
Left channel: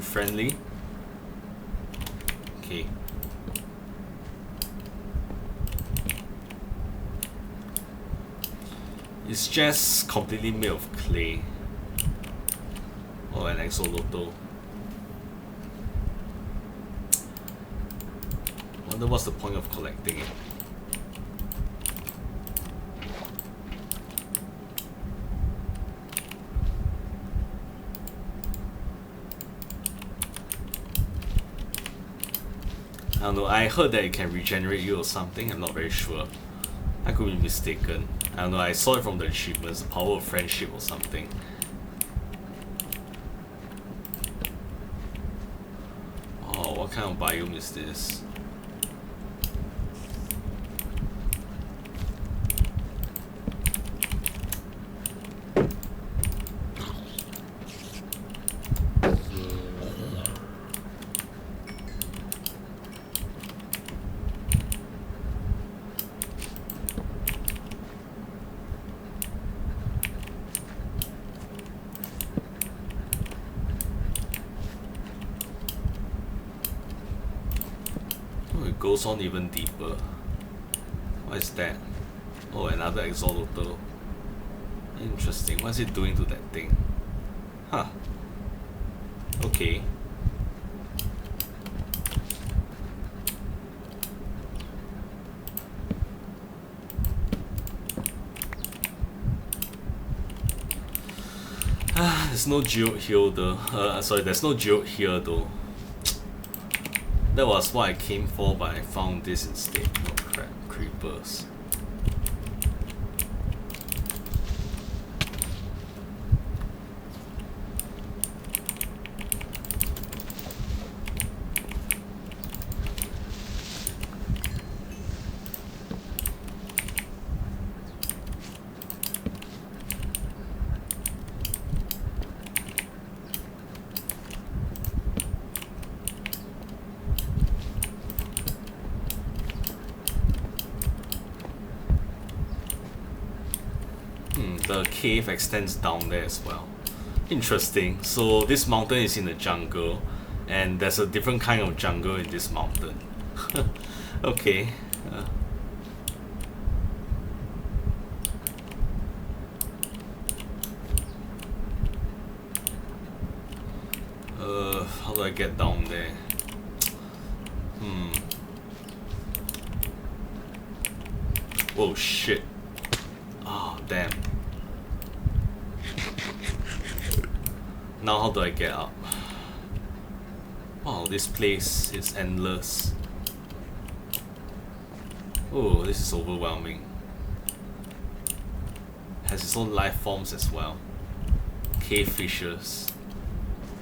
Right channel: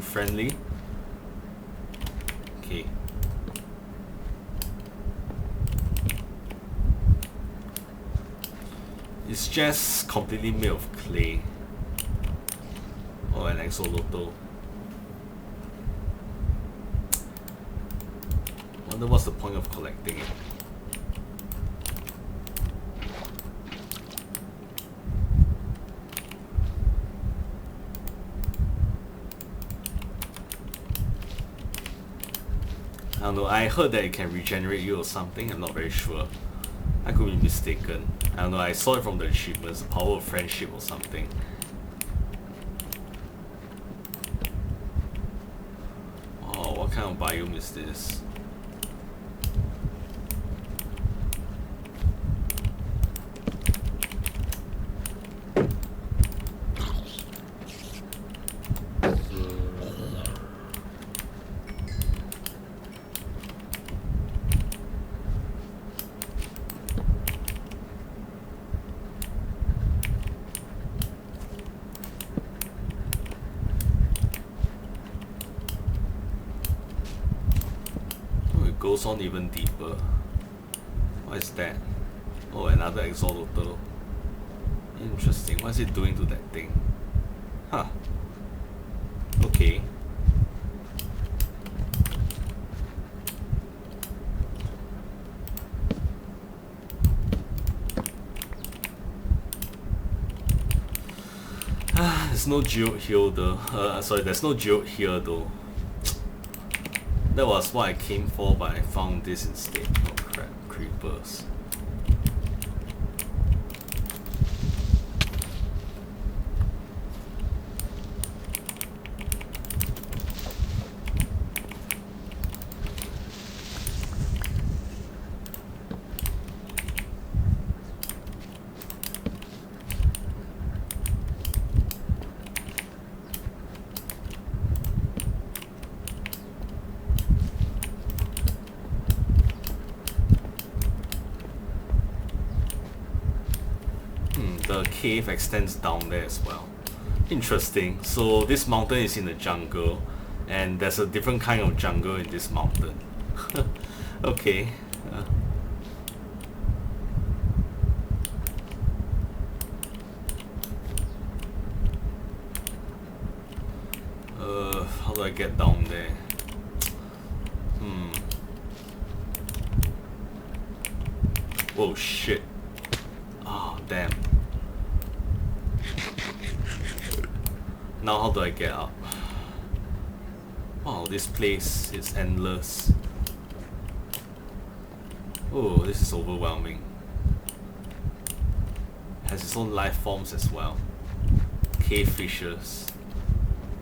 Friendly. Okay. It's just completely made of clay. Or an axolotl. Wonder what's the point of collecting it. I don't know, I heard that it can regenerate you or something, I'm not very sure. I could be mistaken. I don't know, I saw it from the achievements, the power of friendship or something. Oh, what kind of biome is this? Goes on even deeper. What is that? Oh, another axolotl. Interesting. What is it doing to that thing? Huh. Okay. There's no geode here though. Sorry, there's no geode here though. That was what I came for, but I found this instead. Oh crap, creepers. The cave extends down there as well. Interesting. So this mountain is in the jungle, and there's a different kind of jungle in this mountain. Okay. How do I get down there? Whoa, shit. Oh, damn. Now how do I get up? Wow, this place is endless. Oh, this is overwhelming. Has its own life forms as well. Cave fishes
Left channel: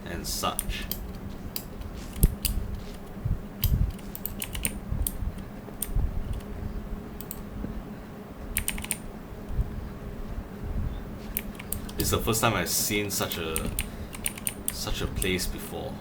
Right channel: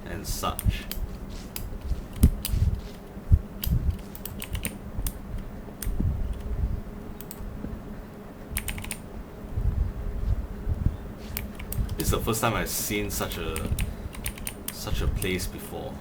and such. This is the first time I've seen such a place before.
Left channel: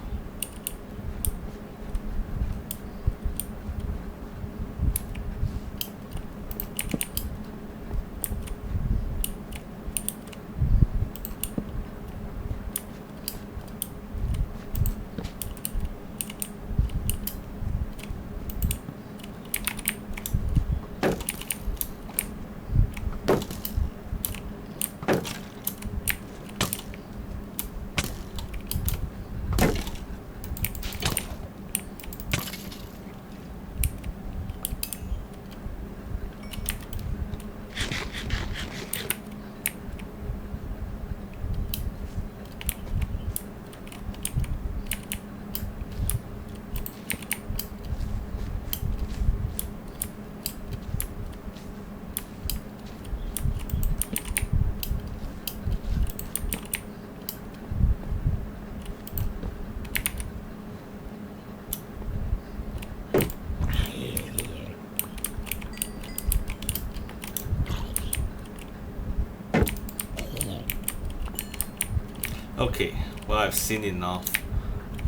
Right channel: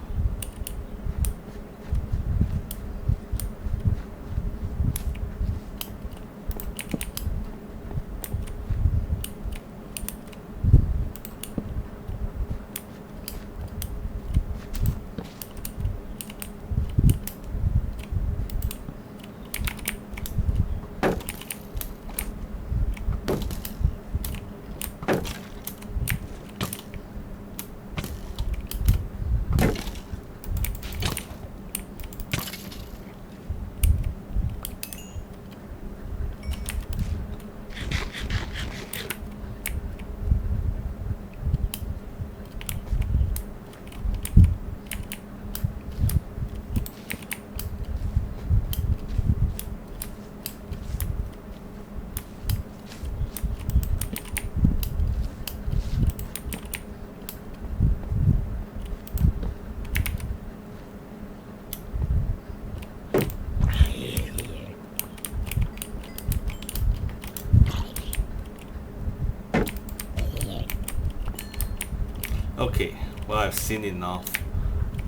Okay, well, I've seen enough.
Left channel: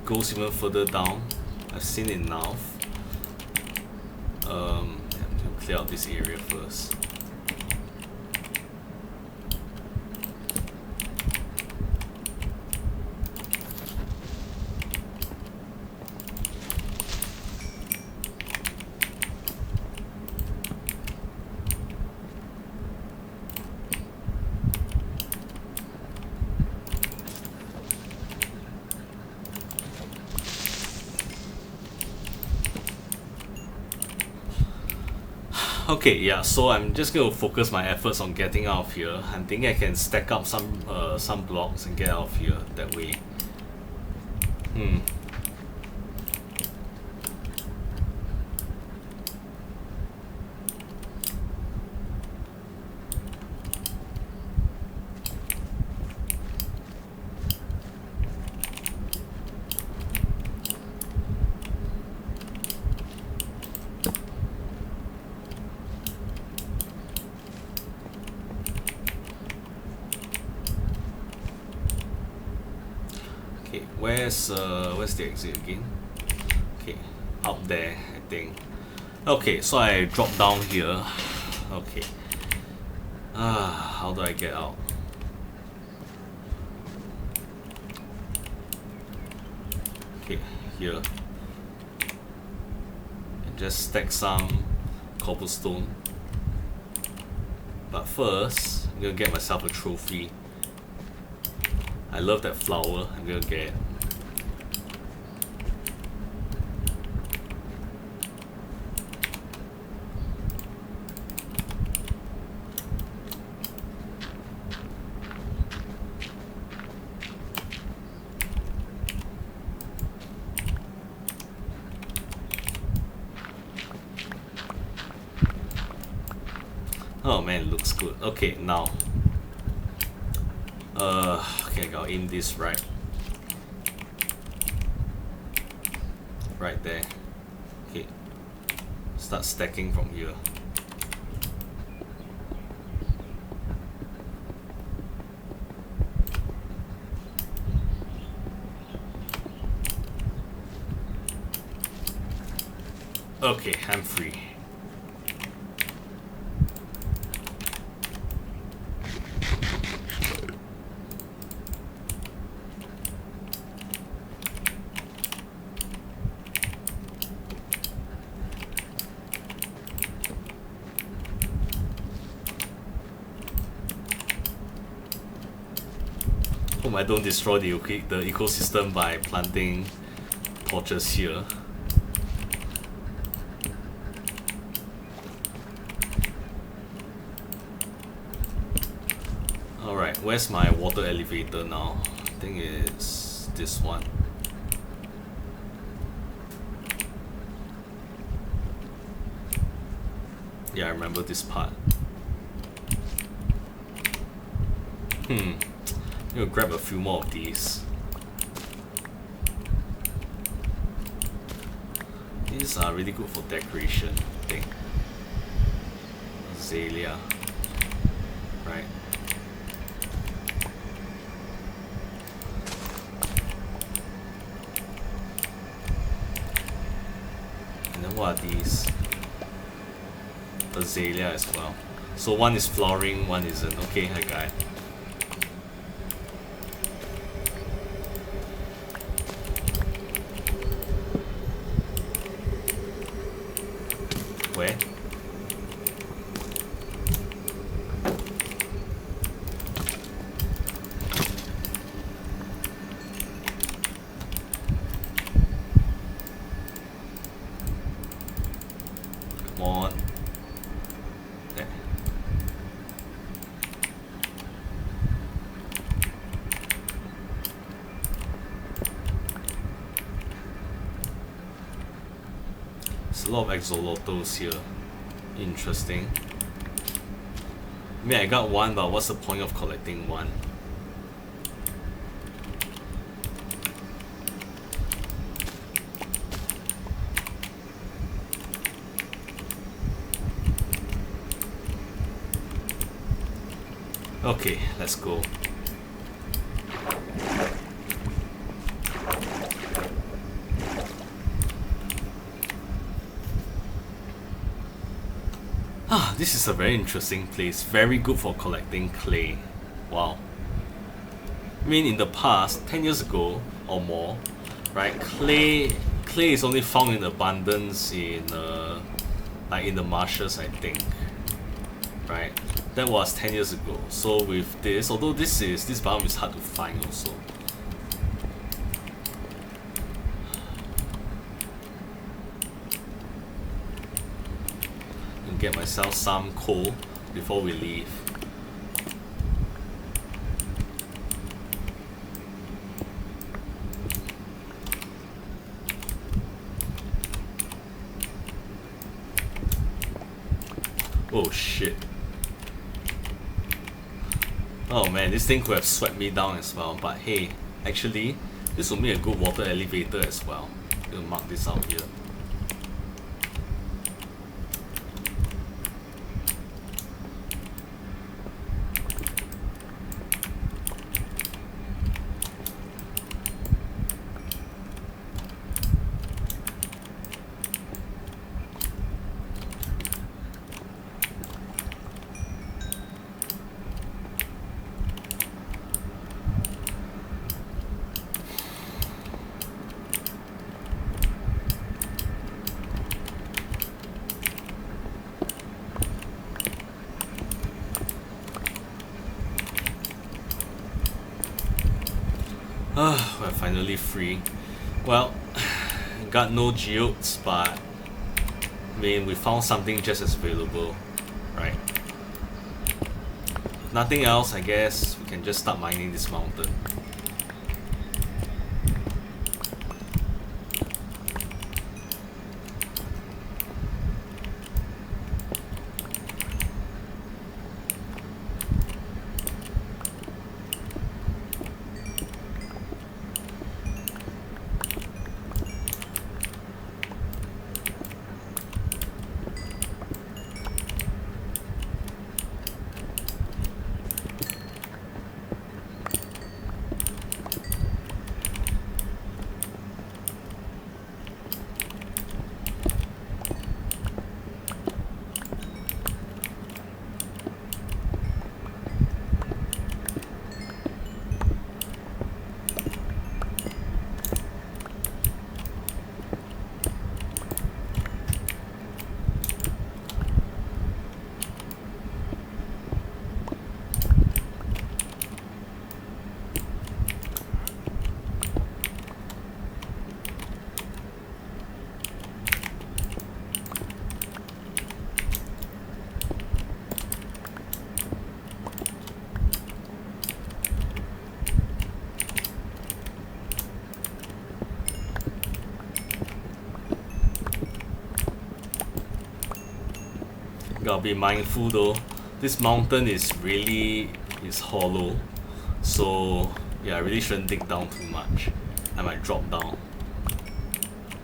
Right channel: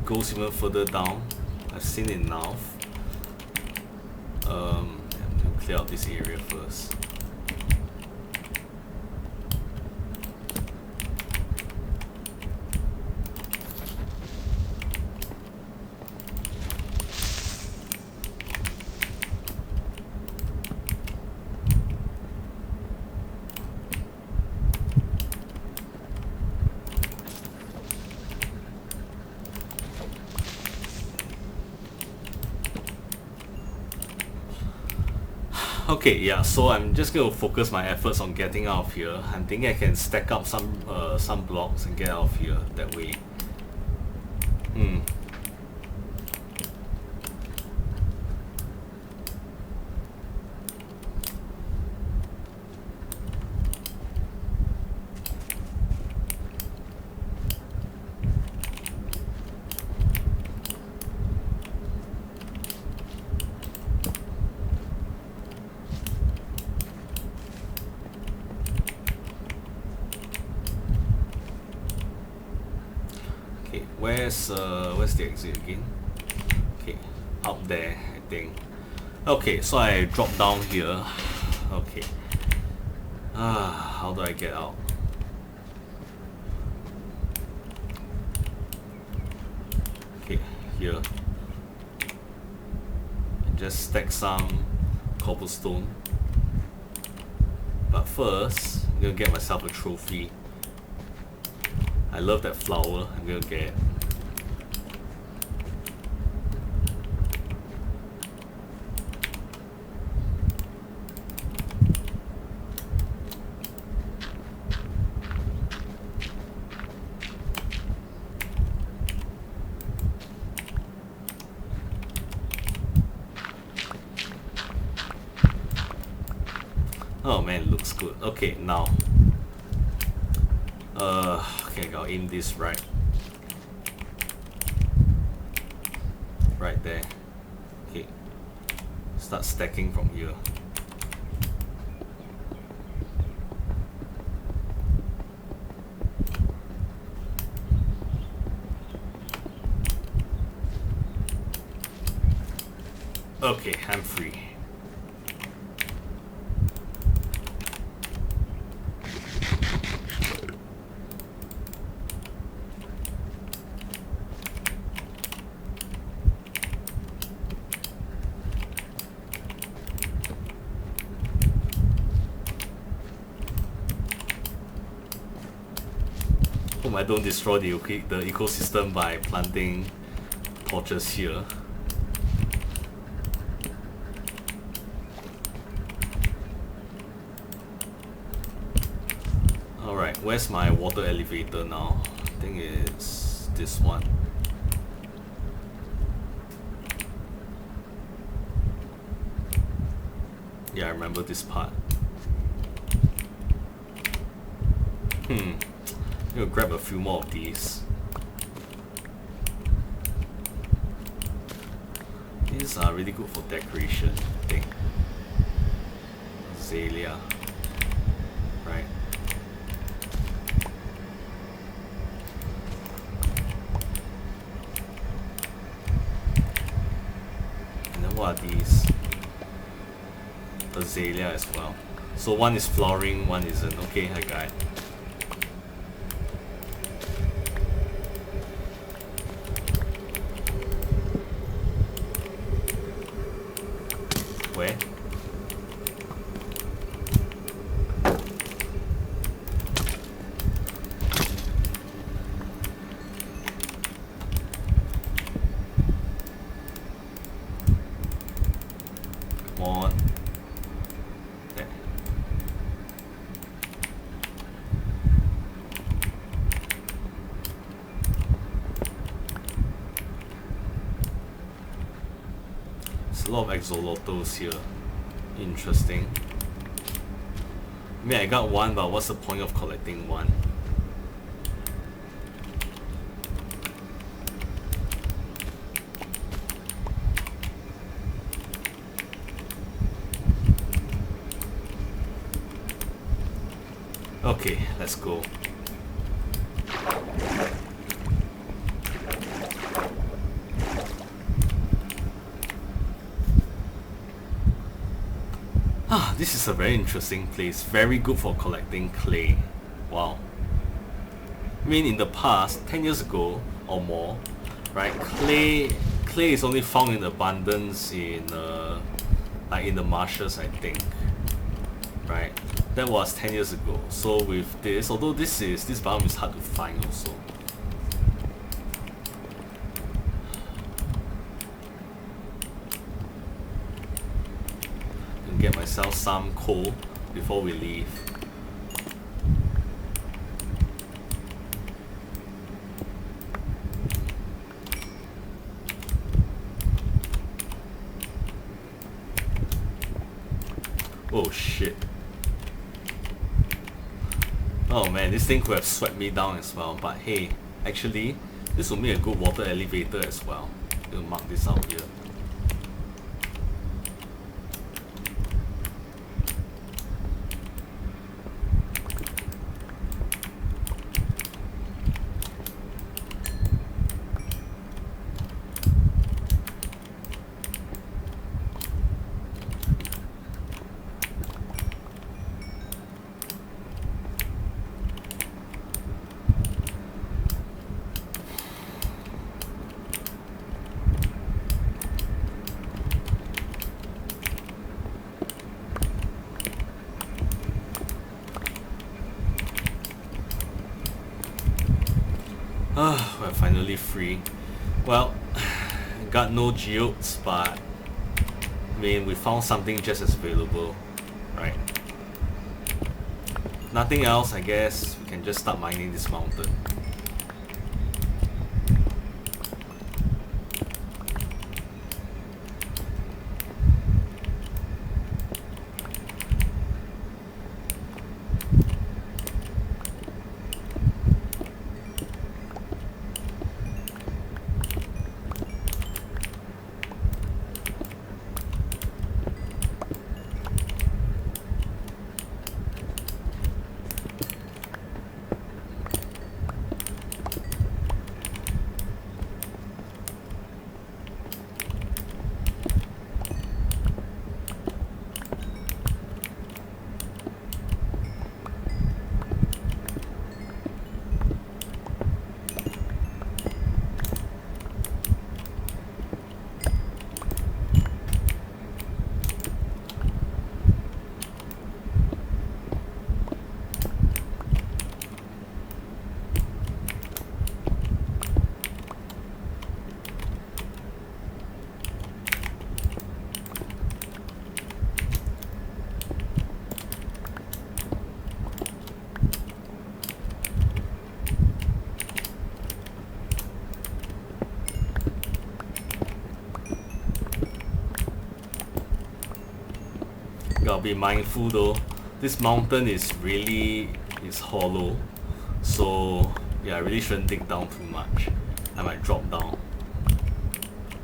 Goes even further down. I've seen enough. I'm gonna clear out this area first. Okay, yeah, so I'm just going to focus my efforts on getting out of here. I'm thinking I can stack up some blocks and get out of here that way. Okay, where's the exit again? Okay, up there, I think. Okay, so I drop down here. Okay. How do I get out? Okay, here. And just stack some cobblestone. But first, I'm gonna get myself a trophy. I love that flower. I'm gonna get it. Oh man, it looks good. Okay, now. Okay, I'll aim this right there. Okay, start stacking from here. Okay, I'm free. Hope I don't destroy the ecosystem by planting torches here. Alright, where's my water elevator now? I think it's this one. Yeah, I remember this part. I'm gonna grab a few more of these. These are really good for decoration, I think. Azalea. Right. And then what are these? Azalea as well. So one is flowering, one isn't. Okay, I got it. Where? Come on. There. There's a lot of axolotls here. Interesting. I mean, I got one, but what's the point of collecting one? Okay, let's go. This is a very interesting place. Very good for collecting clay. Wow. I mean, in the past, 10 years ago or more, right? Clay is only found in abundance in like in the marshes, I think. Right? That was 10 years ago. So with this, although this biome is hard to find also. Get myself some coal before we leave. Oh shit. Oh man, this thing could have swept me down as well, but hey, actually, this will make a good water elevator as well. We'll mark this out here. We're finally free. Well, got no geodes, but I mean, we found something just as valuable, right? Nothing else, I guess we can just start mining this mountain. Gotta be mindful though. This mountain is hollow. So yeah, I really shouldn't dig down too much. I might drop down.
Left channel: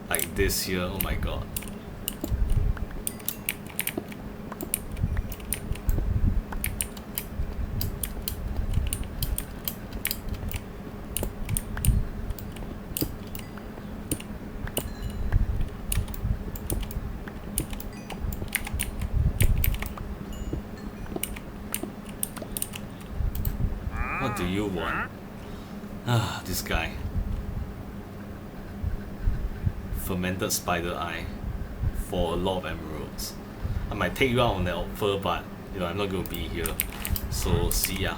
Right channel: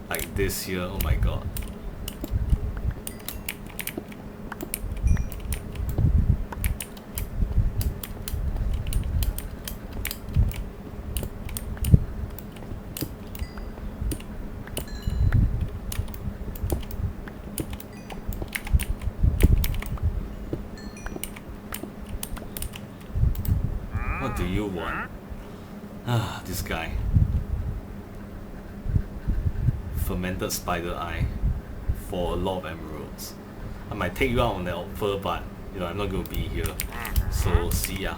Like this here, oh my god. What do you want? Ah, this guy. Fermented spider eye for a lot of emeralds. I might take you out on that offer, but you know I'm not gonna be here. So see ya.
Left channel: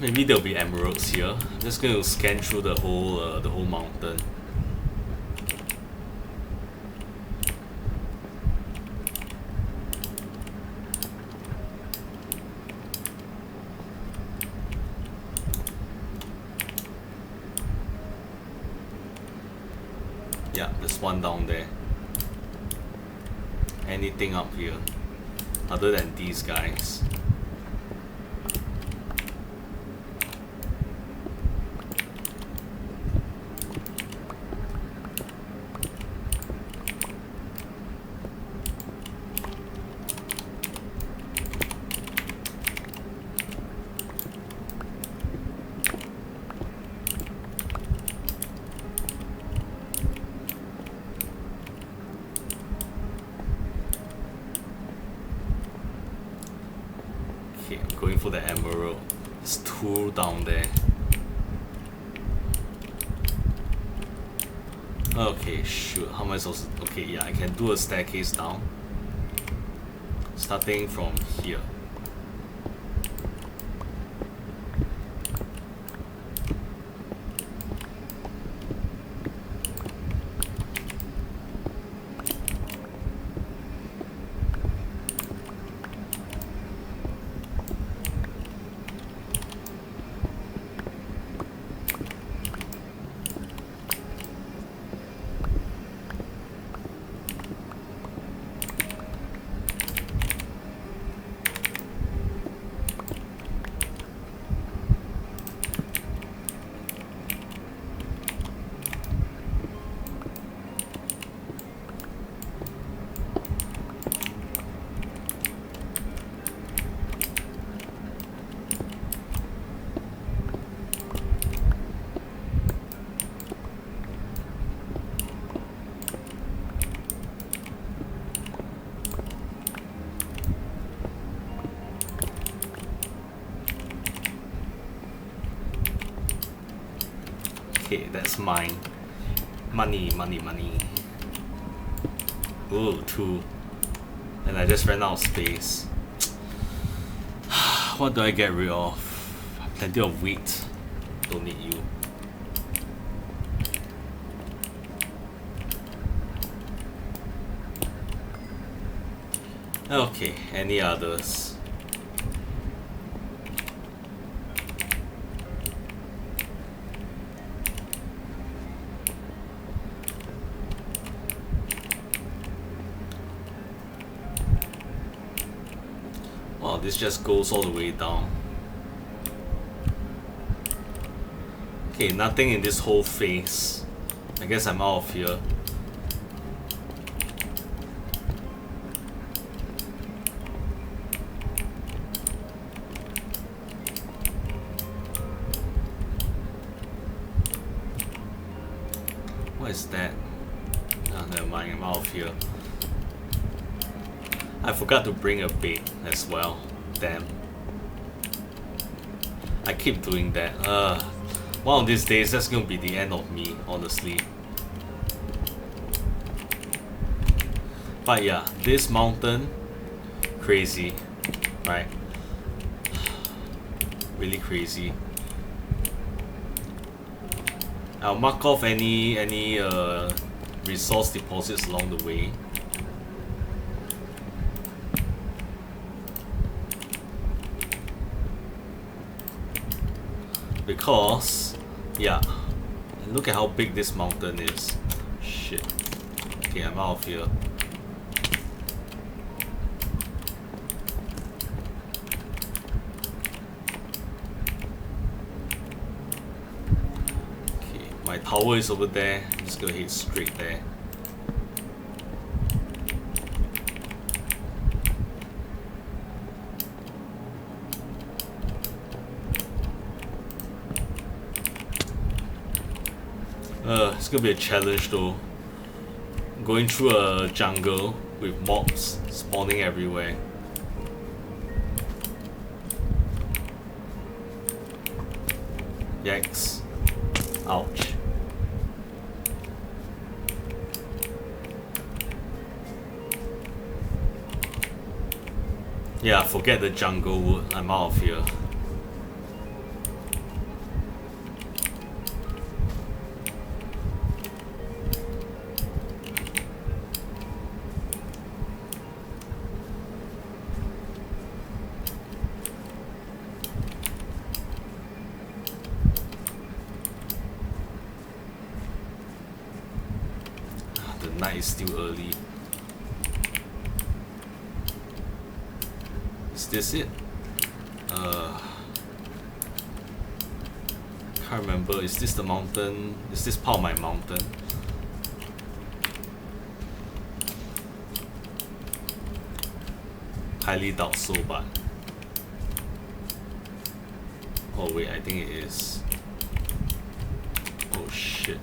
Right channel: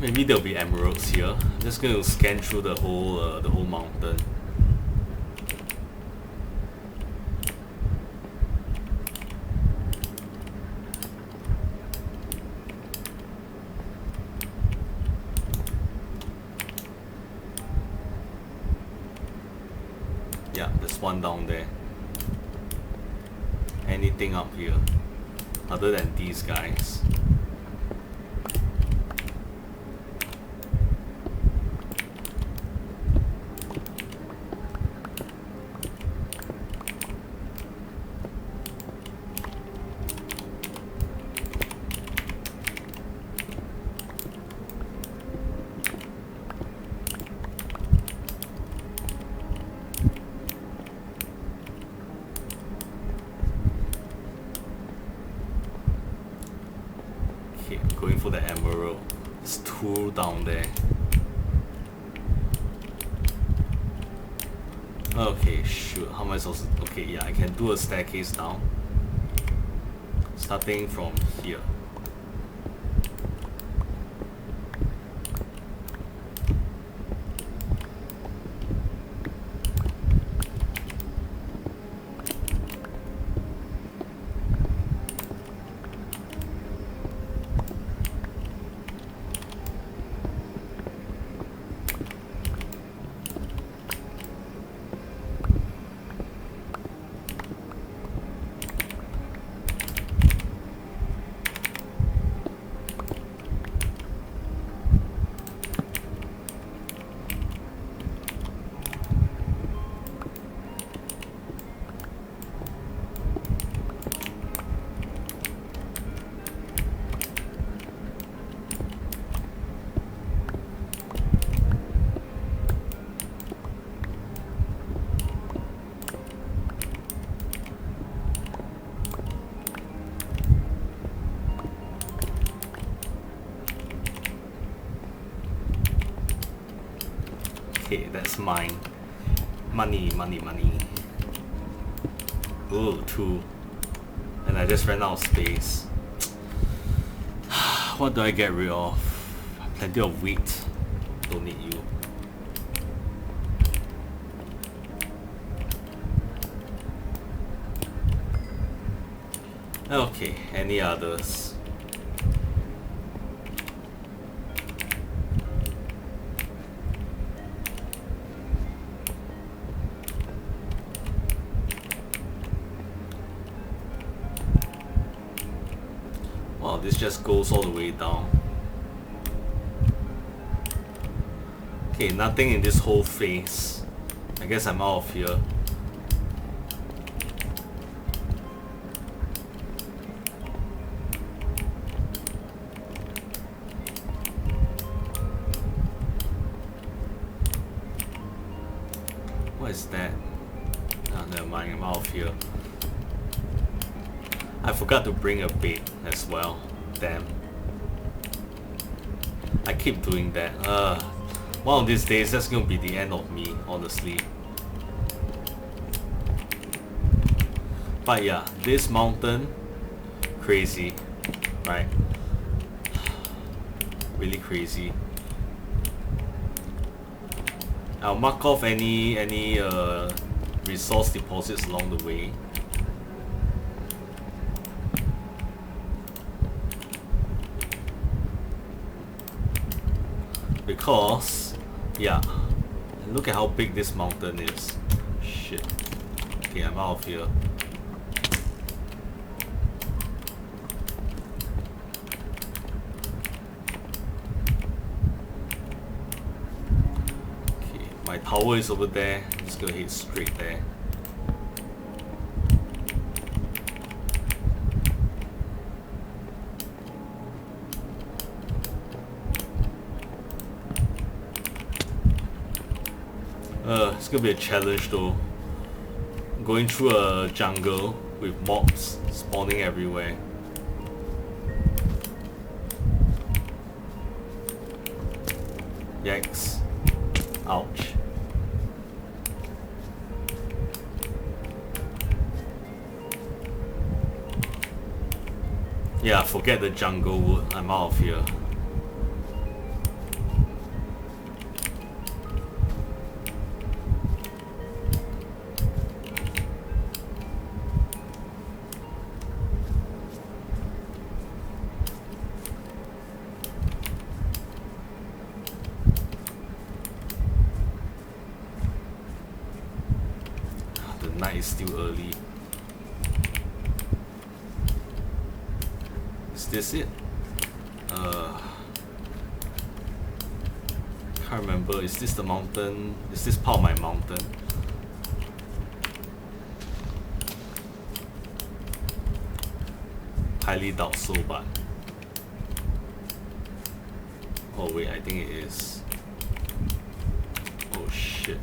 Maybe there'll be emeralds here. I'm just going to scan through the whole mountain. Yeah, there's one down there. Anything up here other than these guys? Okay, I'm going for the emerald. There's two down there. Okay, shoot. How am I supposed to... Okay, yeah, I can do a staircase down. Starting from here. Okay, that's mine. Money, money, money. Ooh, 2. And I just ran out of space. What do I get rid of? Plenty of wheat. Don't need you. Okay, any others? Wow, this just goes all the way down. Okay, nothing in this whole phase. I guess I'm out of here. What is that? Oh, never mind, I'm out of here. I forgot to bring a bait as well. Damn. I keep doing that. One of these days, that's gonna be the end of me, honestly. But yeah, this mountain, crazy, right? Really crazy. I'll mark off any resource deposits along the way. Because, yeah, and look at how big this mountain is. Shit. Okay, I'm out of here. Okay, my tower is over there. I'm just gonna head straight there. It's gonna be a challenge though. Going through a jungle with mobs spawning everywhere. Yikes. Ouch. Yeah, forget the jungle wood. I'm out of here. Night is still early. Is this it? Can't remember. Is this the mountain? Is this part of my mountain? Highly doubt so, but oh wait, I think it is. Oh shit.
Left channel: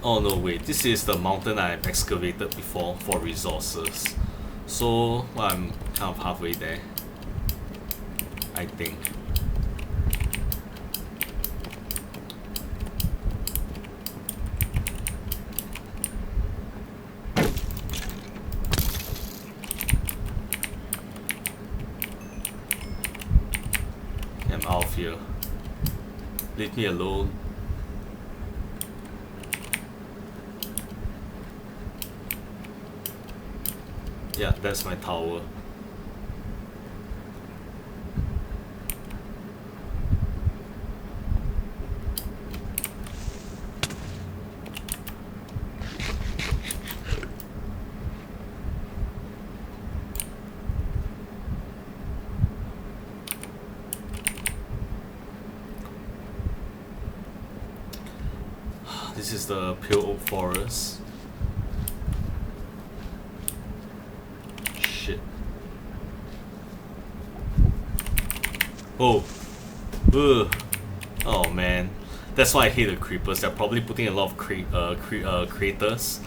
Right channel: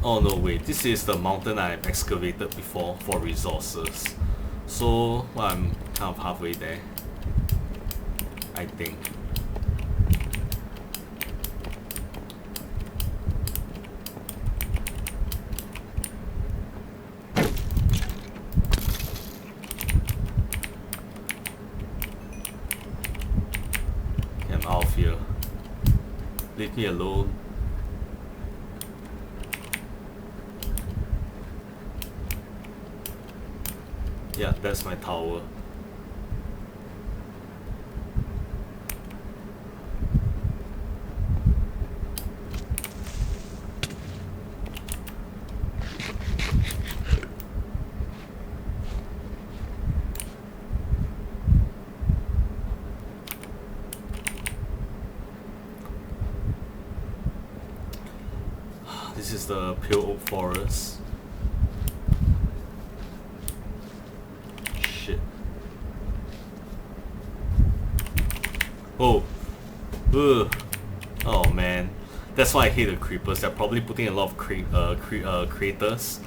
Oh no, wait, this is the mountain I've excavated before for resources. So, well, I'm kind of halfway there, I think. I'm out of here. Leave me alone. Yeah, that's my tower. This is the pale oak forest. Oh, ugh. Oh man, that's why I hate the creepers. They're probably putting a lot of craters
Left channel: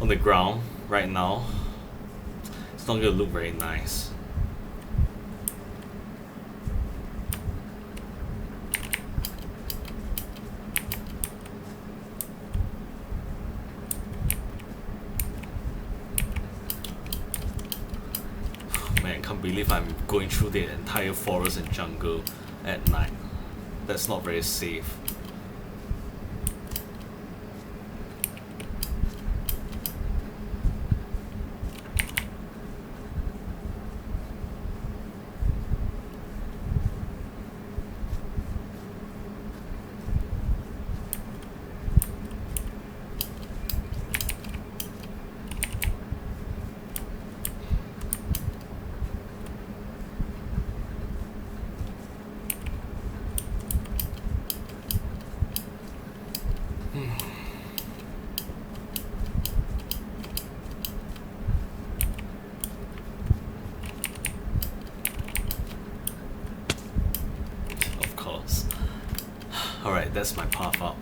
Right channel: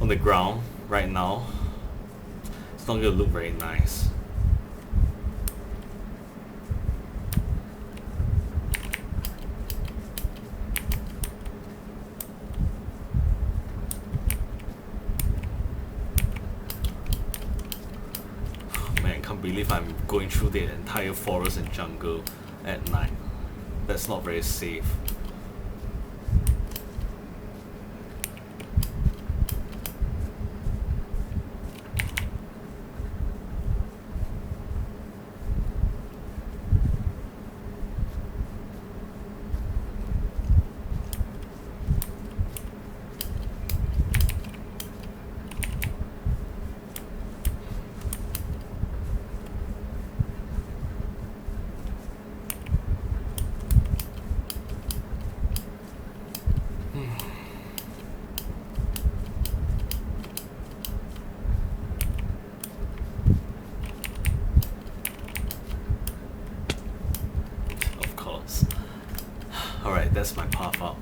on the ground right now. It's not gonna look very nice. I can't believe I'm going through the entire forest and jungle at night. That's not very safe. Alright, that's my path up.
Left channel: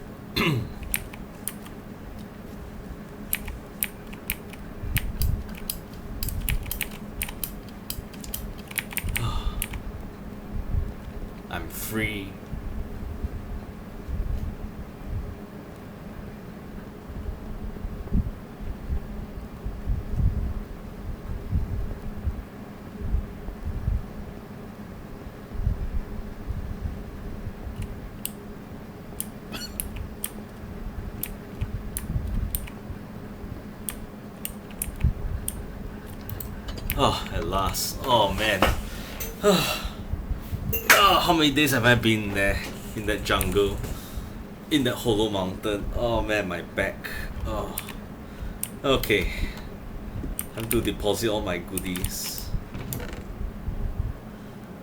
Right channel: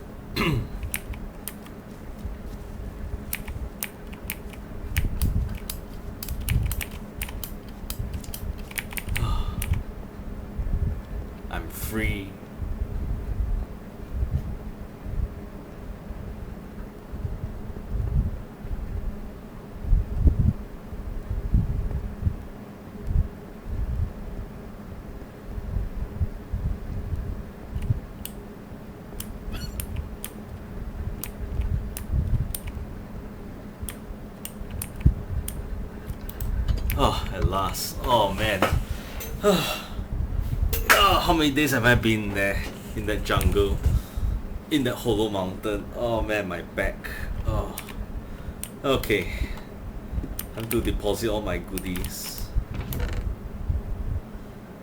I'm free. Oh, at last. Oh man. How many days have I been there in that jungle, in that hollow mountain? Oh man, my back. Oh. Okay. Time to deposit all my goodies.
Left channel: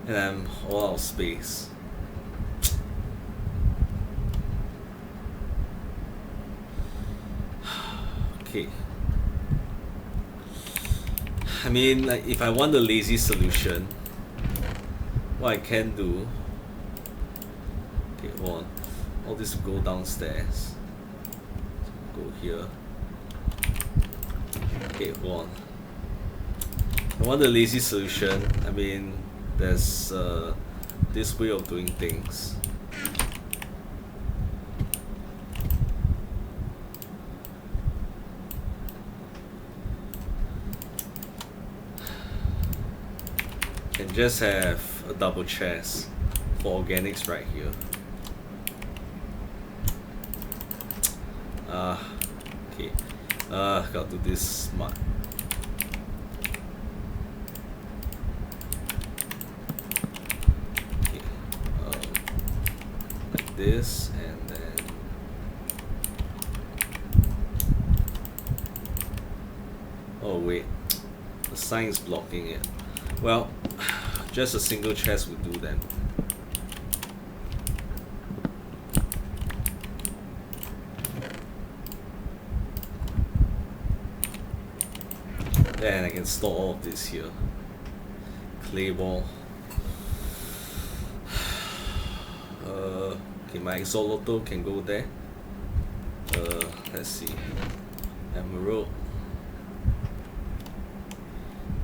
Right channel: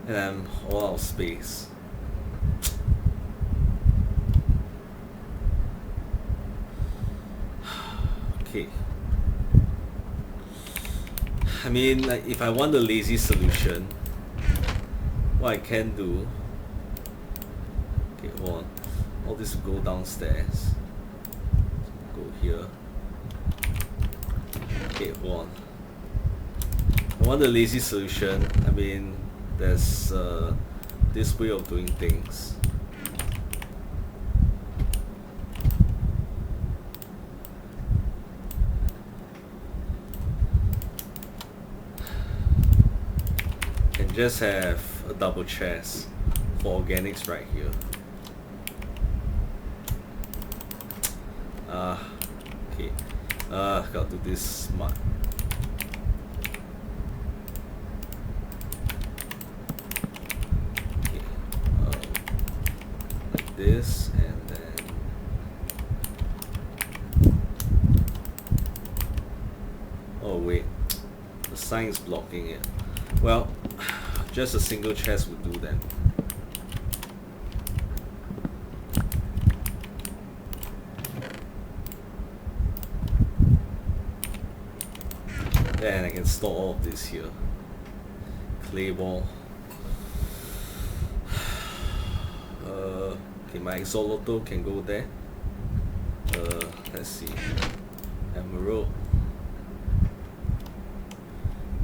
And I'm all out of space. Okay. I mean, like, if I want the lazy solution, what I can do... Okay, hold on. All this will go downstairs. Go here. Okay, hold on. I want the lazy solution. I mean, there's this way of doing things. Can just have a double chest for organics right here. Okay. Gotta do this smart. Okay. Like this, and then oh wait, the sign is blocking it. Well, just a single chest would do then. Then I can store all of this here. Clay ball. Okay, my Exolotl can go there. Let's see. Emerald.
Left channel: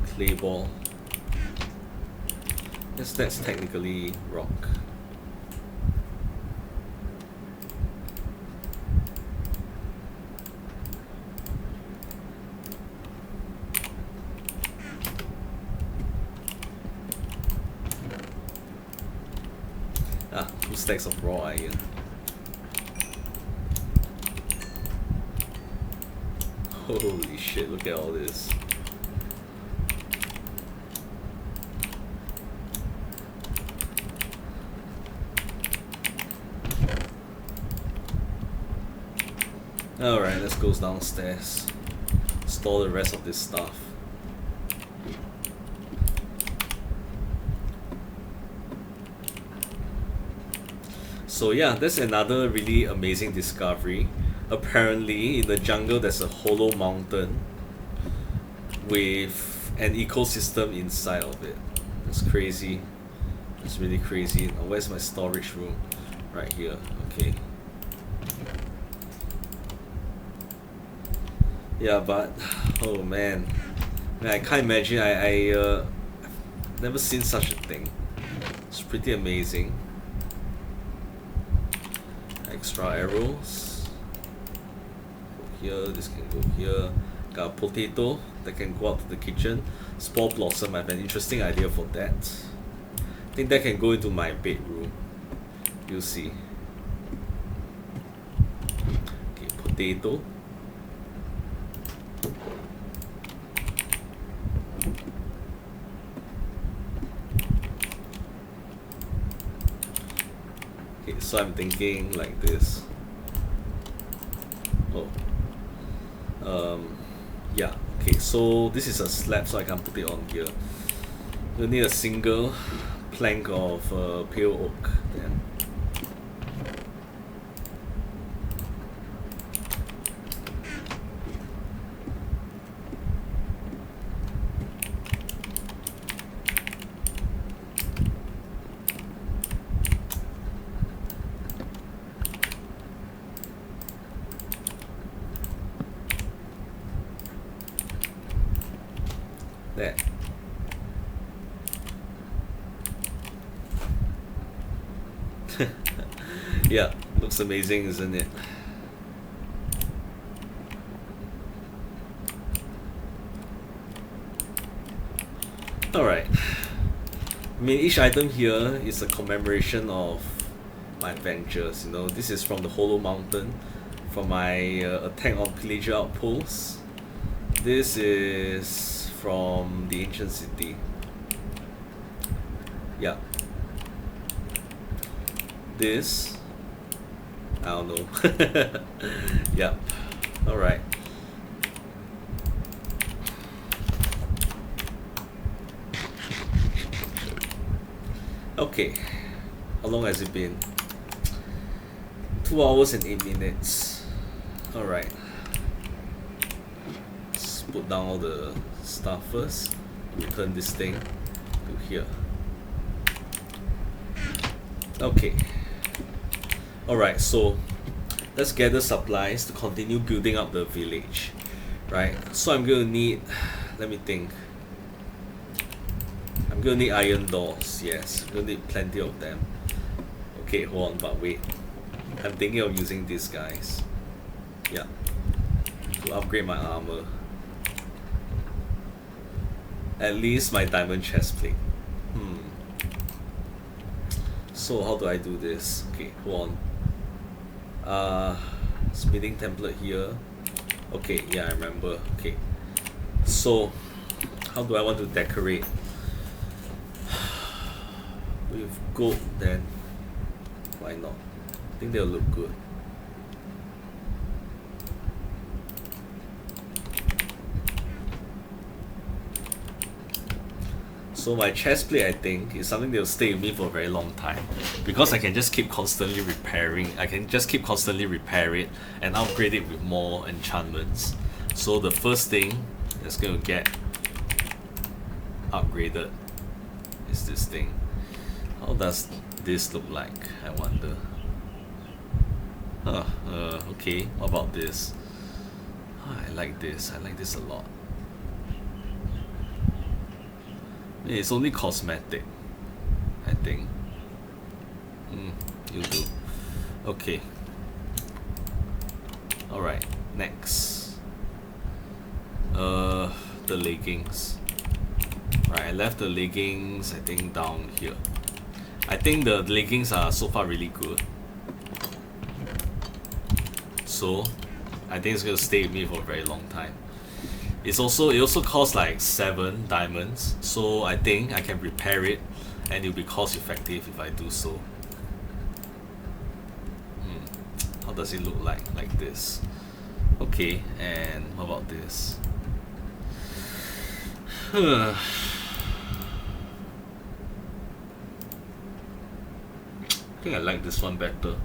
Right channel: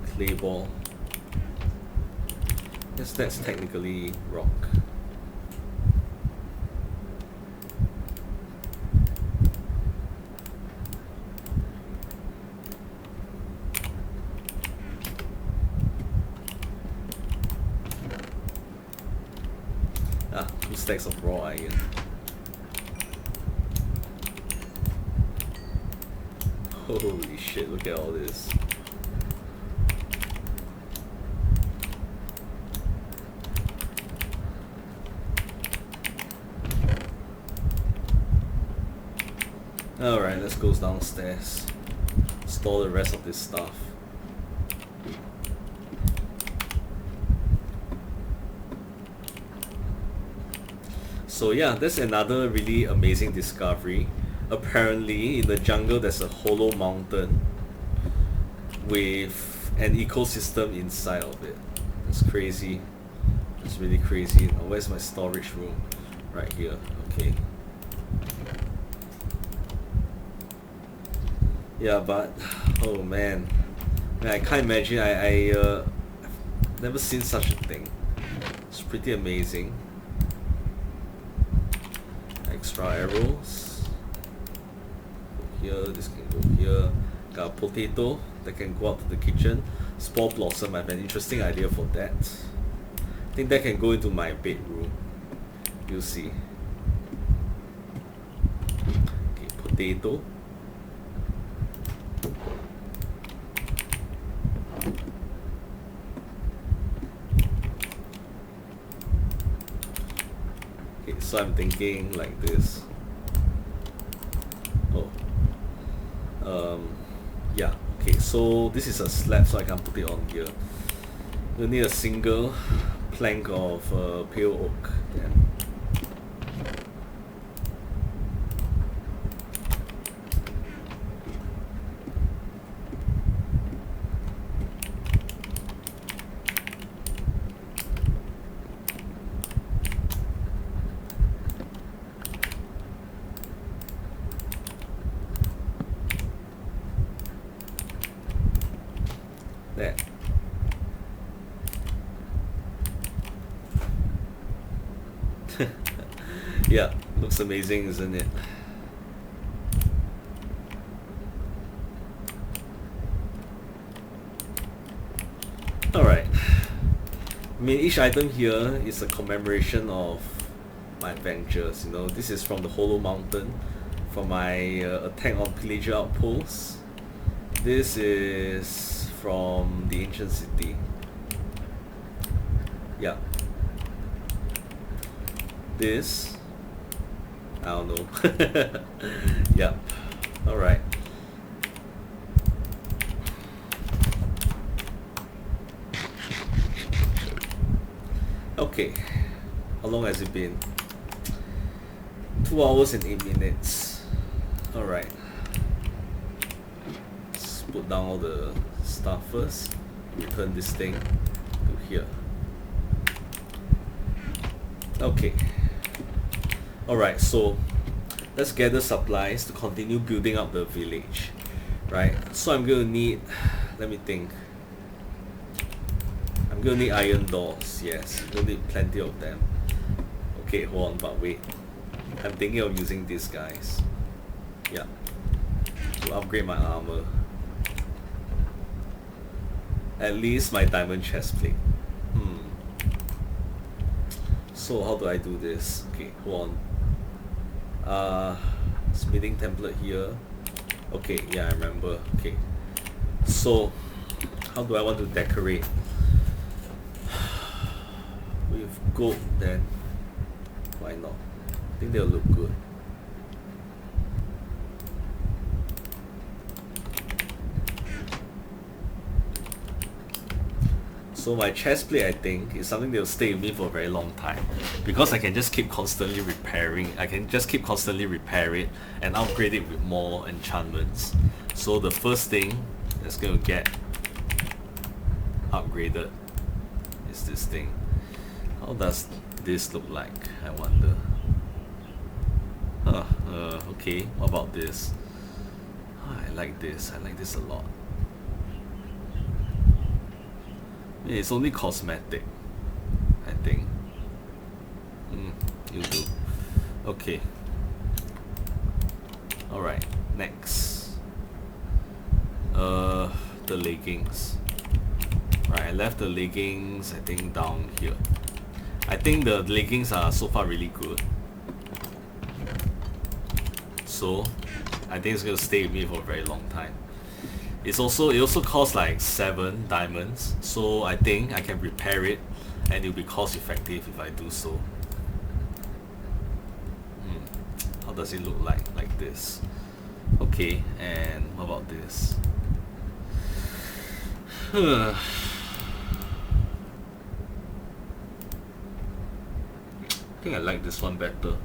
Clay ball. Yes, that's technically rock. Ah, 2 stacks of raw iron. Holy shit, look at all this. Alright, let's go downstairs. Store the rest of this stuff. So yeah, that's another really amazing discovery. Apparently, in the jungle there's a hollow mountain with an ecosystem inside of it. That's crazy. That's really crazy. Now, where's my storage room? Right here. Okay. Yeah, but oh man, I can't imagine. I've never seen such a thing. It's pretty amazing. Extra arrows. Go here. This can go here. Got a potato that can go out to the kitchen. Spore blossom. I have an interesting idea for that. I think that can go into my bedroom. You'll see. Okay, potato. Okay, so I'm thinking like this. Oh. Yeah, okay, so this is a slab, so I can put it on here. You'll need a single plank of pale oak then. There. Yeah, looks amazing, isn't it? Alright. I mean, each item here is a commemoration of my adventures, you know. This is from the Hollow Mountain, from my attack on Pillager Outpost. This is from the ancient city. Yeah. This, I don't know. Yeah. Alright. Okay. How long has it been? 2 hours and 8 minutes. Alright. Let's put down all the stuff first. Return this thing to here. Okay. Alright, so let's gather supplies to continue building up the village. Right? So I'm gonna need, let me think. I'm gonna need iron doors, yes. I'm gonna need plenty of them. Okay, hold on, but wait. I'm thinking of using these guys. Yeah. To upgrade my armor. At least my diamond chestplate. So how do I do this? Okay, hold on. Smithing template here. Okay, yeah, I remember. Okay. So how do I want to decorate? With gold, then why not? I think they'll look good. So my chestplate, I think, is something that will stay with me for a very long time, because I can just keep constantly repairing. I can just keep constantly repair it and upgrade it with more enchantments. So the first thing that's going to get upgraded is this thing. How does this look like, I wonder? Okay, what about this? I like this. I like this a lot. It's only cosmetic, I think. You do. Okay. Alright, next. The leggings. Right, I left the leggings, I think, down here. I think the leggings are so far really good. So, I think it's gonna stay with me for a very long time. It also costs like 7 diamonds, so I think I can repair it and it'll be cost effective if I do so. How does it look like? Like this. Okay, and what about this? I think I like this one better.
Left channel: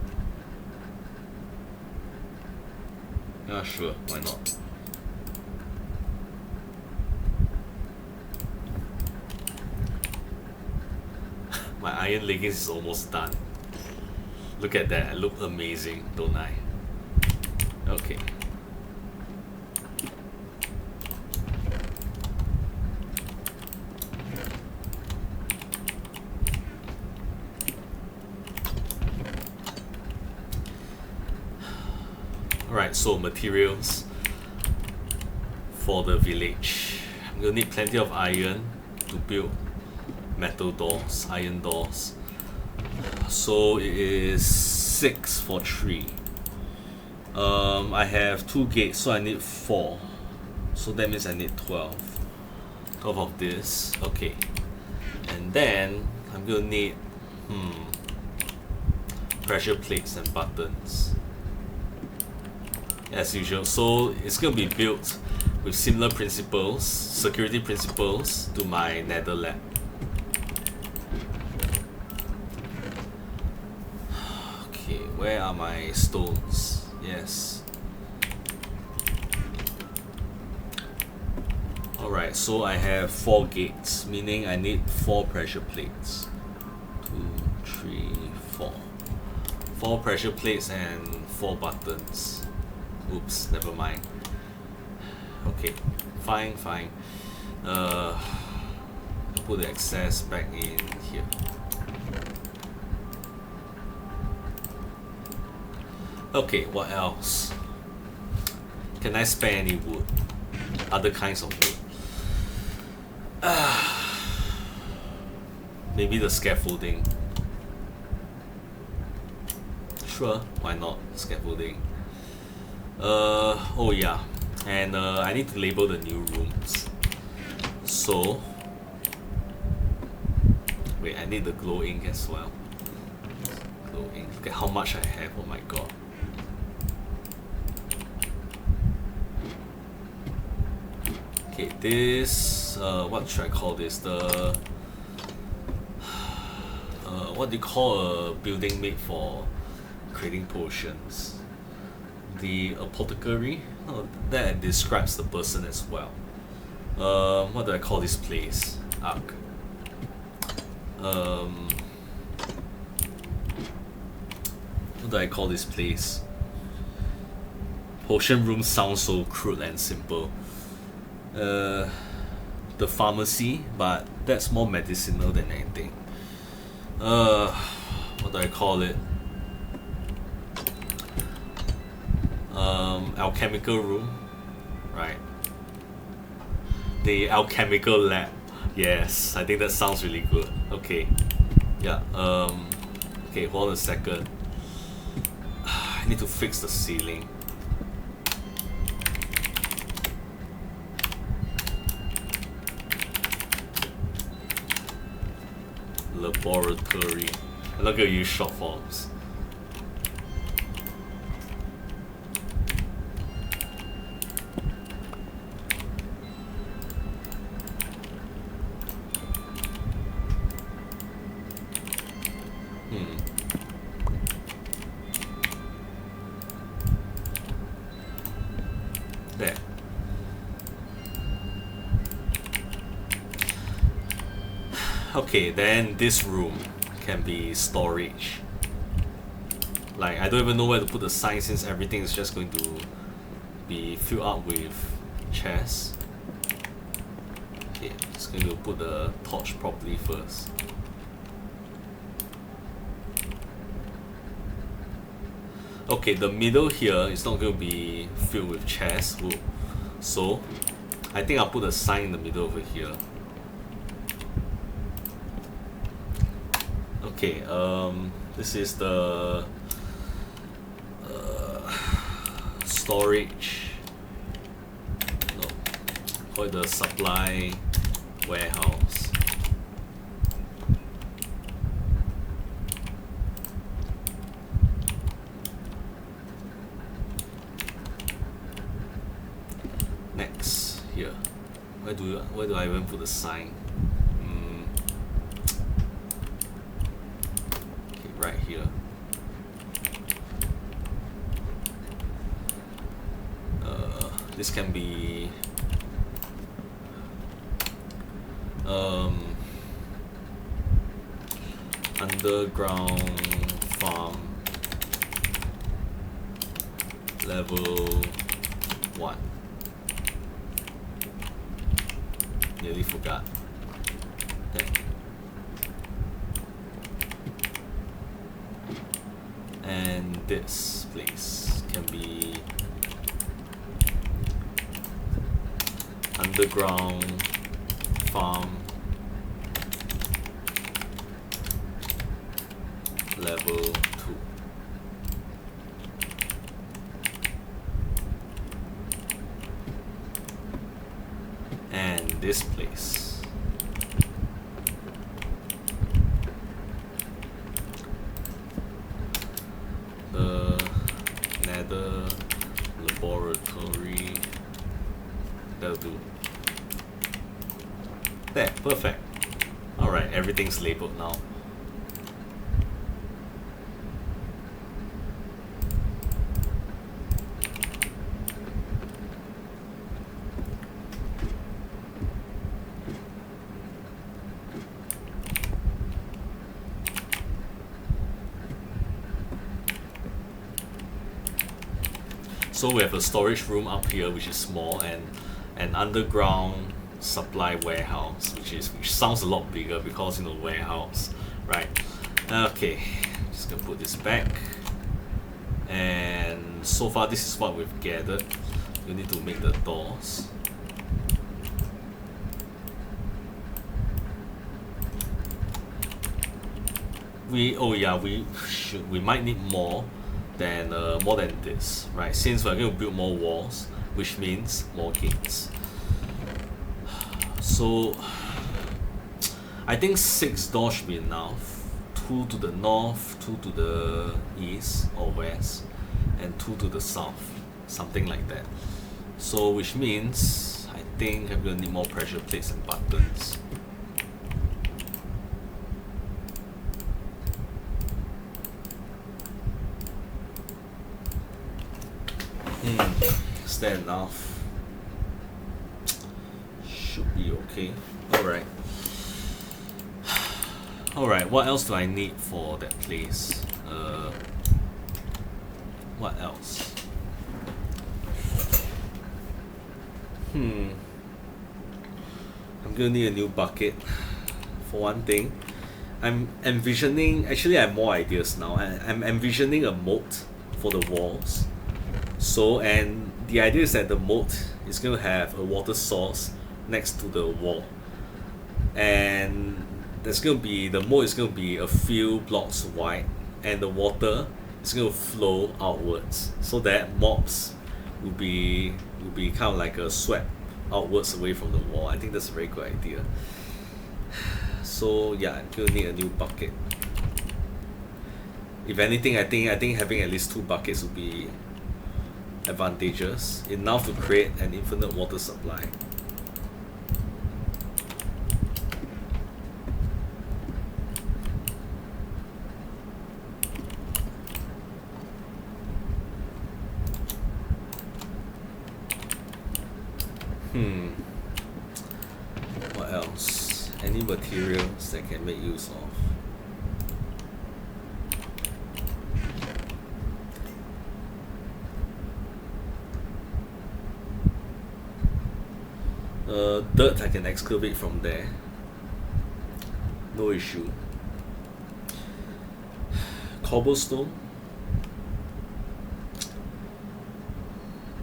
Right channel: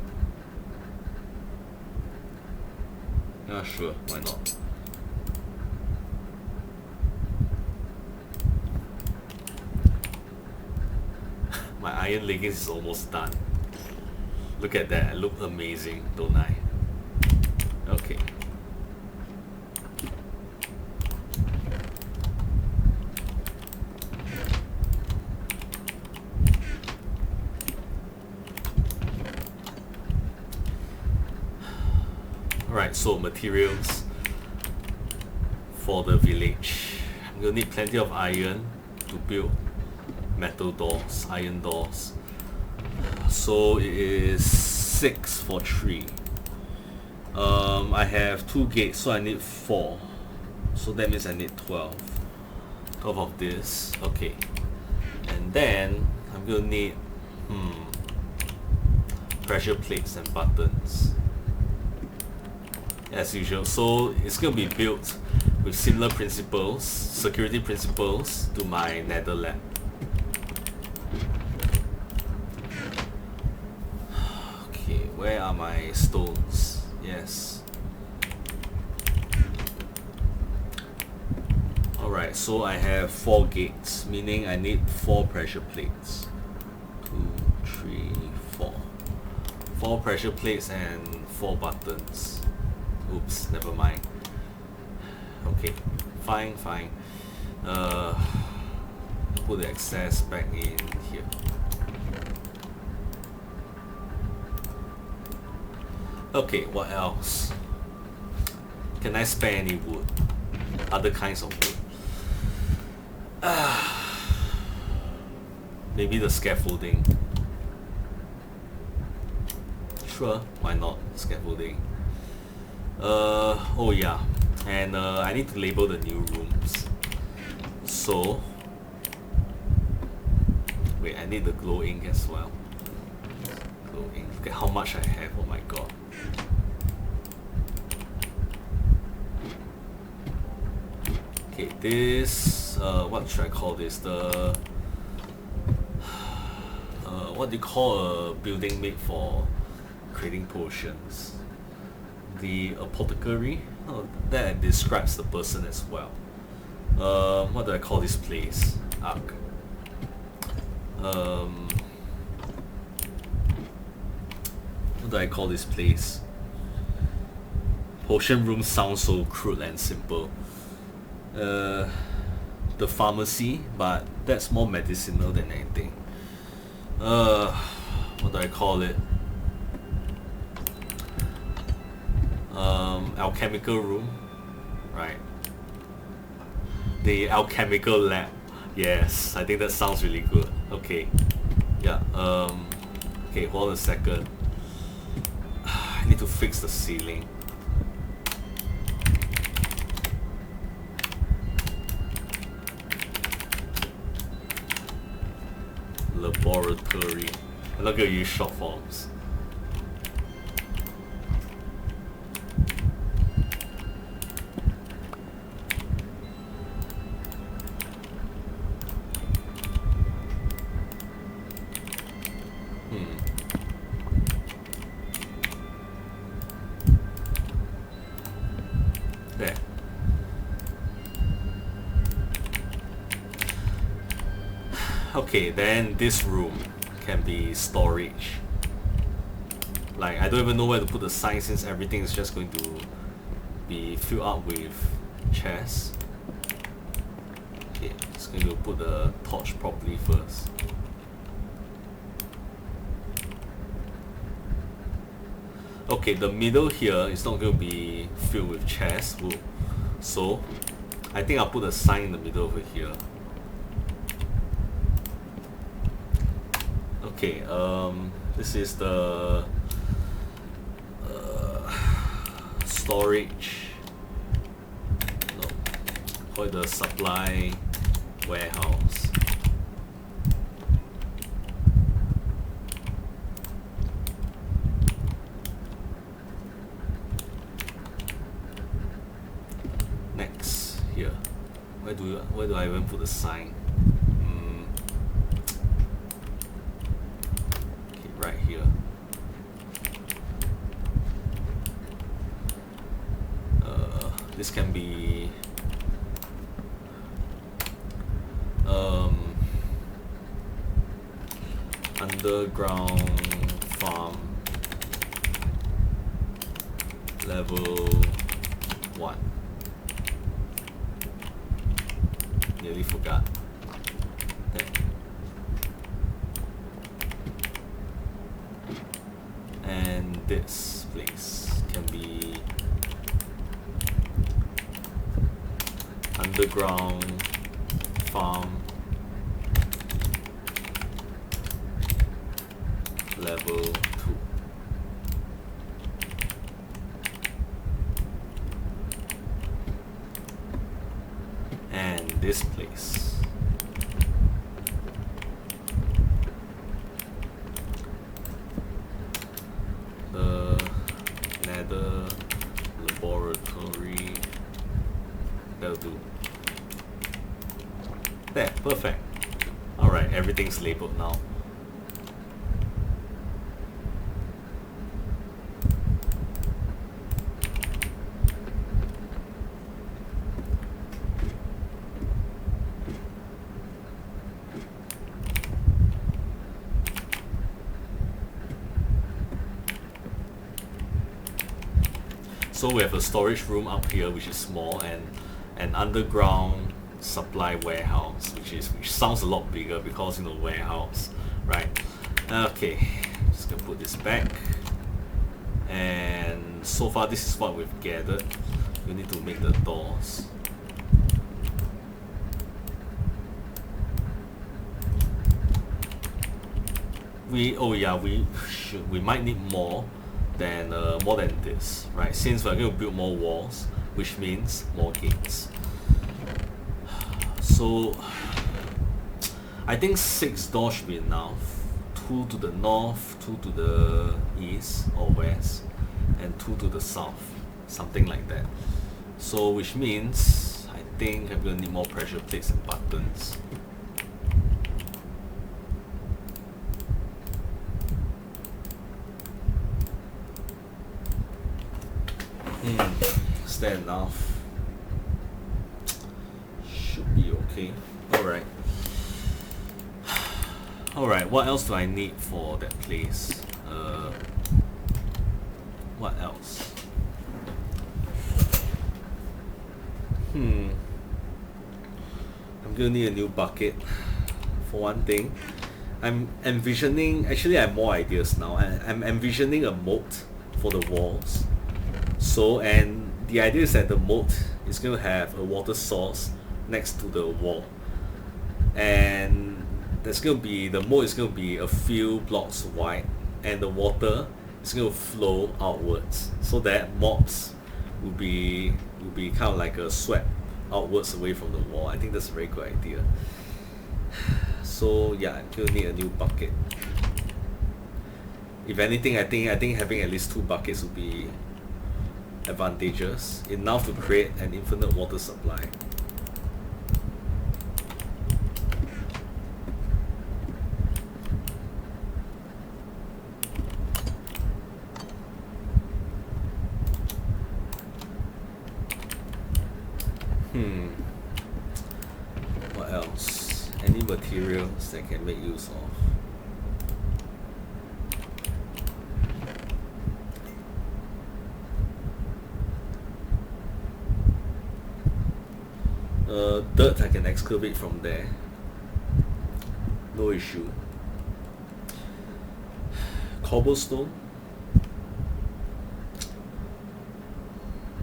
Yeah, sure, why not? My iron leggings is almost done. Look at that, I look amazing, don't I? Okay. Alright, so materials for the village. I'm gonna need plenty of iron to build metal doors, iron doors. So it is 6 for 3. I have 2 gates, so I need 4. So that means I need 12. 12 of this. Okay. And then I'm gonna need pressure plates and buttons. As usual. So it's gonna be built with similar principles, security principles, to my nether lab. Okay, where are my stones? Yes. Alright, so I have 4 gates, meaning I need 4 pressure plates. 2, 3, 4. 4 pressure plates and 4 buttons. Oops, never mind. Okay, fine. I'll put the excess back in here. Okay, what else? Can I spare any wood? Other kinds of wood? Maybe the scaffolding. Sure, why not? Scaffolding. Oh yeah, and I need to label the new rooms. So, wait, I need the glow ink as well. Glow ink. Look at how much I have. Oh my god. Okay, this what should I call this? The what do you call a building made for creating potions? The apothecary. Oh, that describes the person as well. What do I call this place? Arc. What do I call this place? Potion room sounds so crude and simple. The pharmacy, but that's more medicinal than anything. What do I call it? Alchemical room, right? The alchemical lab. Yes, I think that sounds really good. Okay, yeah. Okay, hold on a second. I need to fix the ceiling. Laboratory. I'm not gonna use short forms. There. Okay, then this room can be storage. Like, I don't even know where to put the sign since everything is just going to be filled up with chests. Okay, just going to put the torch properly first. Okay, the middle here is not going to be filled with chests. So, I think I'll put a sign in the middle over here. Okay, this is the storage. No, call it the supply warehouse. Next, here. Where do I even put the sign? Okay, right here. This can be underground farm level 1. Nearly forgot. Okay. And this place can be underground farm level 2. And this place the nether laboratory. That'll do. There, perfect. Alright, everything's labeled now. So we have a storage room up here which is small, and an underground supply warehouse which sounds a lot bigger because, you know, warehouse, right? Okay, just gonna put this back, and so far this is what we've gathered. We need to make the doors. We might need more than this, right? Since we're going to build more walls, which means more gates. So I think 6 doors should be enough. 2 to the north, 2 to the east or west, and 2 to the south. Something like that. So which means I think I'm gonna need more pressure plates and buttons. Is that enough? Should be okay. Alright. Alright, what else do I need for that place? What else? I'm gonna need a new bucket. For one thing, I'm envisioning, actually I have more ideas now. I'm envisioning a moat for the walls. So, and the idea is that the moat is going to have a water source next to the wall. And there's going to be, the moat is going to be a few blocks wide, and the water is going to flow outwards, so that mobs will be kind of like a swept outwards away from the wall. I think that's a very good idea. So yeah, I'm going to need a new bucket. If anything, I think having at least 2 buckets would be advantageous, enough to create an infinite water supply. What else? Any materials that I can make use of? Dirt I can excavate from there. No issue. Cobblestone?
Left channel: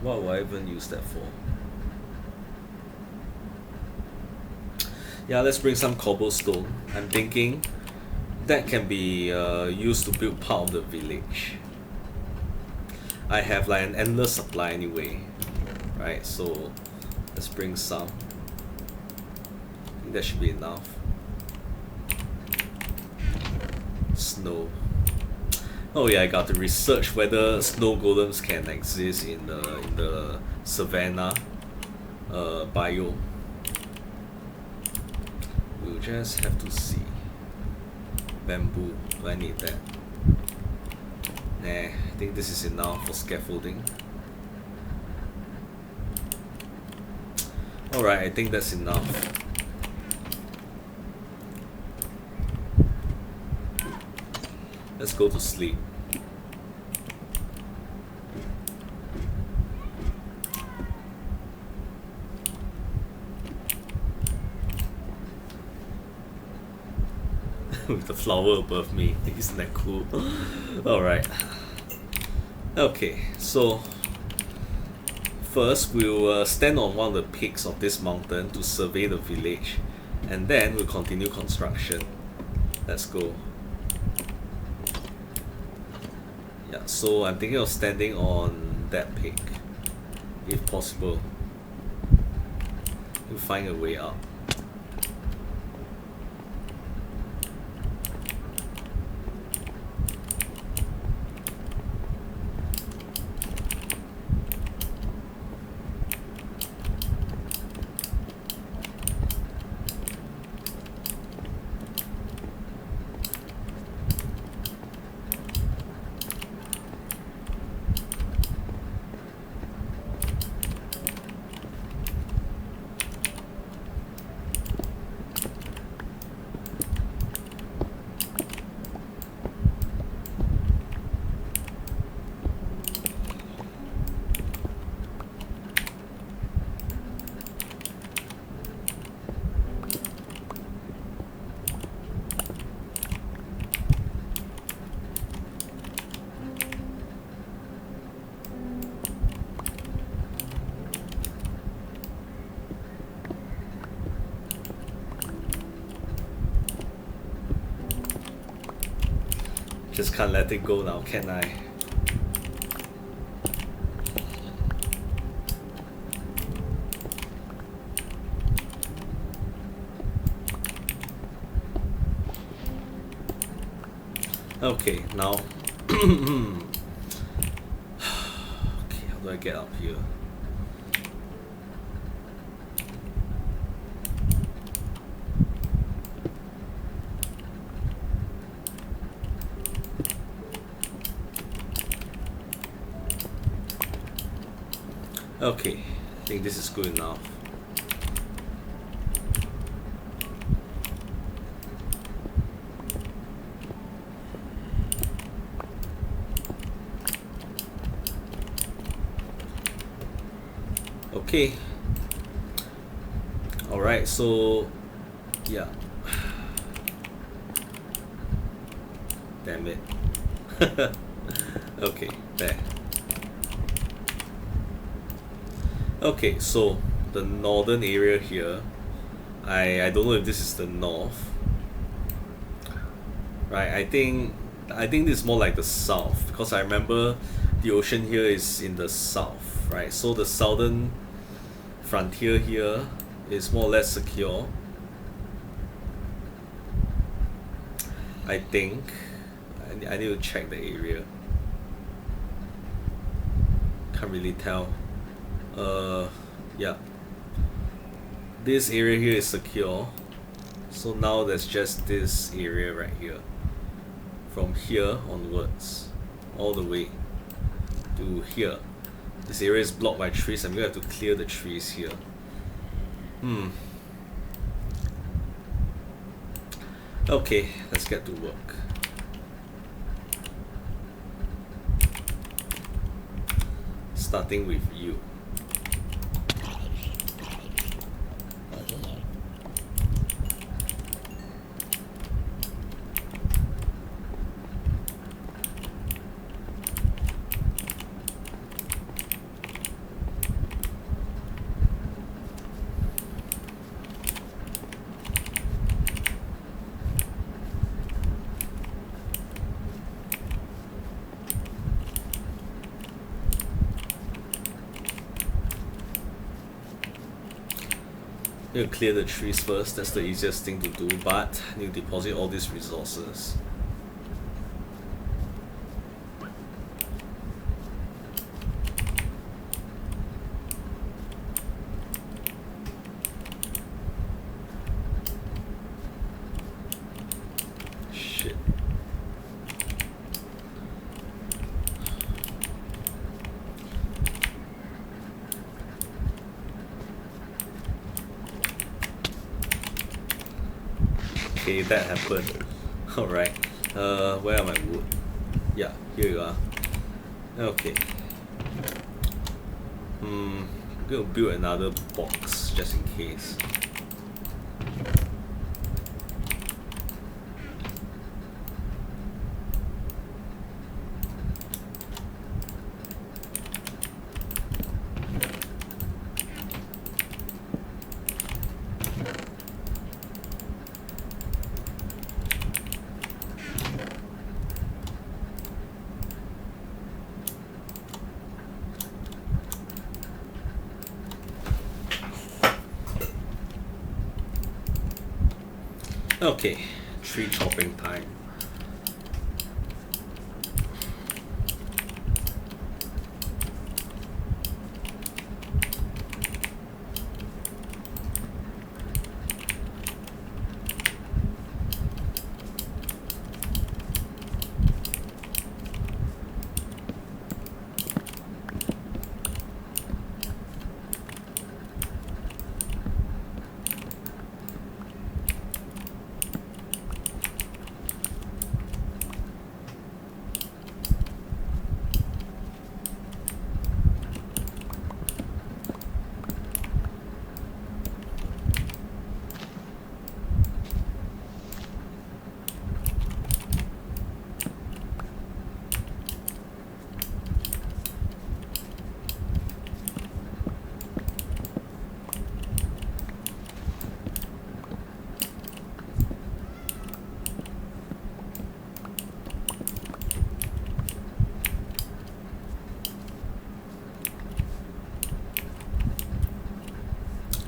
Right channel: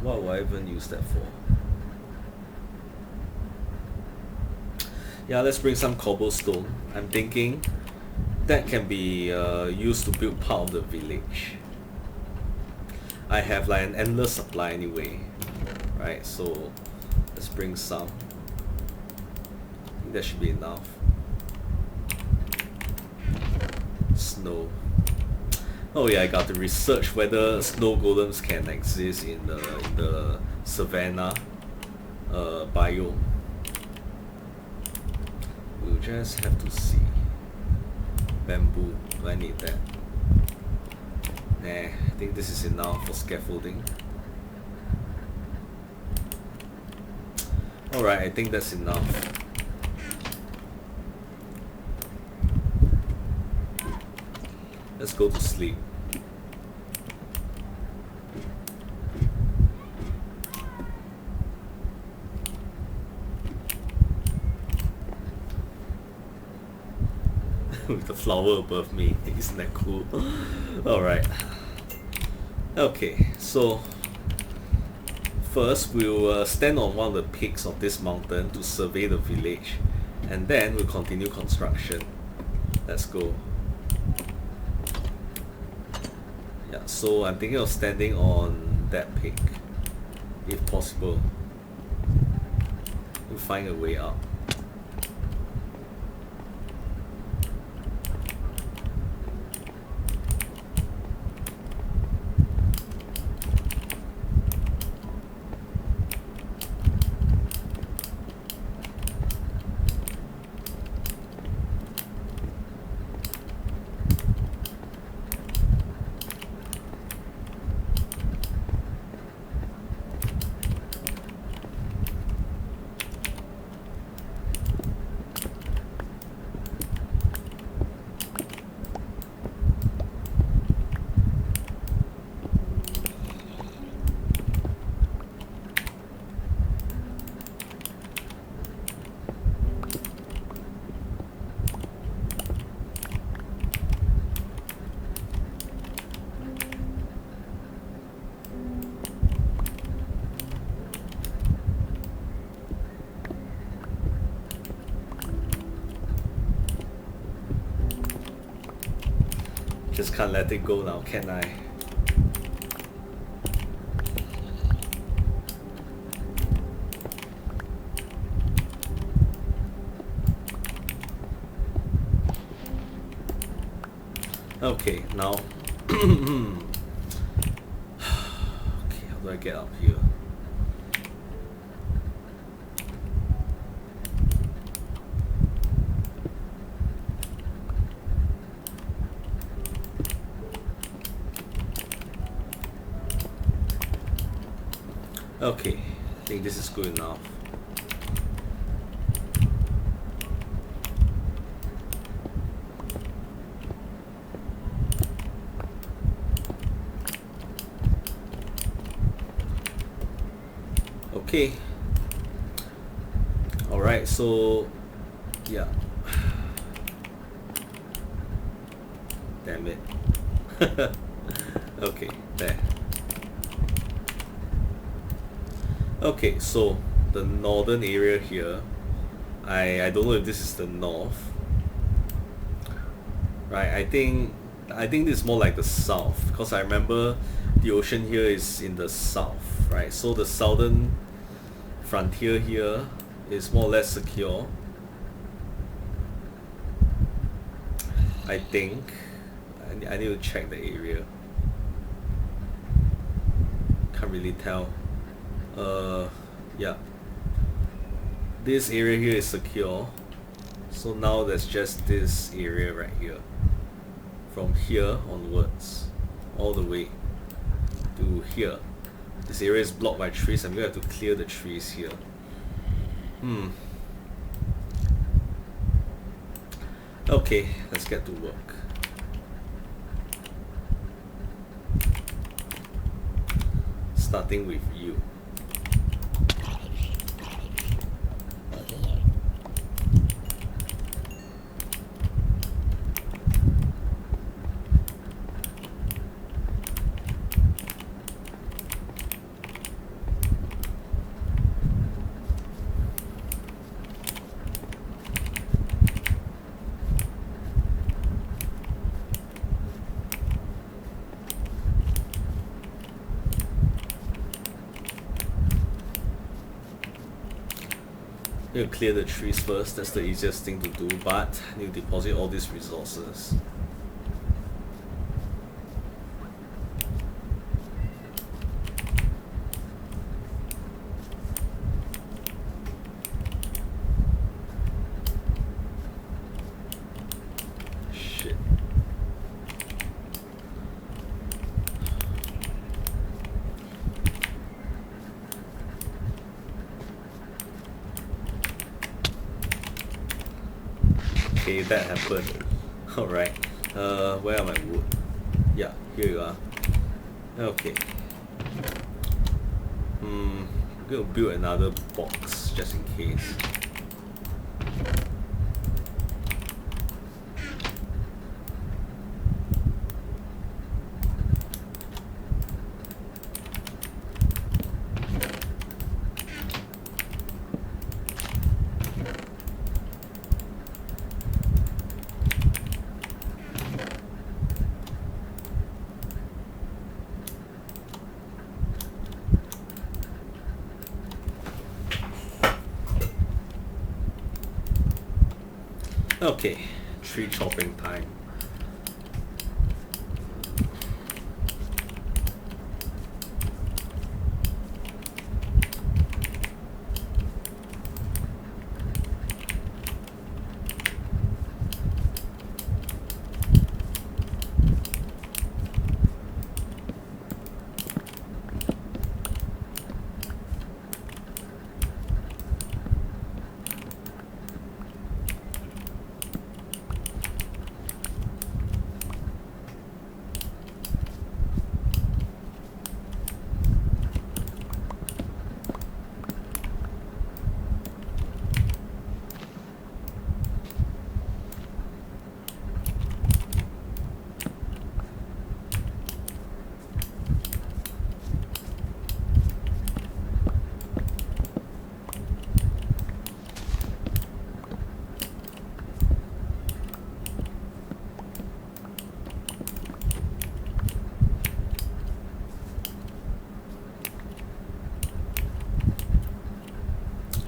What will I even use that for? Yeah, let's bring some cobblestone. I'm thinking that can be used to build part of the village. I have like an endless supply anyway, right? So let's bring some. I think that should be enough. Snow. Oh yeah, I got to research whether snow golems can exist in the savannah biome. We'll just have to see. Bamboo, do I need that? Nah, I think this is enough for scaffolding. Alright, I think that's enough. Let's go to sleep. With the flower above me, isn't that cool? Alright. Okay, so first we'll stand on one of the peaks of this mountain to survey the village, and then we'll continue construction. Let's go. Yeah, so I'm thinking of standing on that peak, if possible. We'll find a way up. Just can't let it go now, can I? Okay, now. Okay, how do I get up here? Okay, I think this is good enough. Okay. Alright, so yeah. Damn it. Okay, there. Okay, so the northern area here, I don't know if this is the north. Right, I think this is more like the south because I remember the ocean here is in the south, right? So the southern frontier here is more or less secure. I think I need to check the area. Can't really tell. Yeah. This area here is secure. So now there's just this area right here. From here onwards, all the way to here. This area is blocked by trees. I'm gonna have to clear the trees here. Okay, let's get to work. Starting with you. Need to clear the trees first, that's the easiest thing to do, but I need to deposit all these resources. Shit. Okay, that happened. Alright. Where are my wood? Yeah, here you are. Okay. I'm gonna build another box just in case. Okay, tree chopping time.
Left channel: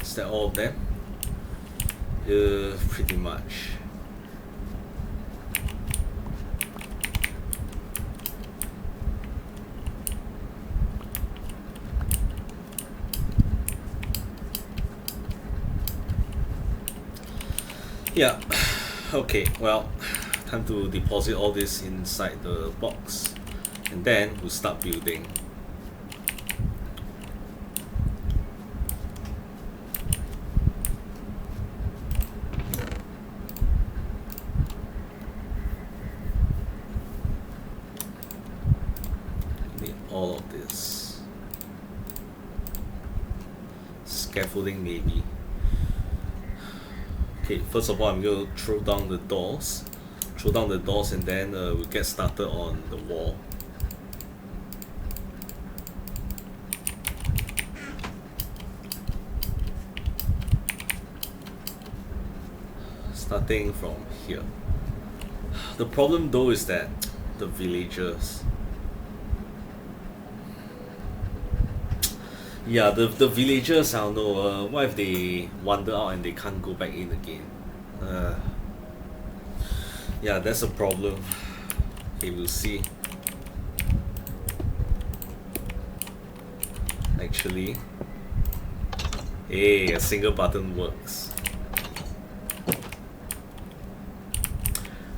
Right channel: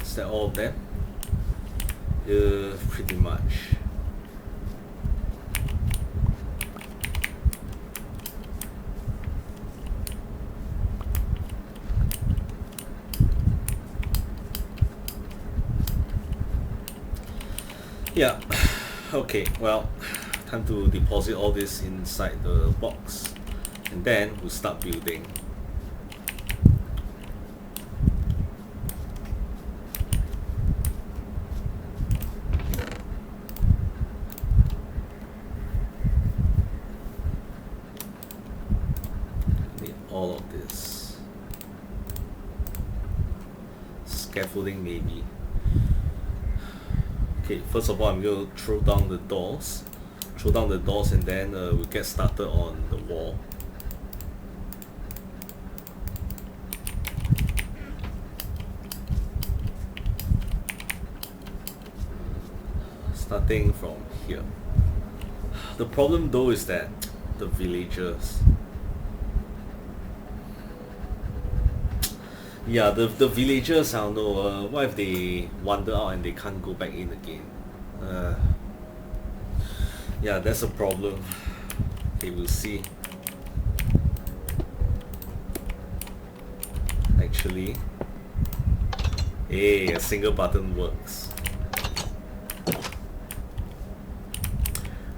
Is that all of them? Pretty much. Yeah, okay, well, time to deposit all this inside the box. And then we'll start building. Need all of this. Scaffolding maybe. Okay, first of all I'm going to throw down the doors. Throw down the doors and then we'll get started on the wall. Starting from here. The problem though is that the villagers. Yeah, the villagers, I don't know, what if they wander out and they can't go back in again? Yeah, that's a problem. Okay, we'll see. Actually, hey, a single button works.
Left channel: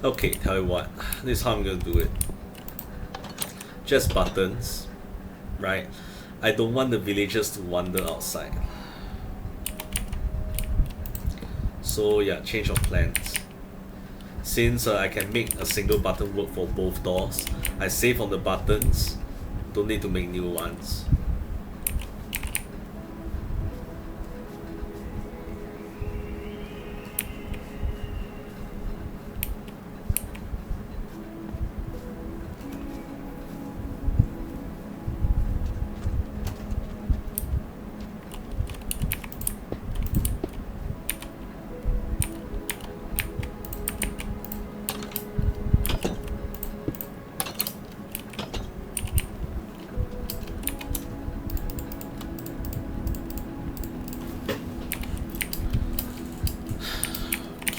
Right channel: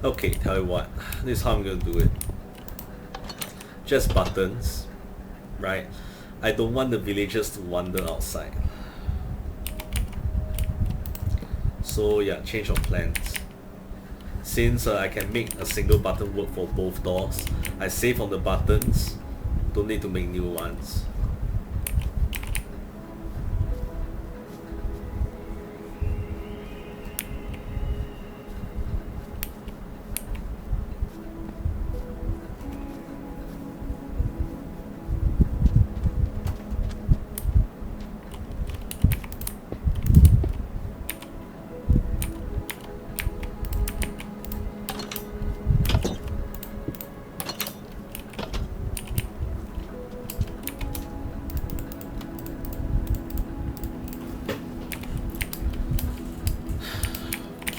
Okay, tell you what, this is how I'm gonna do it. Just buttons, right? I don't want the villagers to wander outside. So yeah, change of plans. Since I can make a single button work for both doors, I save on the buttons, don't need to make new ones.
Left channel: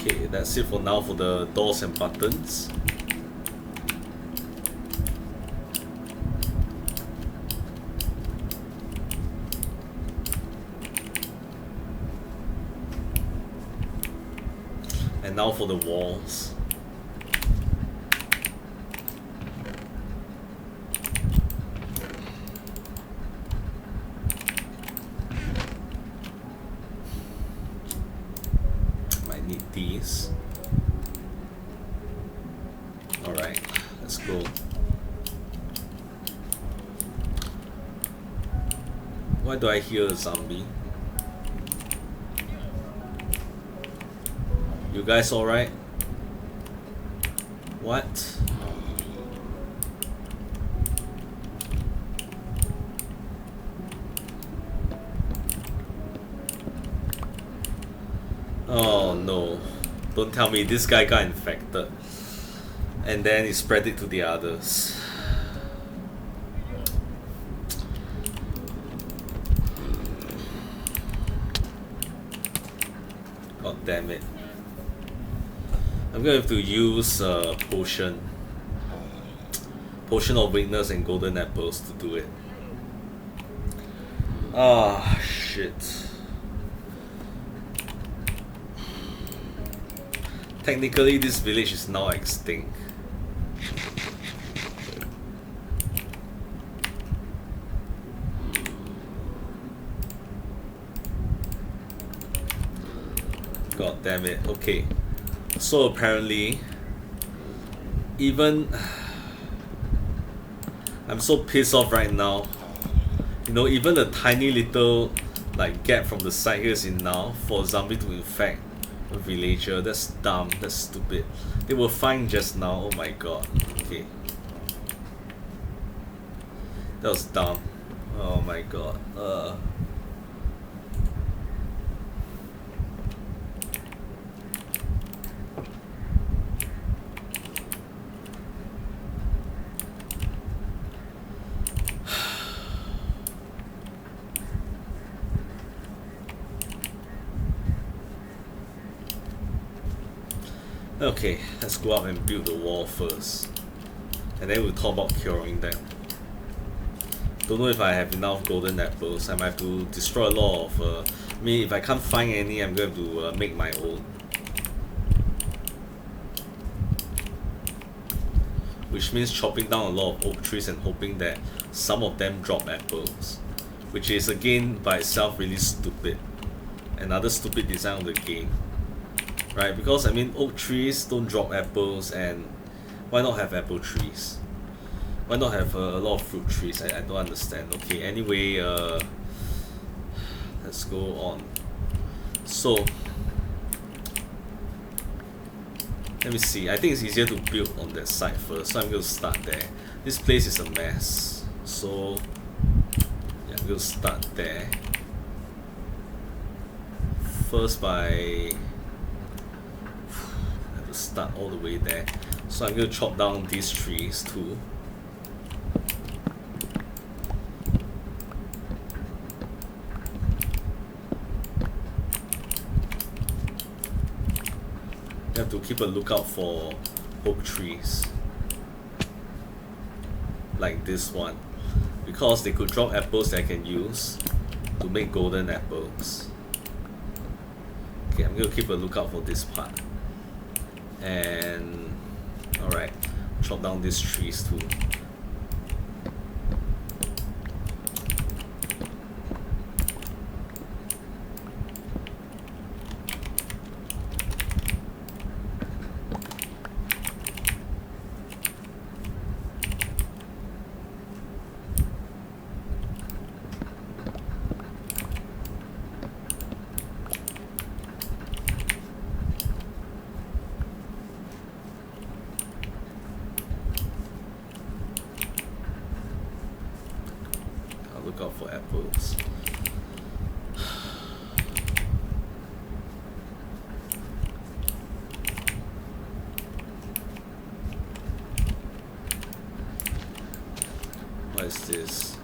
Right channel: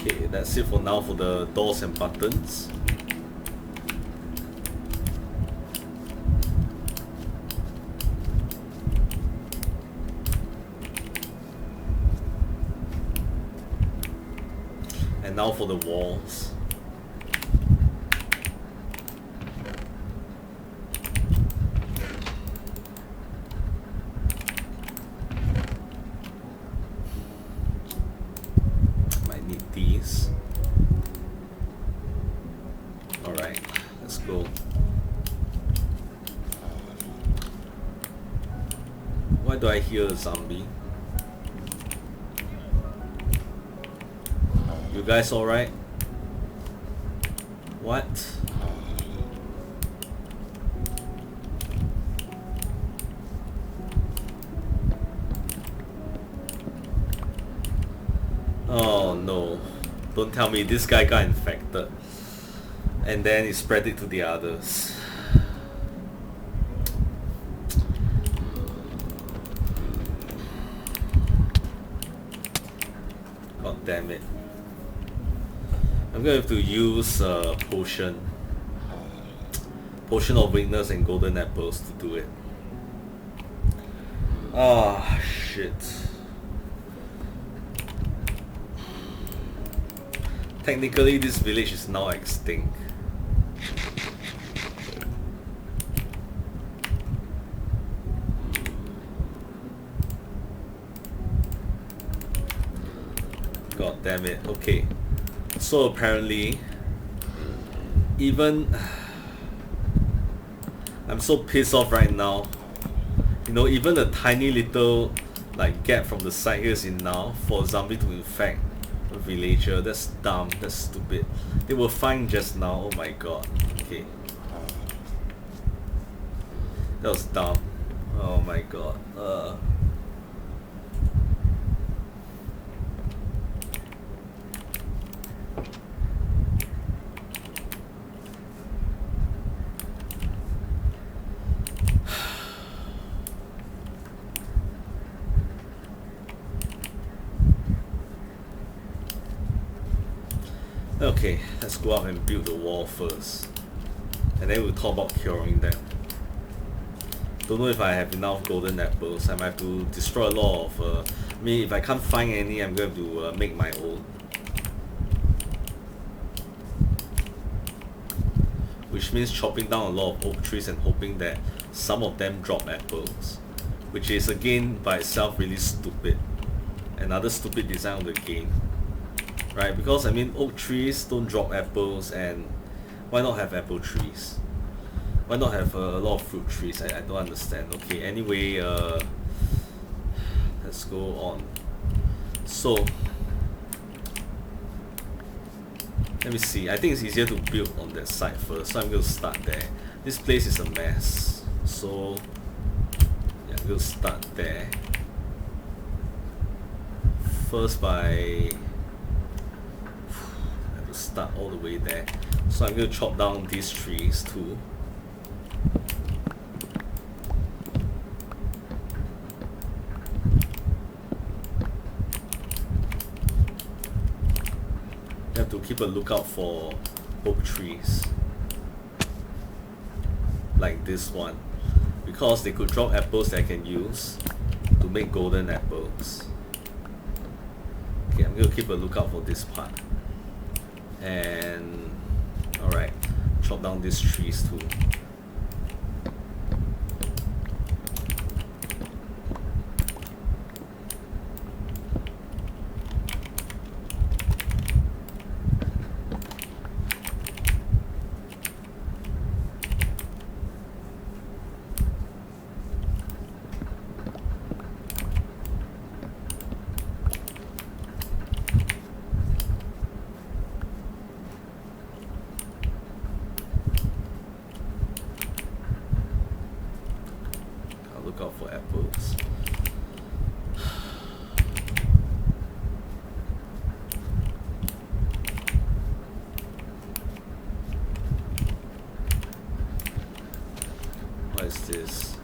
Okay, that's it for now for the doors and buttons. And now for the walls. Might need these. Alright, let's go. Why do I hear a zombie? You guys alright? What? Oh no. Don't tell me this guy got infected. And then he spread it to the others. God damn it. I'm gonna have to use potion of weakness and golden apples to do it. Ah, shit. Technically this village is now extinct. God damn it. Okay. So apparently, even I'm so pissed off right now. You know, even a tiny little like gap from the side here is enough for a zombie to infect a villager. That's dumb. That's stupid. They were fine just now. Oh my god. Okay. That was dumb. Oh my god. Okay, let's go up and build the wall first. And then we'll talk about curing them. Don't know if I have enough golden apples. I might have to destroy a lot of... I mean, if I can't find any, I'm going to make my own. which means chopping down a lot of oak trees and hoping that some of them drop apples, which is again by itself really stupid. Another stupid design of the game, right? Because I mean, oak trees don't drop apples, and why not have apple trees? Why not have a lot of fruit trees? I don't understand. Okay, anyway, let's go on. So let me see. I think it's easier to build on that side first, so I'm going to start there. This place is a mess, so yeah, I'm going to start there first by I have to start all the way there. So I'm going to chop down these trees too. You have to keep a lookout for oak trees like this one, because they could drop apples that I can use to make golden apples. Okay, I'm going to keep a lookout for this part. And alright, chop down these trees too. Look out for apples. What is this?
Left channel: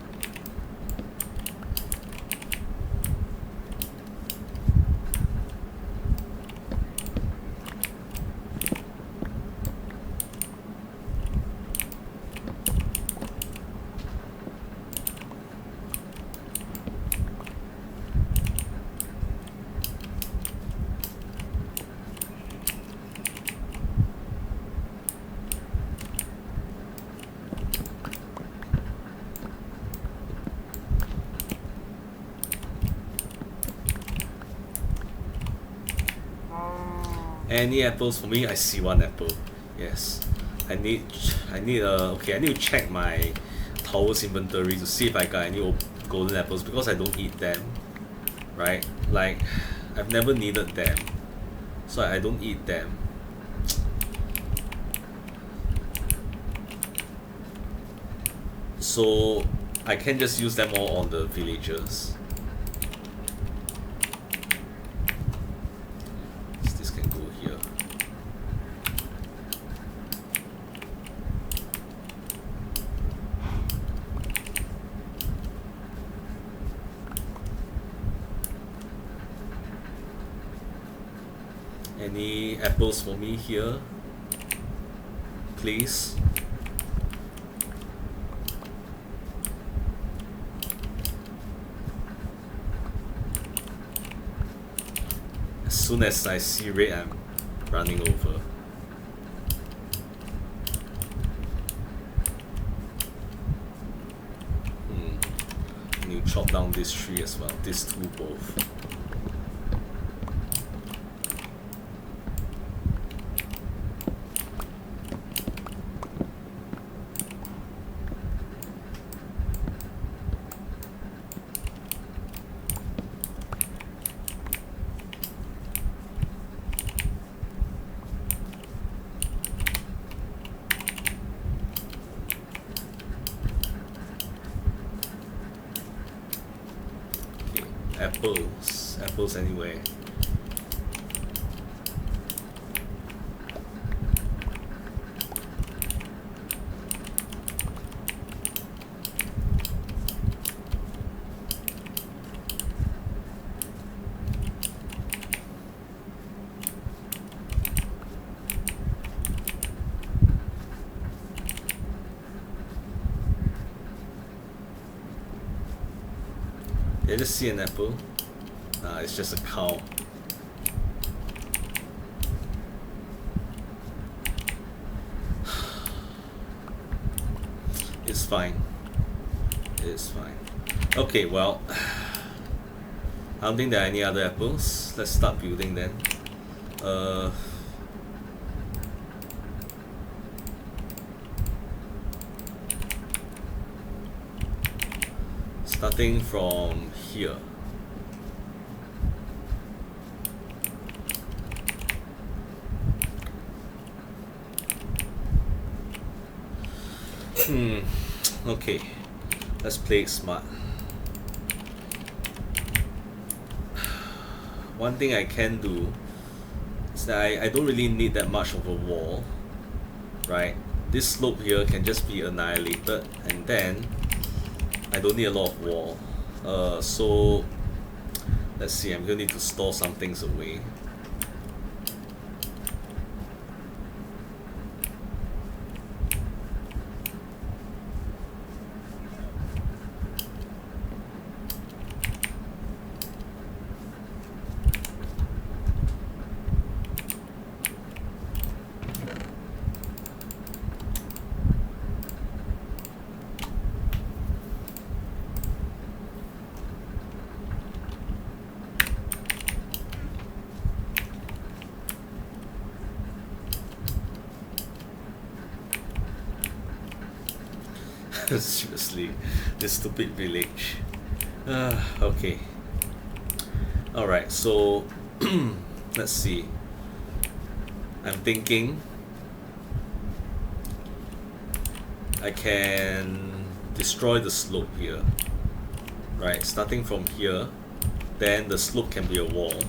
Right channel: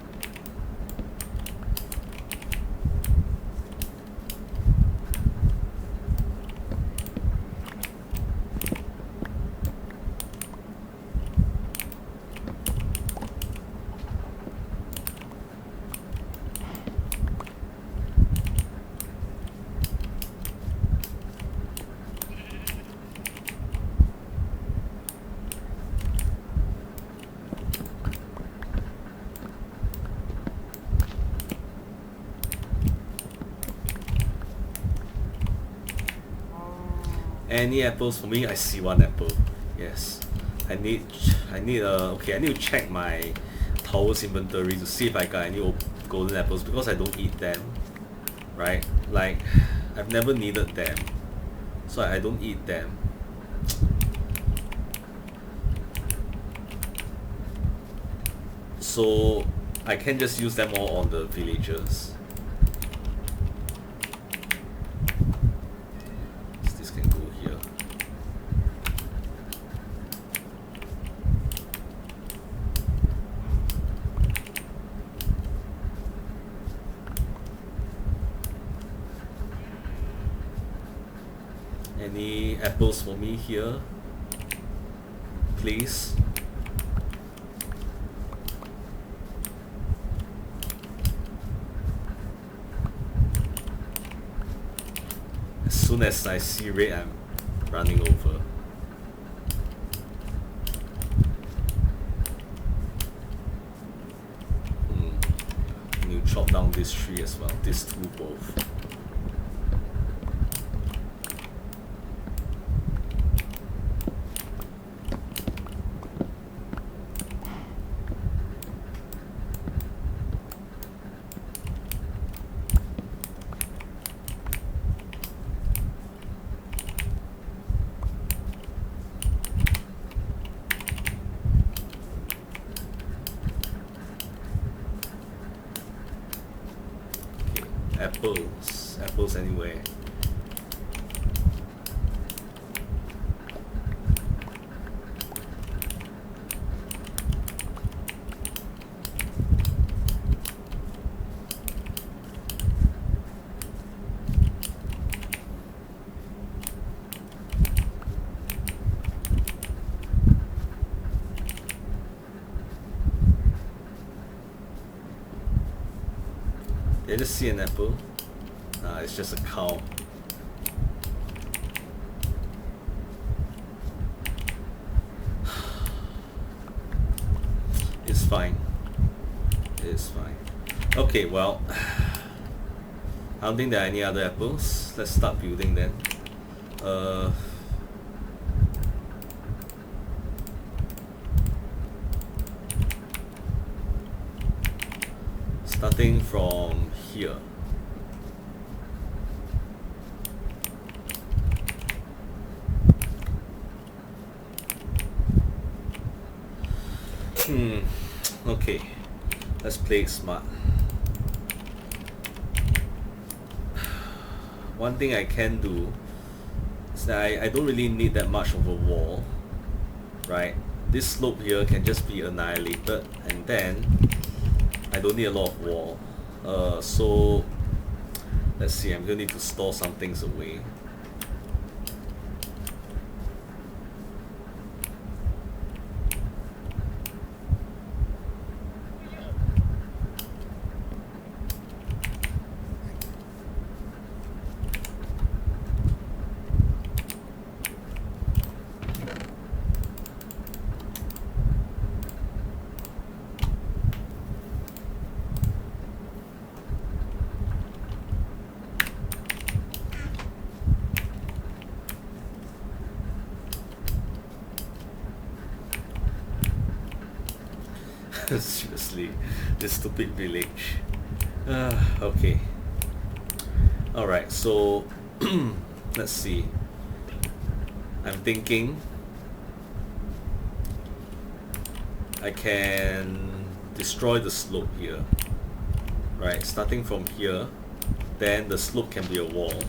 Any apples for me? I see one apple. Yes. I need okay, I need to check my tower's inventory to see if I got any golden apples, because I don't eat them. Right? Like, I've never needed them, so I don't eat them. So I can just use them all on the villagers. This can go here. Any apples for me here, please? As soon as I see red, I'm running over. And you chop down this tree as well, these two both. Apples anyway. Did I just see an apple? Nah, it's just a cow. It's fine. It's fine. Okay, well, I don't think there are any other apples. Let's start building then. Starting from here. Okay, let's play it smart. One thing I can do is that I don't really need that much of a wall, right? This slope here can just be annihilated, and then I don't need a lot of wall. So let's see, I'm gonna need to store some things away. Seriously, this stupid village. Okay. Alright, so let's see. I'm thinking I can destroy the slope here. Right, starting from here, then the slope can be a wall.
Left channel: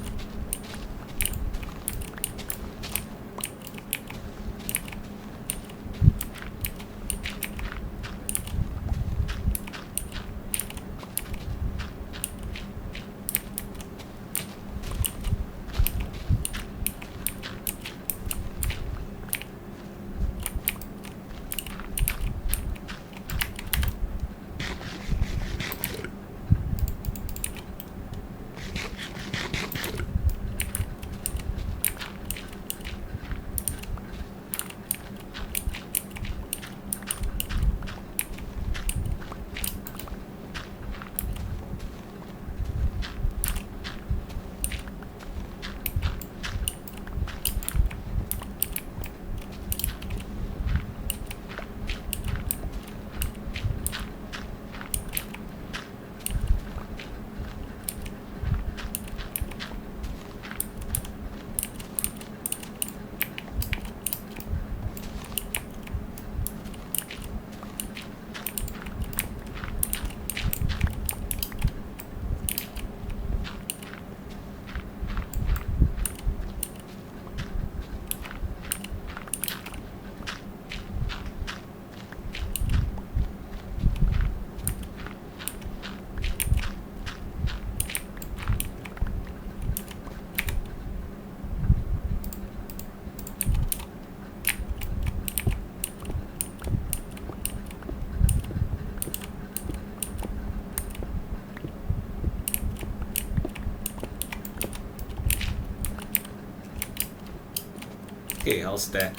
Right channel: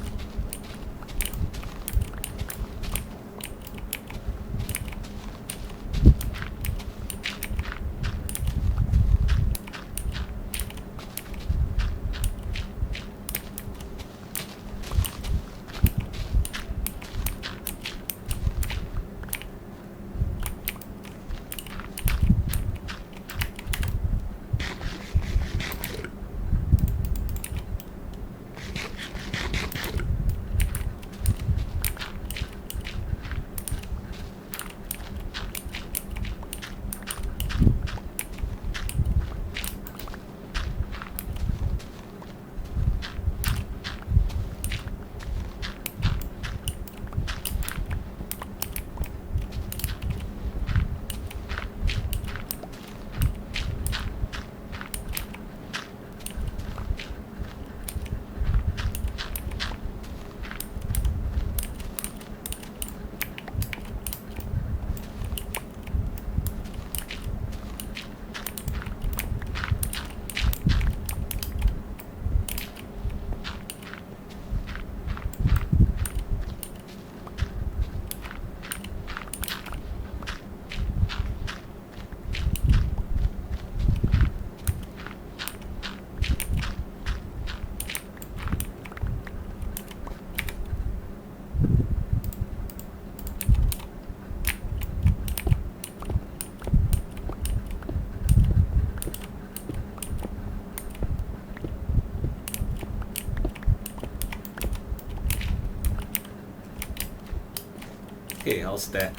Okay, how's that?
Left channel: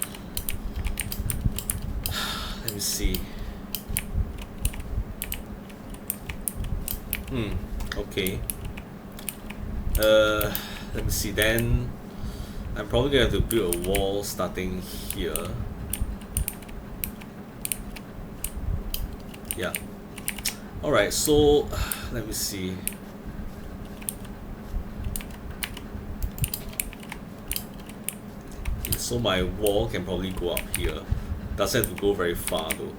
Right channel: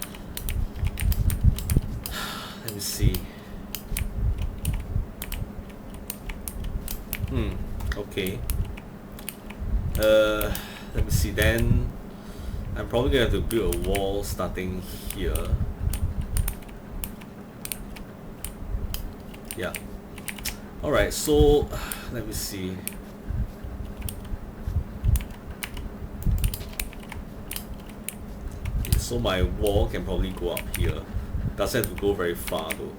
Let me see. Okay. Let me see. Then I'm probably gonna have to build a wall starting here. Yeah. Alright, so let me see. So my wall can probably go up here. Doesn't have to go very far though.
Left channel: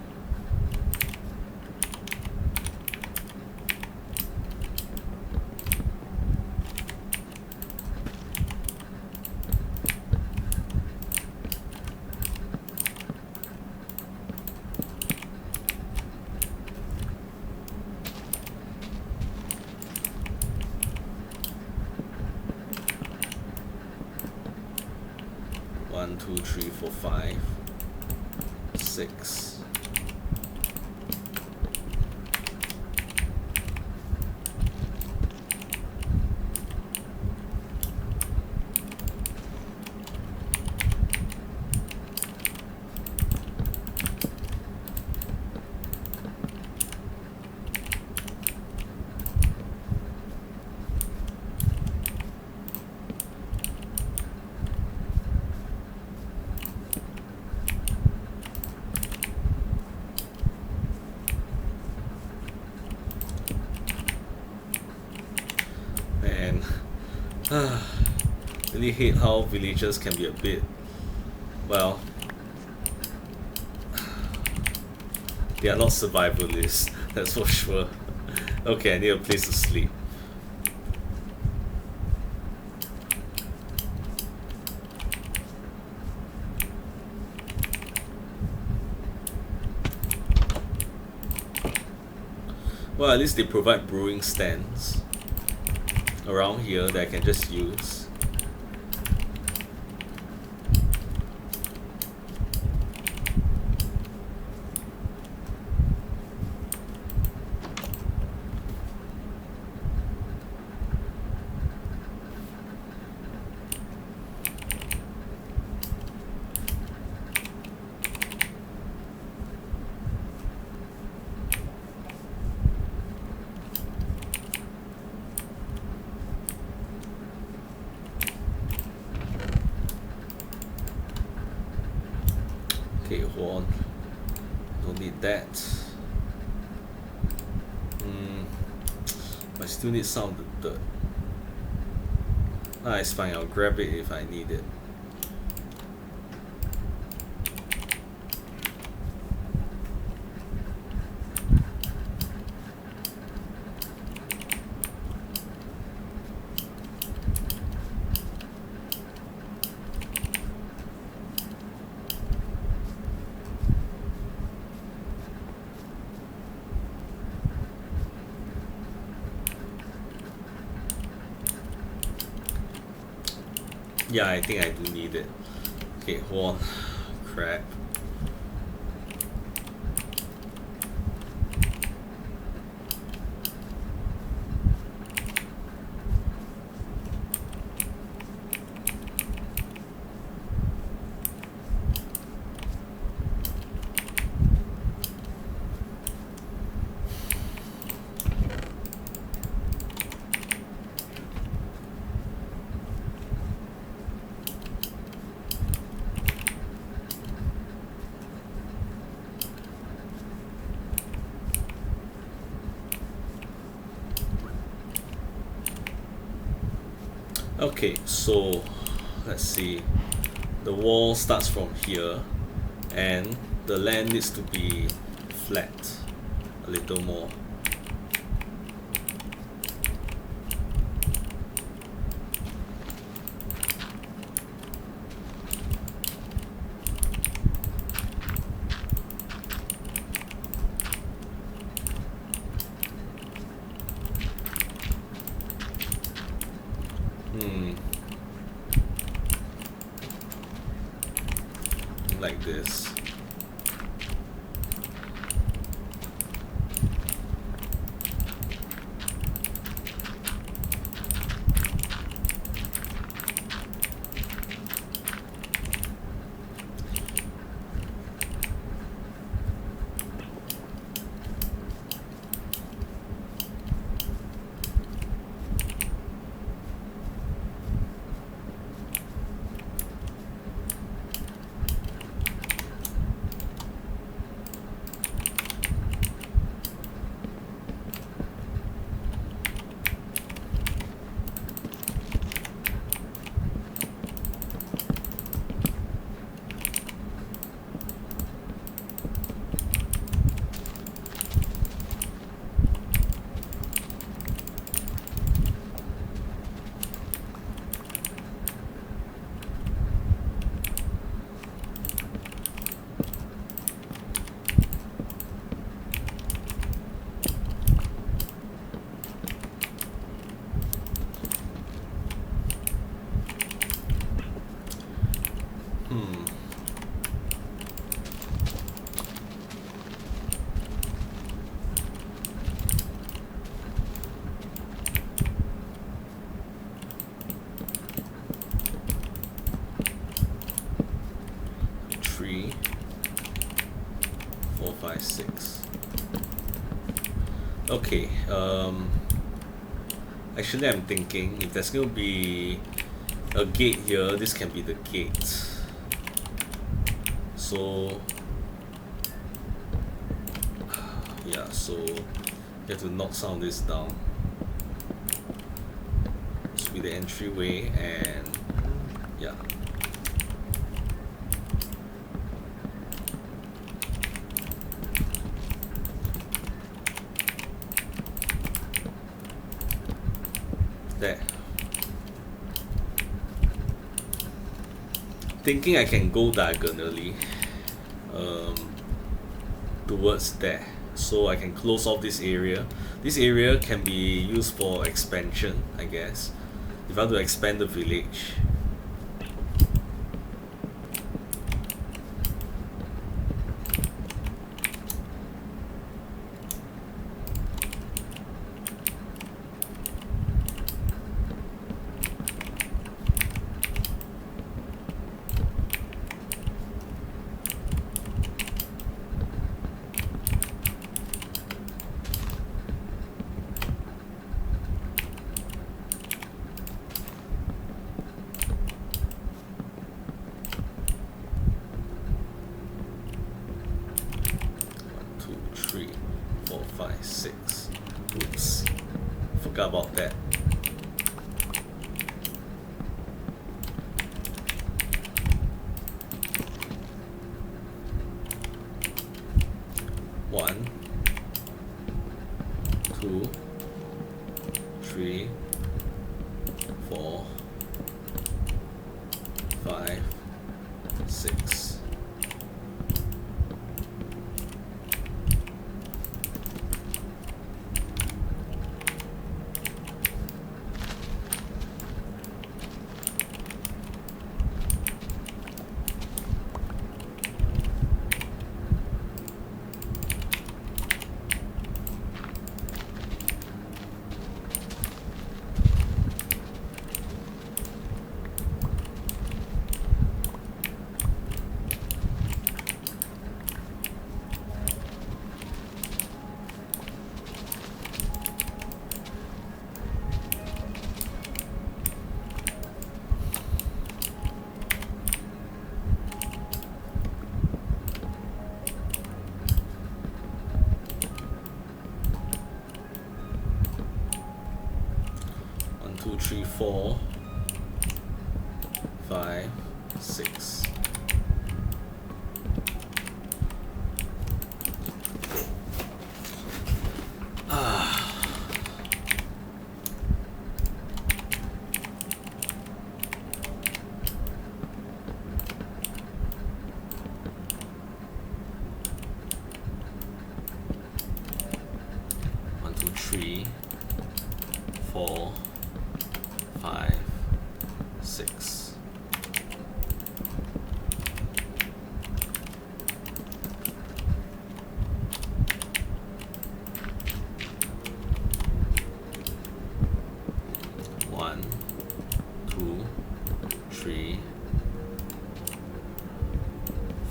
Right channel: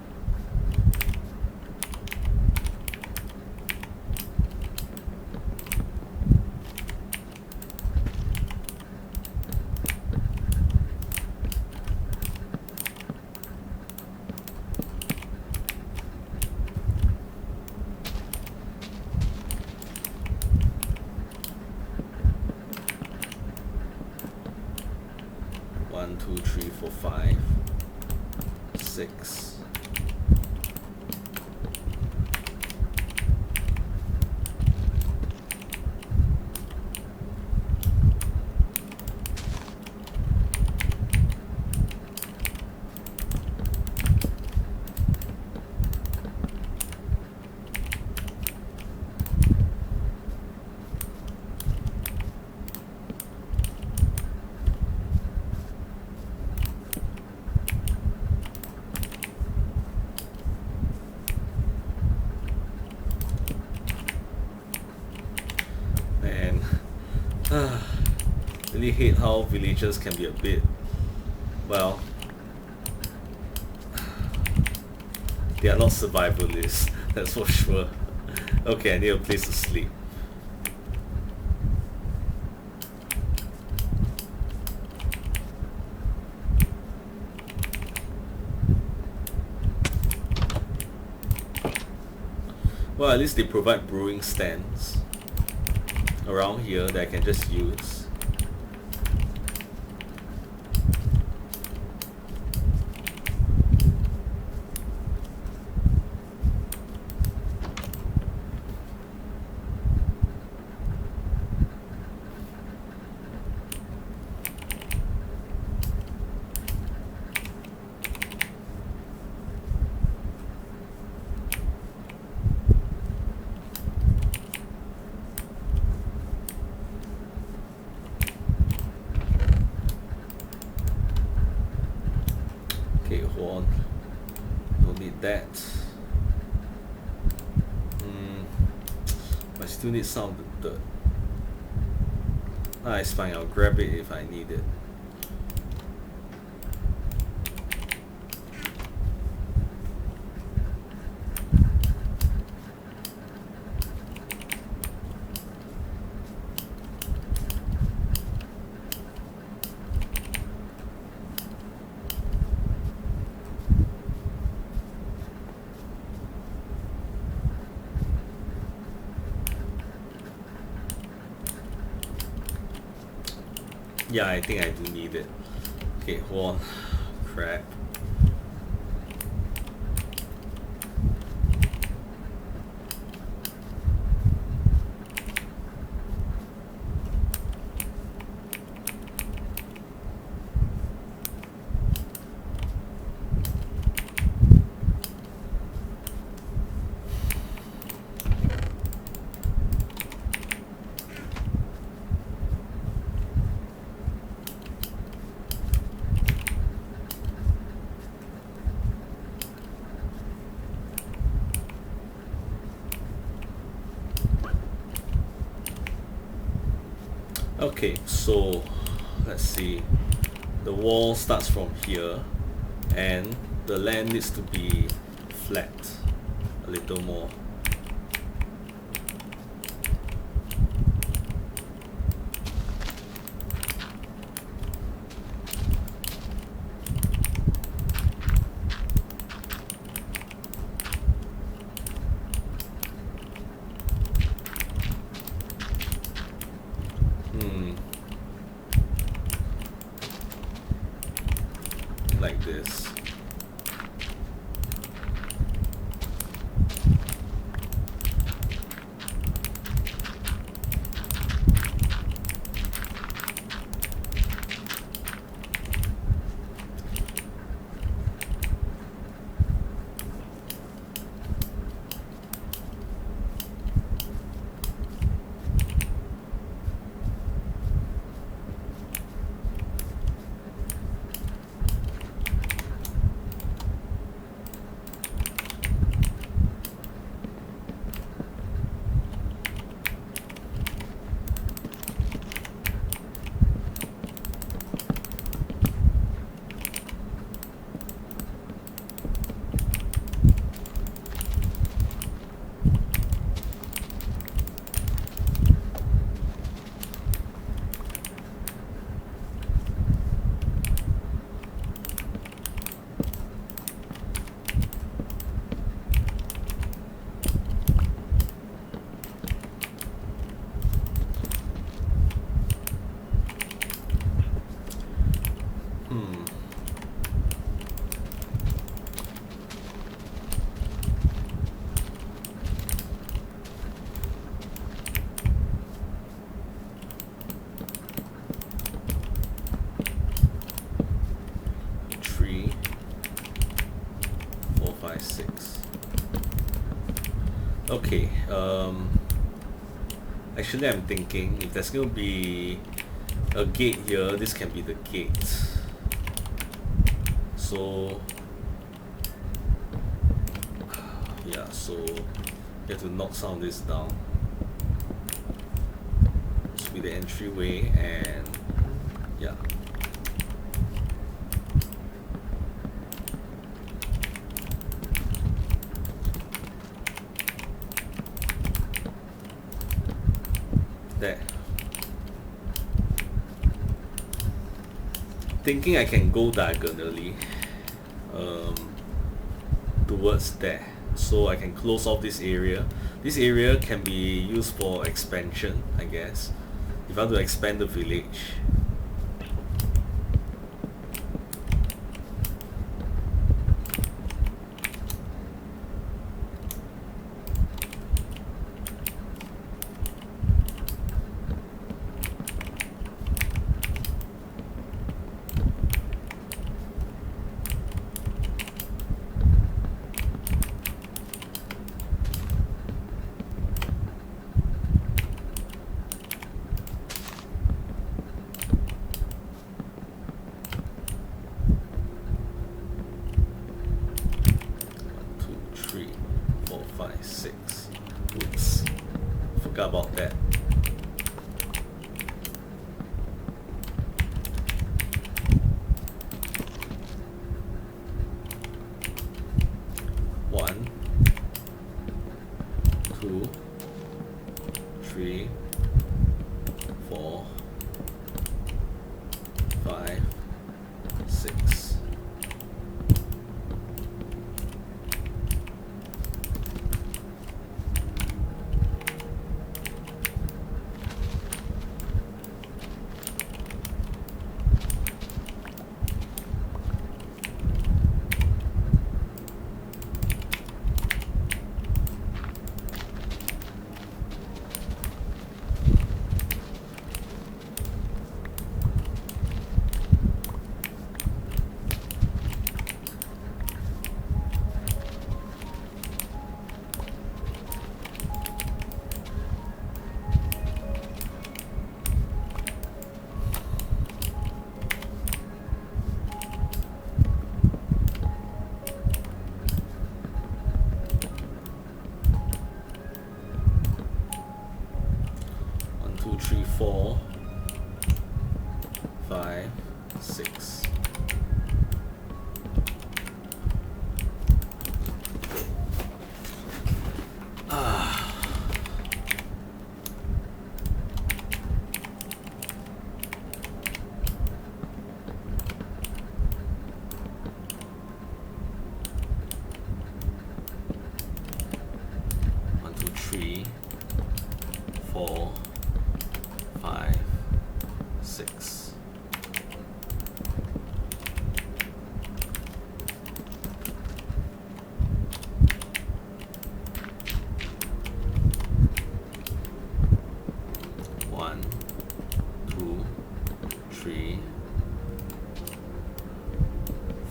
One, two, three, four, 5, 6. Really hate how villagers can be a bit, well, they are not survivalists, that's for sure. Okay, I need a place to sleep. Well, at least they provide brewing stands around here that I can just use. Okay, hold on. Don't need that. I still need some of the dirt. Ah, it's fine, I'll grab it if I need it. Yeah, I think I do need it. Okay, hold on. Crap. Okay, so let's see. The wall starts from here, and the land needs to be flat a little more. Like this. Three, 4, 5, 6. Okay, actually I'm thinking if there's going to be a gate here, this can be the gate. So yeah, so you have to knock some of this down. be the entryway, and yeah. There. Thinking I can go diagonally towards there, so I can close off this area. This area can be used for expansion, I guess, if I want to expand the village. Oops, forgot about that. One, two, three, 4, 5, 6. Two, three, 4, 5, 6. One, two, three, 4, 5, 6. One, two, three,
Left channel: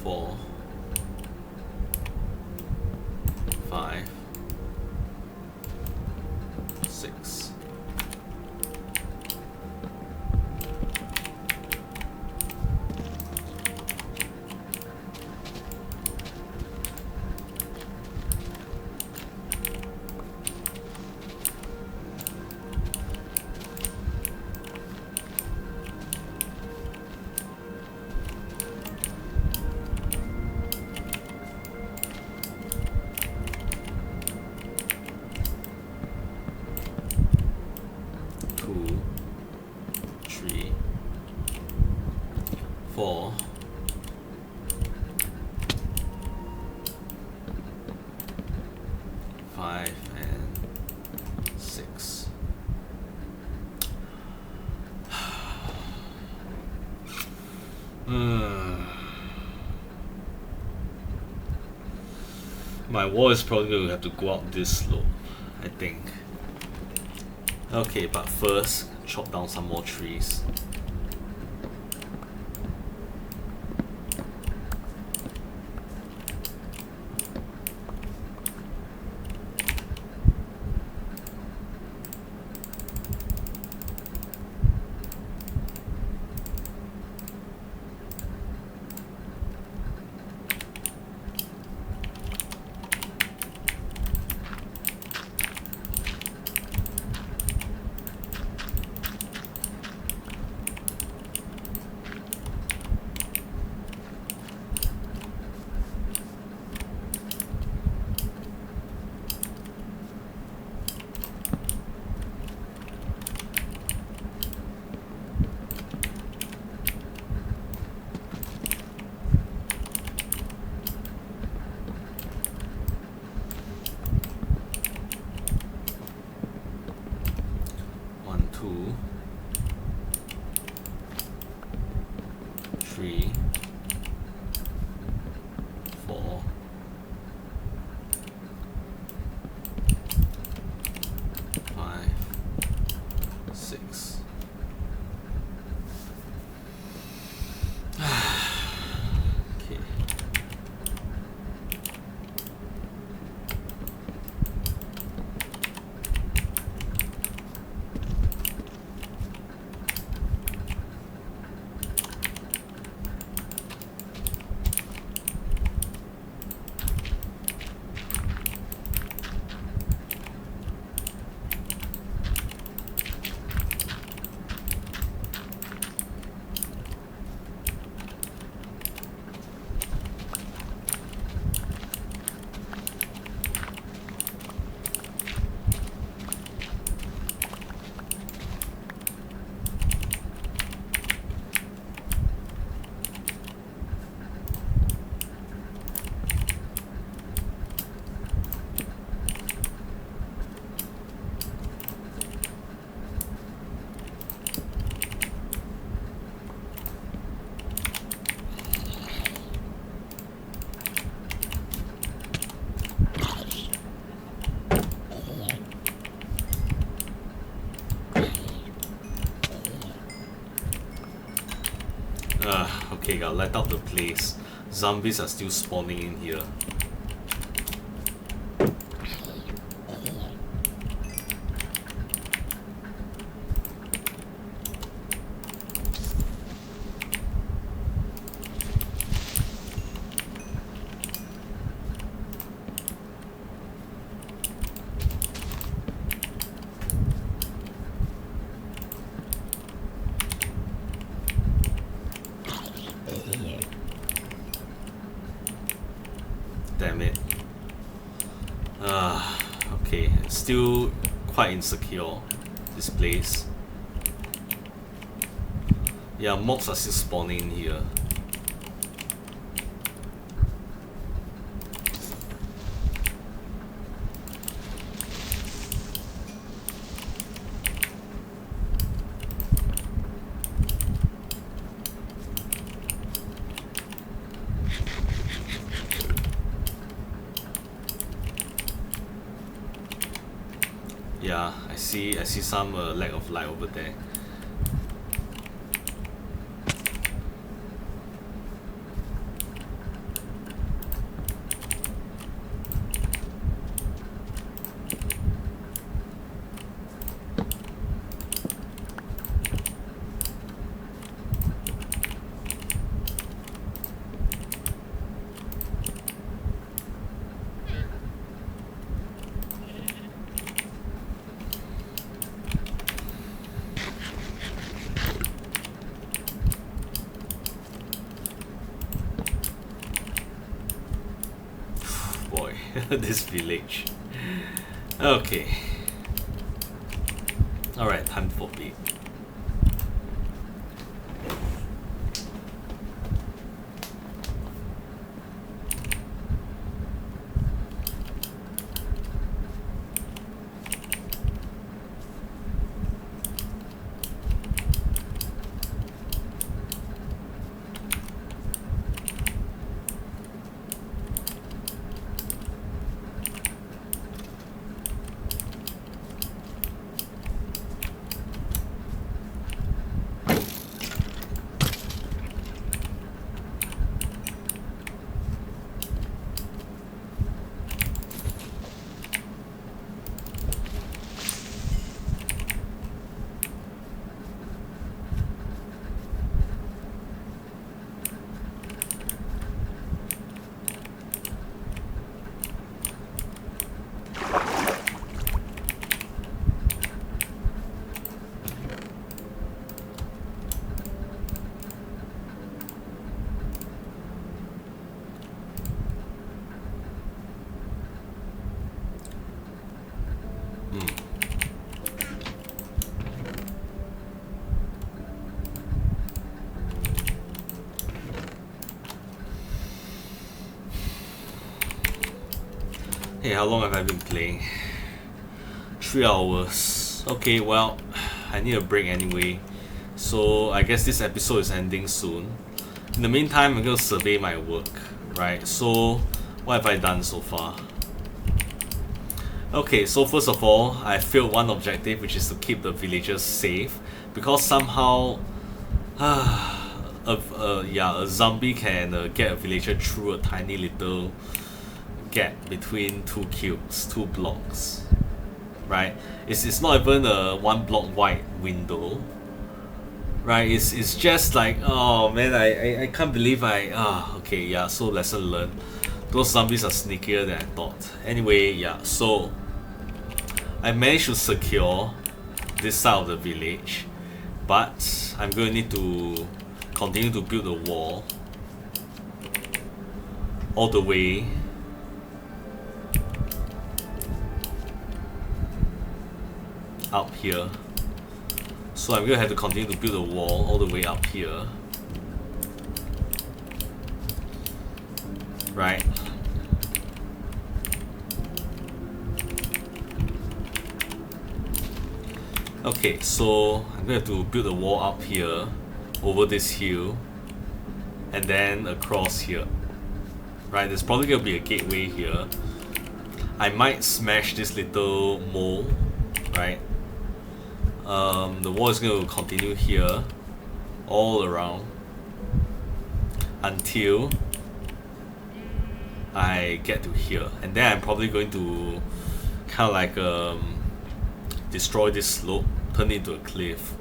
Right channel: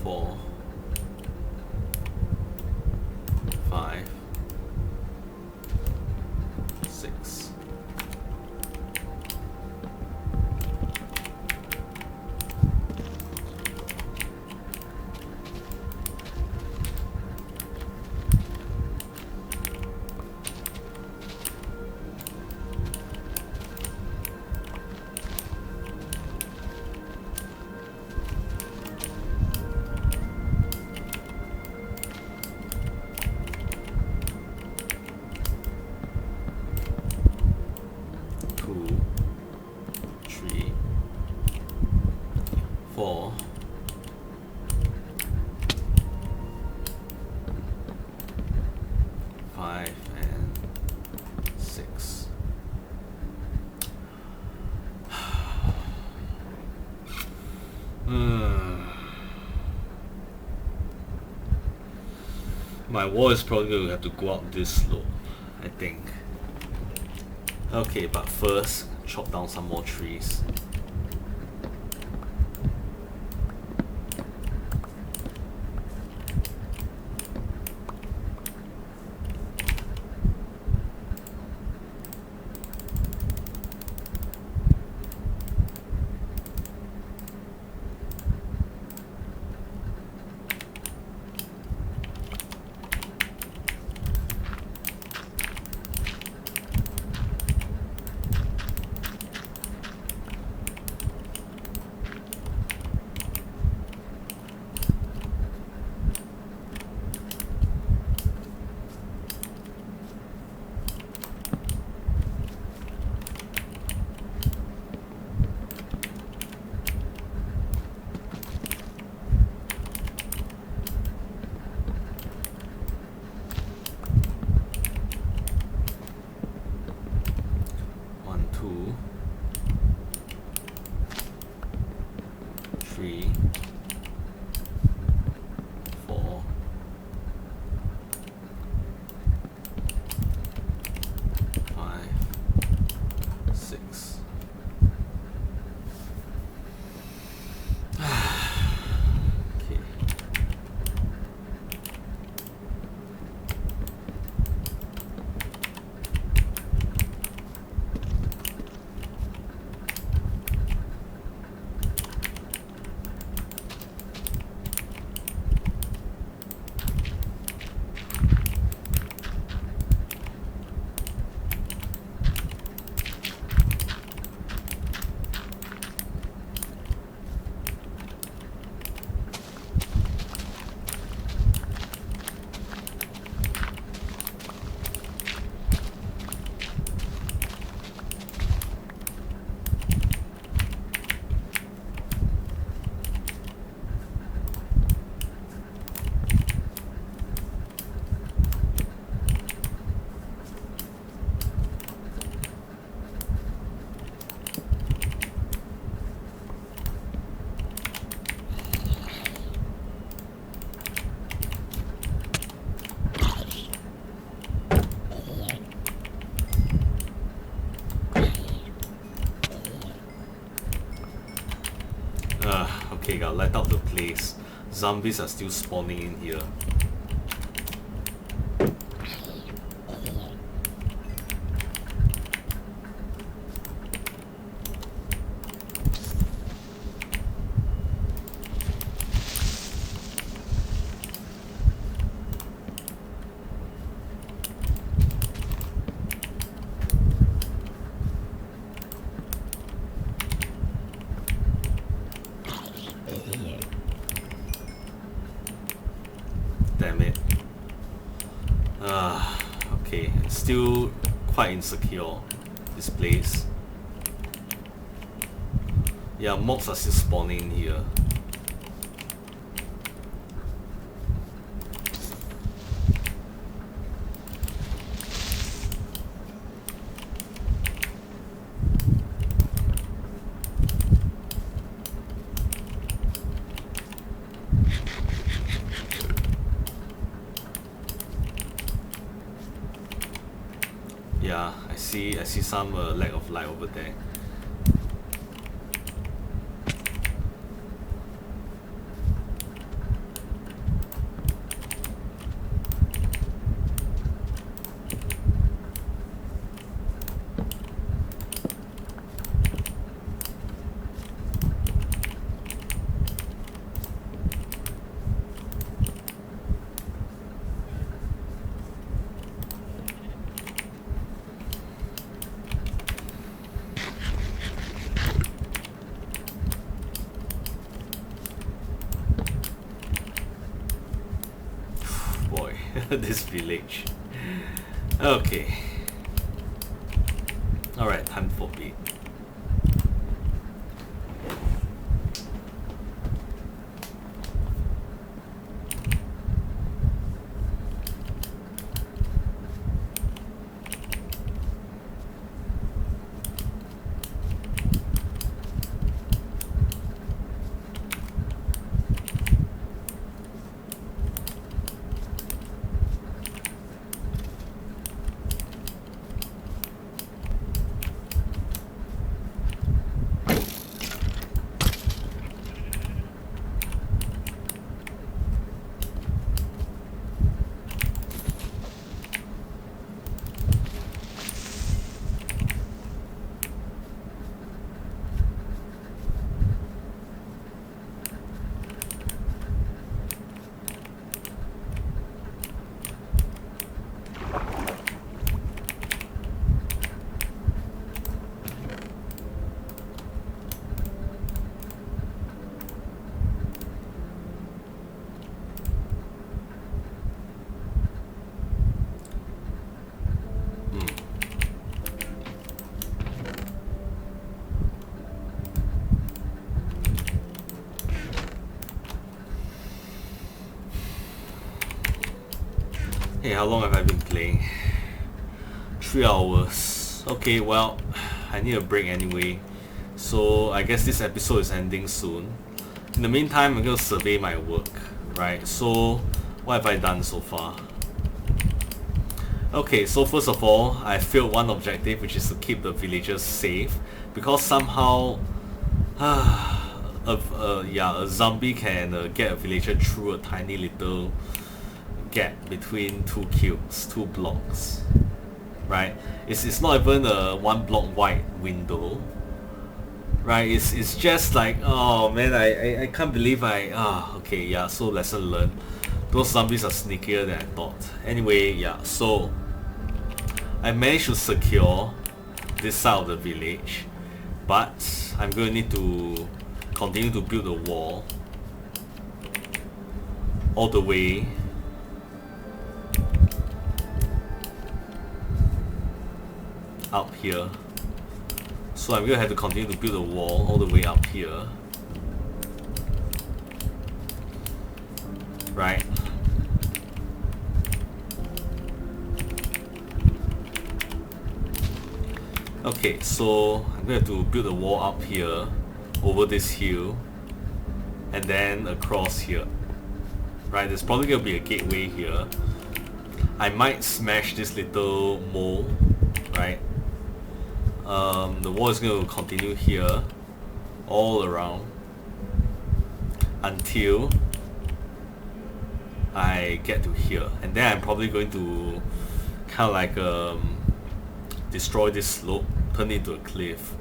4, 5, 6. Two, three, 4, 5, and 6. My wall is probably going to have to go up this slope, I think. Okay, but first, chop down some more trees. Okay, gotta light up the place. Zombies are still spawning in here. Damn it. Okay, it's still quite insecure, this place. Yeah, mobs are still spawning in here. Yeah, I see some lack of light over there. Boy, this village. Okay. Alright, time for bed. Hey, how long have I been playing? 3 hours. Okay, well, I need a break anyway. So I guess this episode is ending soon. In the meantime, I'm gonna survey my work, right? So, what have I done so far? Okay, so first of all, I failed one objective, which is to keep the villagers safe, because somehow, a zombie can get a villager through a tiny little gap between two cubes, 2 blocks, right? It's not even a 1 block wide window, right? It's just like, oh man, I can't believe okay, yeah, so lesson learned. Those zombies are sneakier than I thought. Anyway, yeah, so I managed to secure this side of the village, but I'm going to need to continue to build a wall all the way up here. So I'm gonna have to continue to build a wall all the way up here, right? Okay, so I'm gonna have to build a wall up here over this hill and then across here, right? There's probably gonna be a gateway here. I might smash this little mole, right? The wall is going to continue here, all around. until I get to here, and then I'm probably going to kind of like destroy this slope, turn it into a cliff.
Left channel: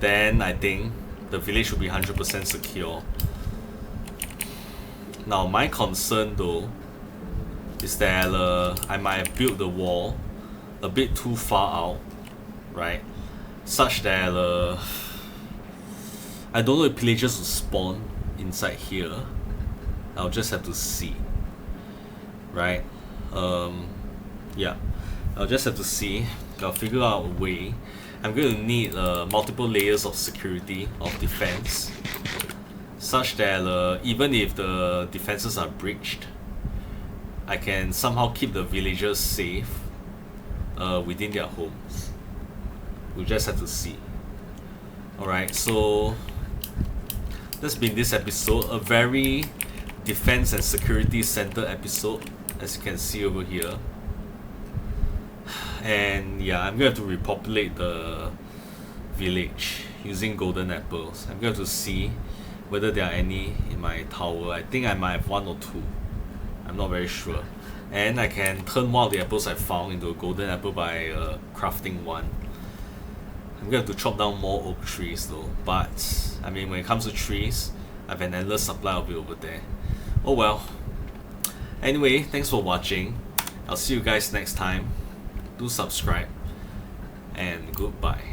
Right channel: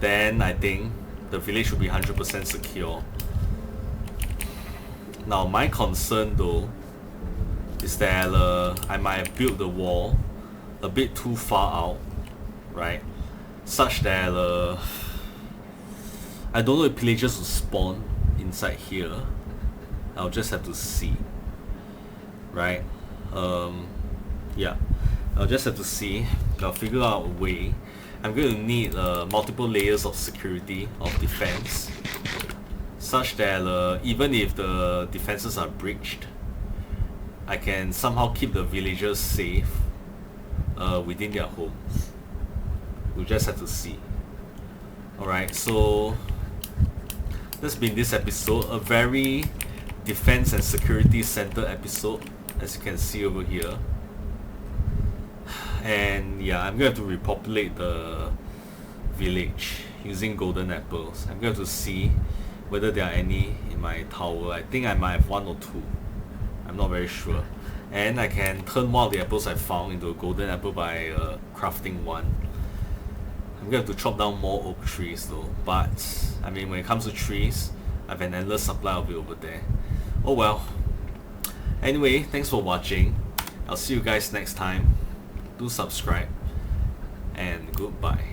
Then I think the village will be 100% secure. Now my concern though is that I might have built the wall a bit too far out, right? Such that I don't know if pillagers will spawn inside here. I'll just have to see, right? Yeah, I'll just have to see. I'll figure out a way. I'm going to need multiple layers of security, of defense, such that even if the defenses are breached, I can somehow keep the villagers safe within their homes. We'll just have to see. Alright, so that's been this episode, a very defense and security centered episode, as you can see over here. And yeah, I'm going to have to repopulate the village using golden apples. I'm going to see whether there are any in my tower. I think I might have one or two. I'm not very sure. And I can turn one of the apples I found into a golden apple by crafting one. I'm going to have to chop down more oak trees though. But, I mean, when it comes to trees, I have an endless supply of it over there. Oh well. Anyway, thanks for watching. I'll see you guys next time. Do subscribe. And goodbye.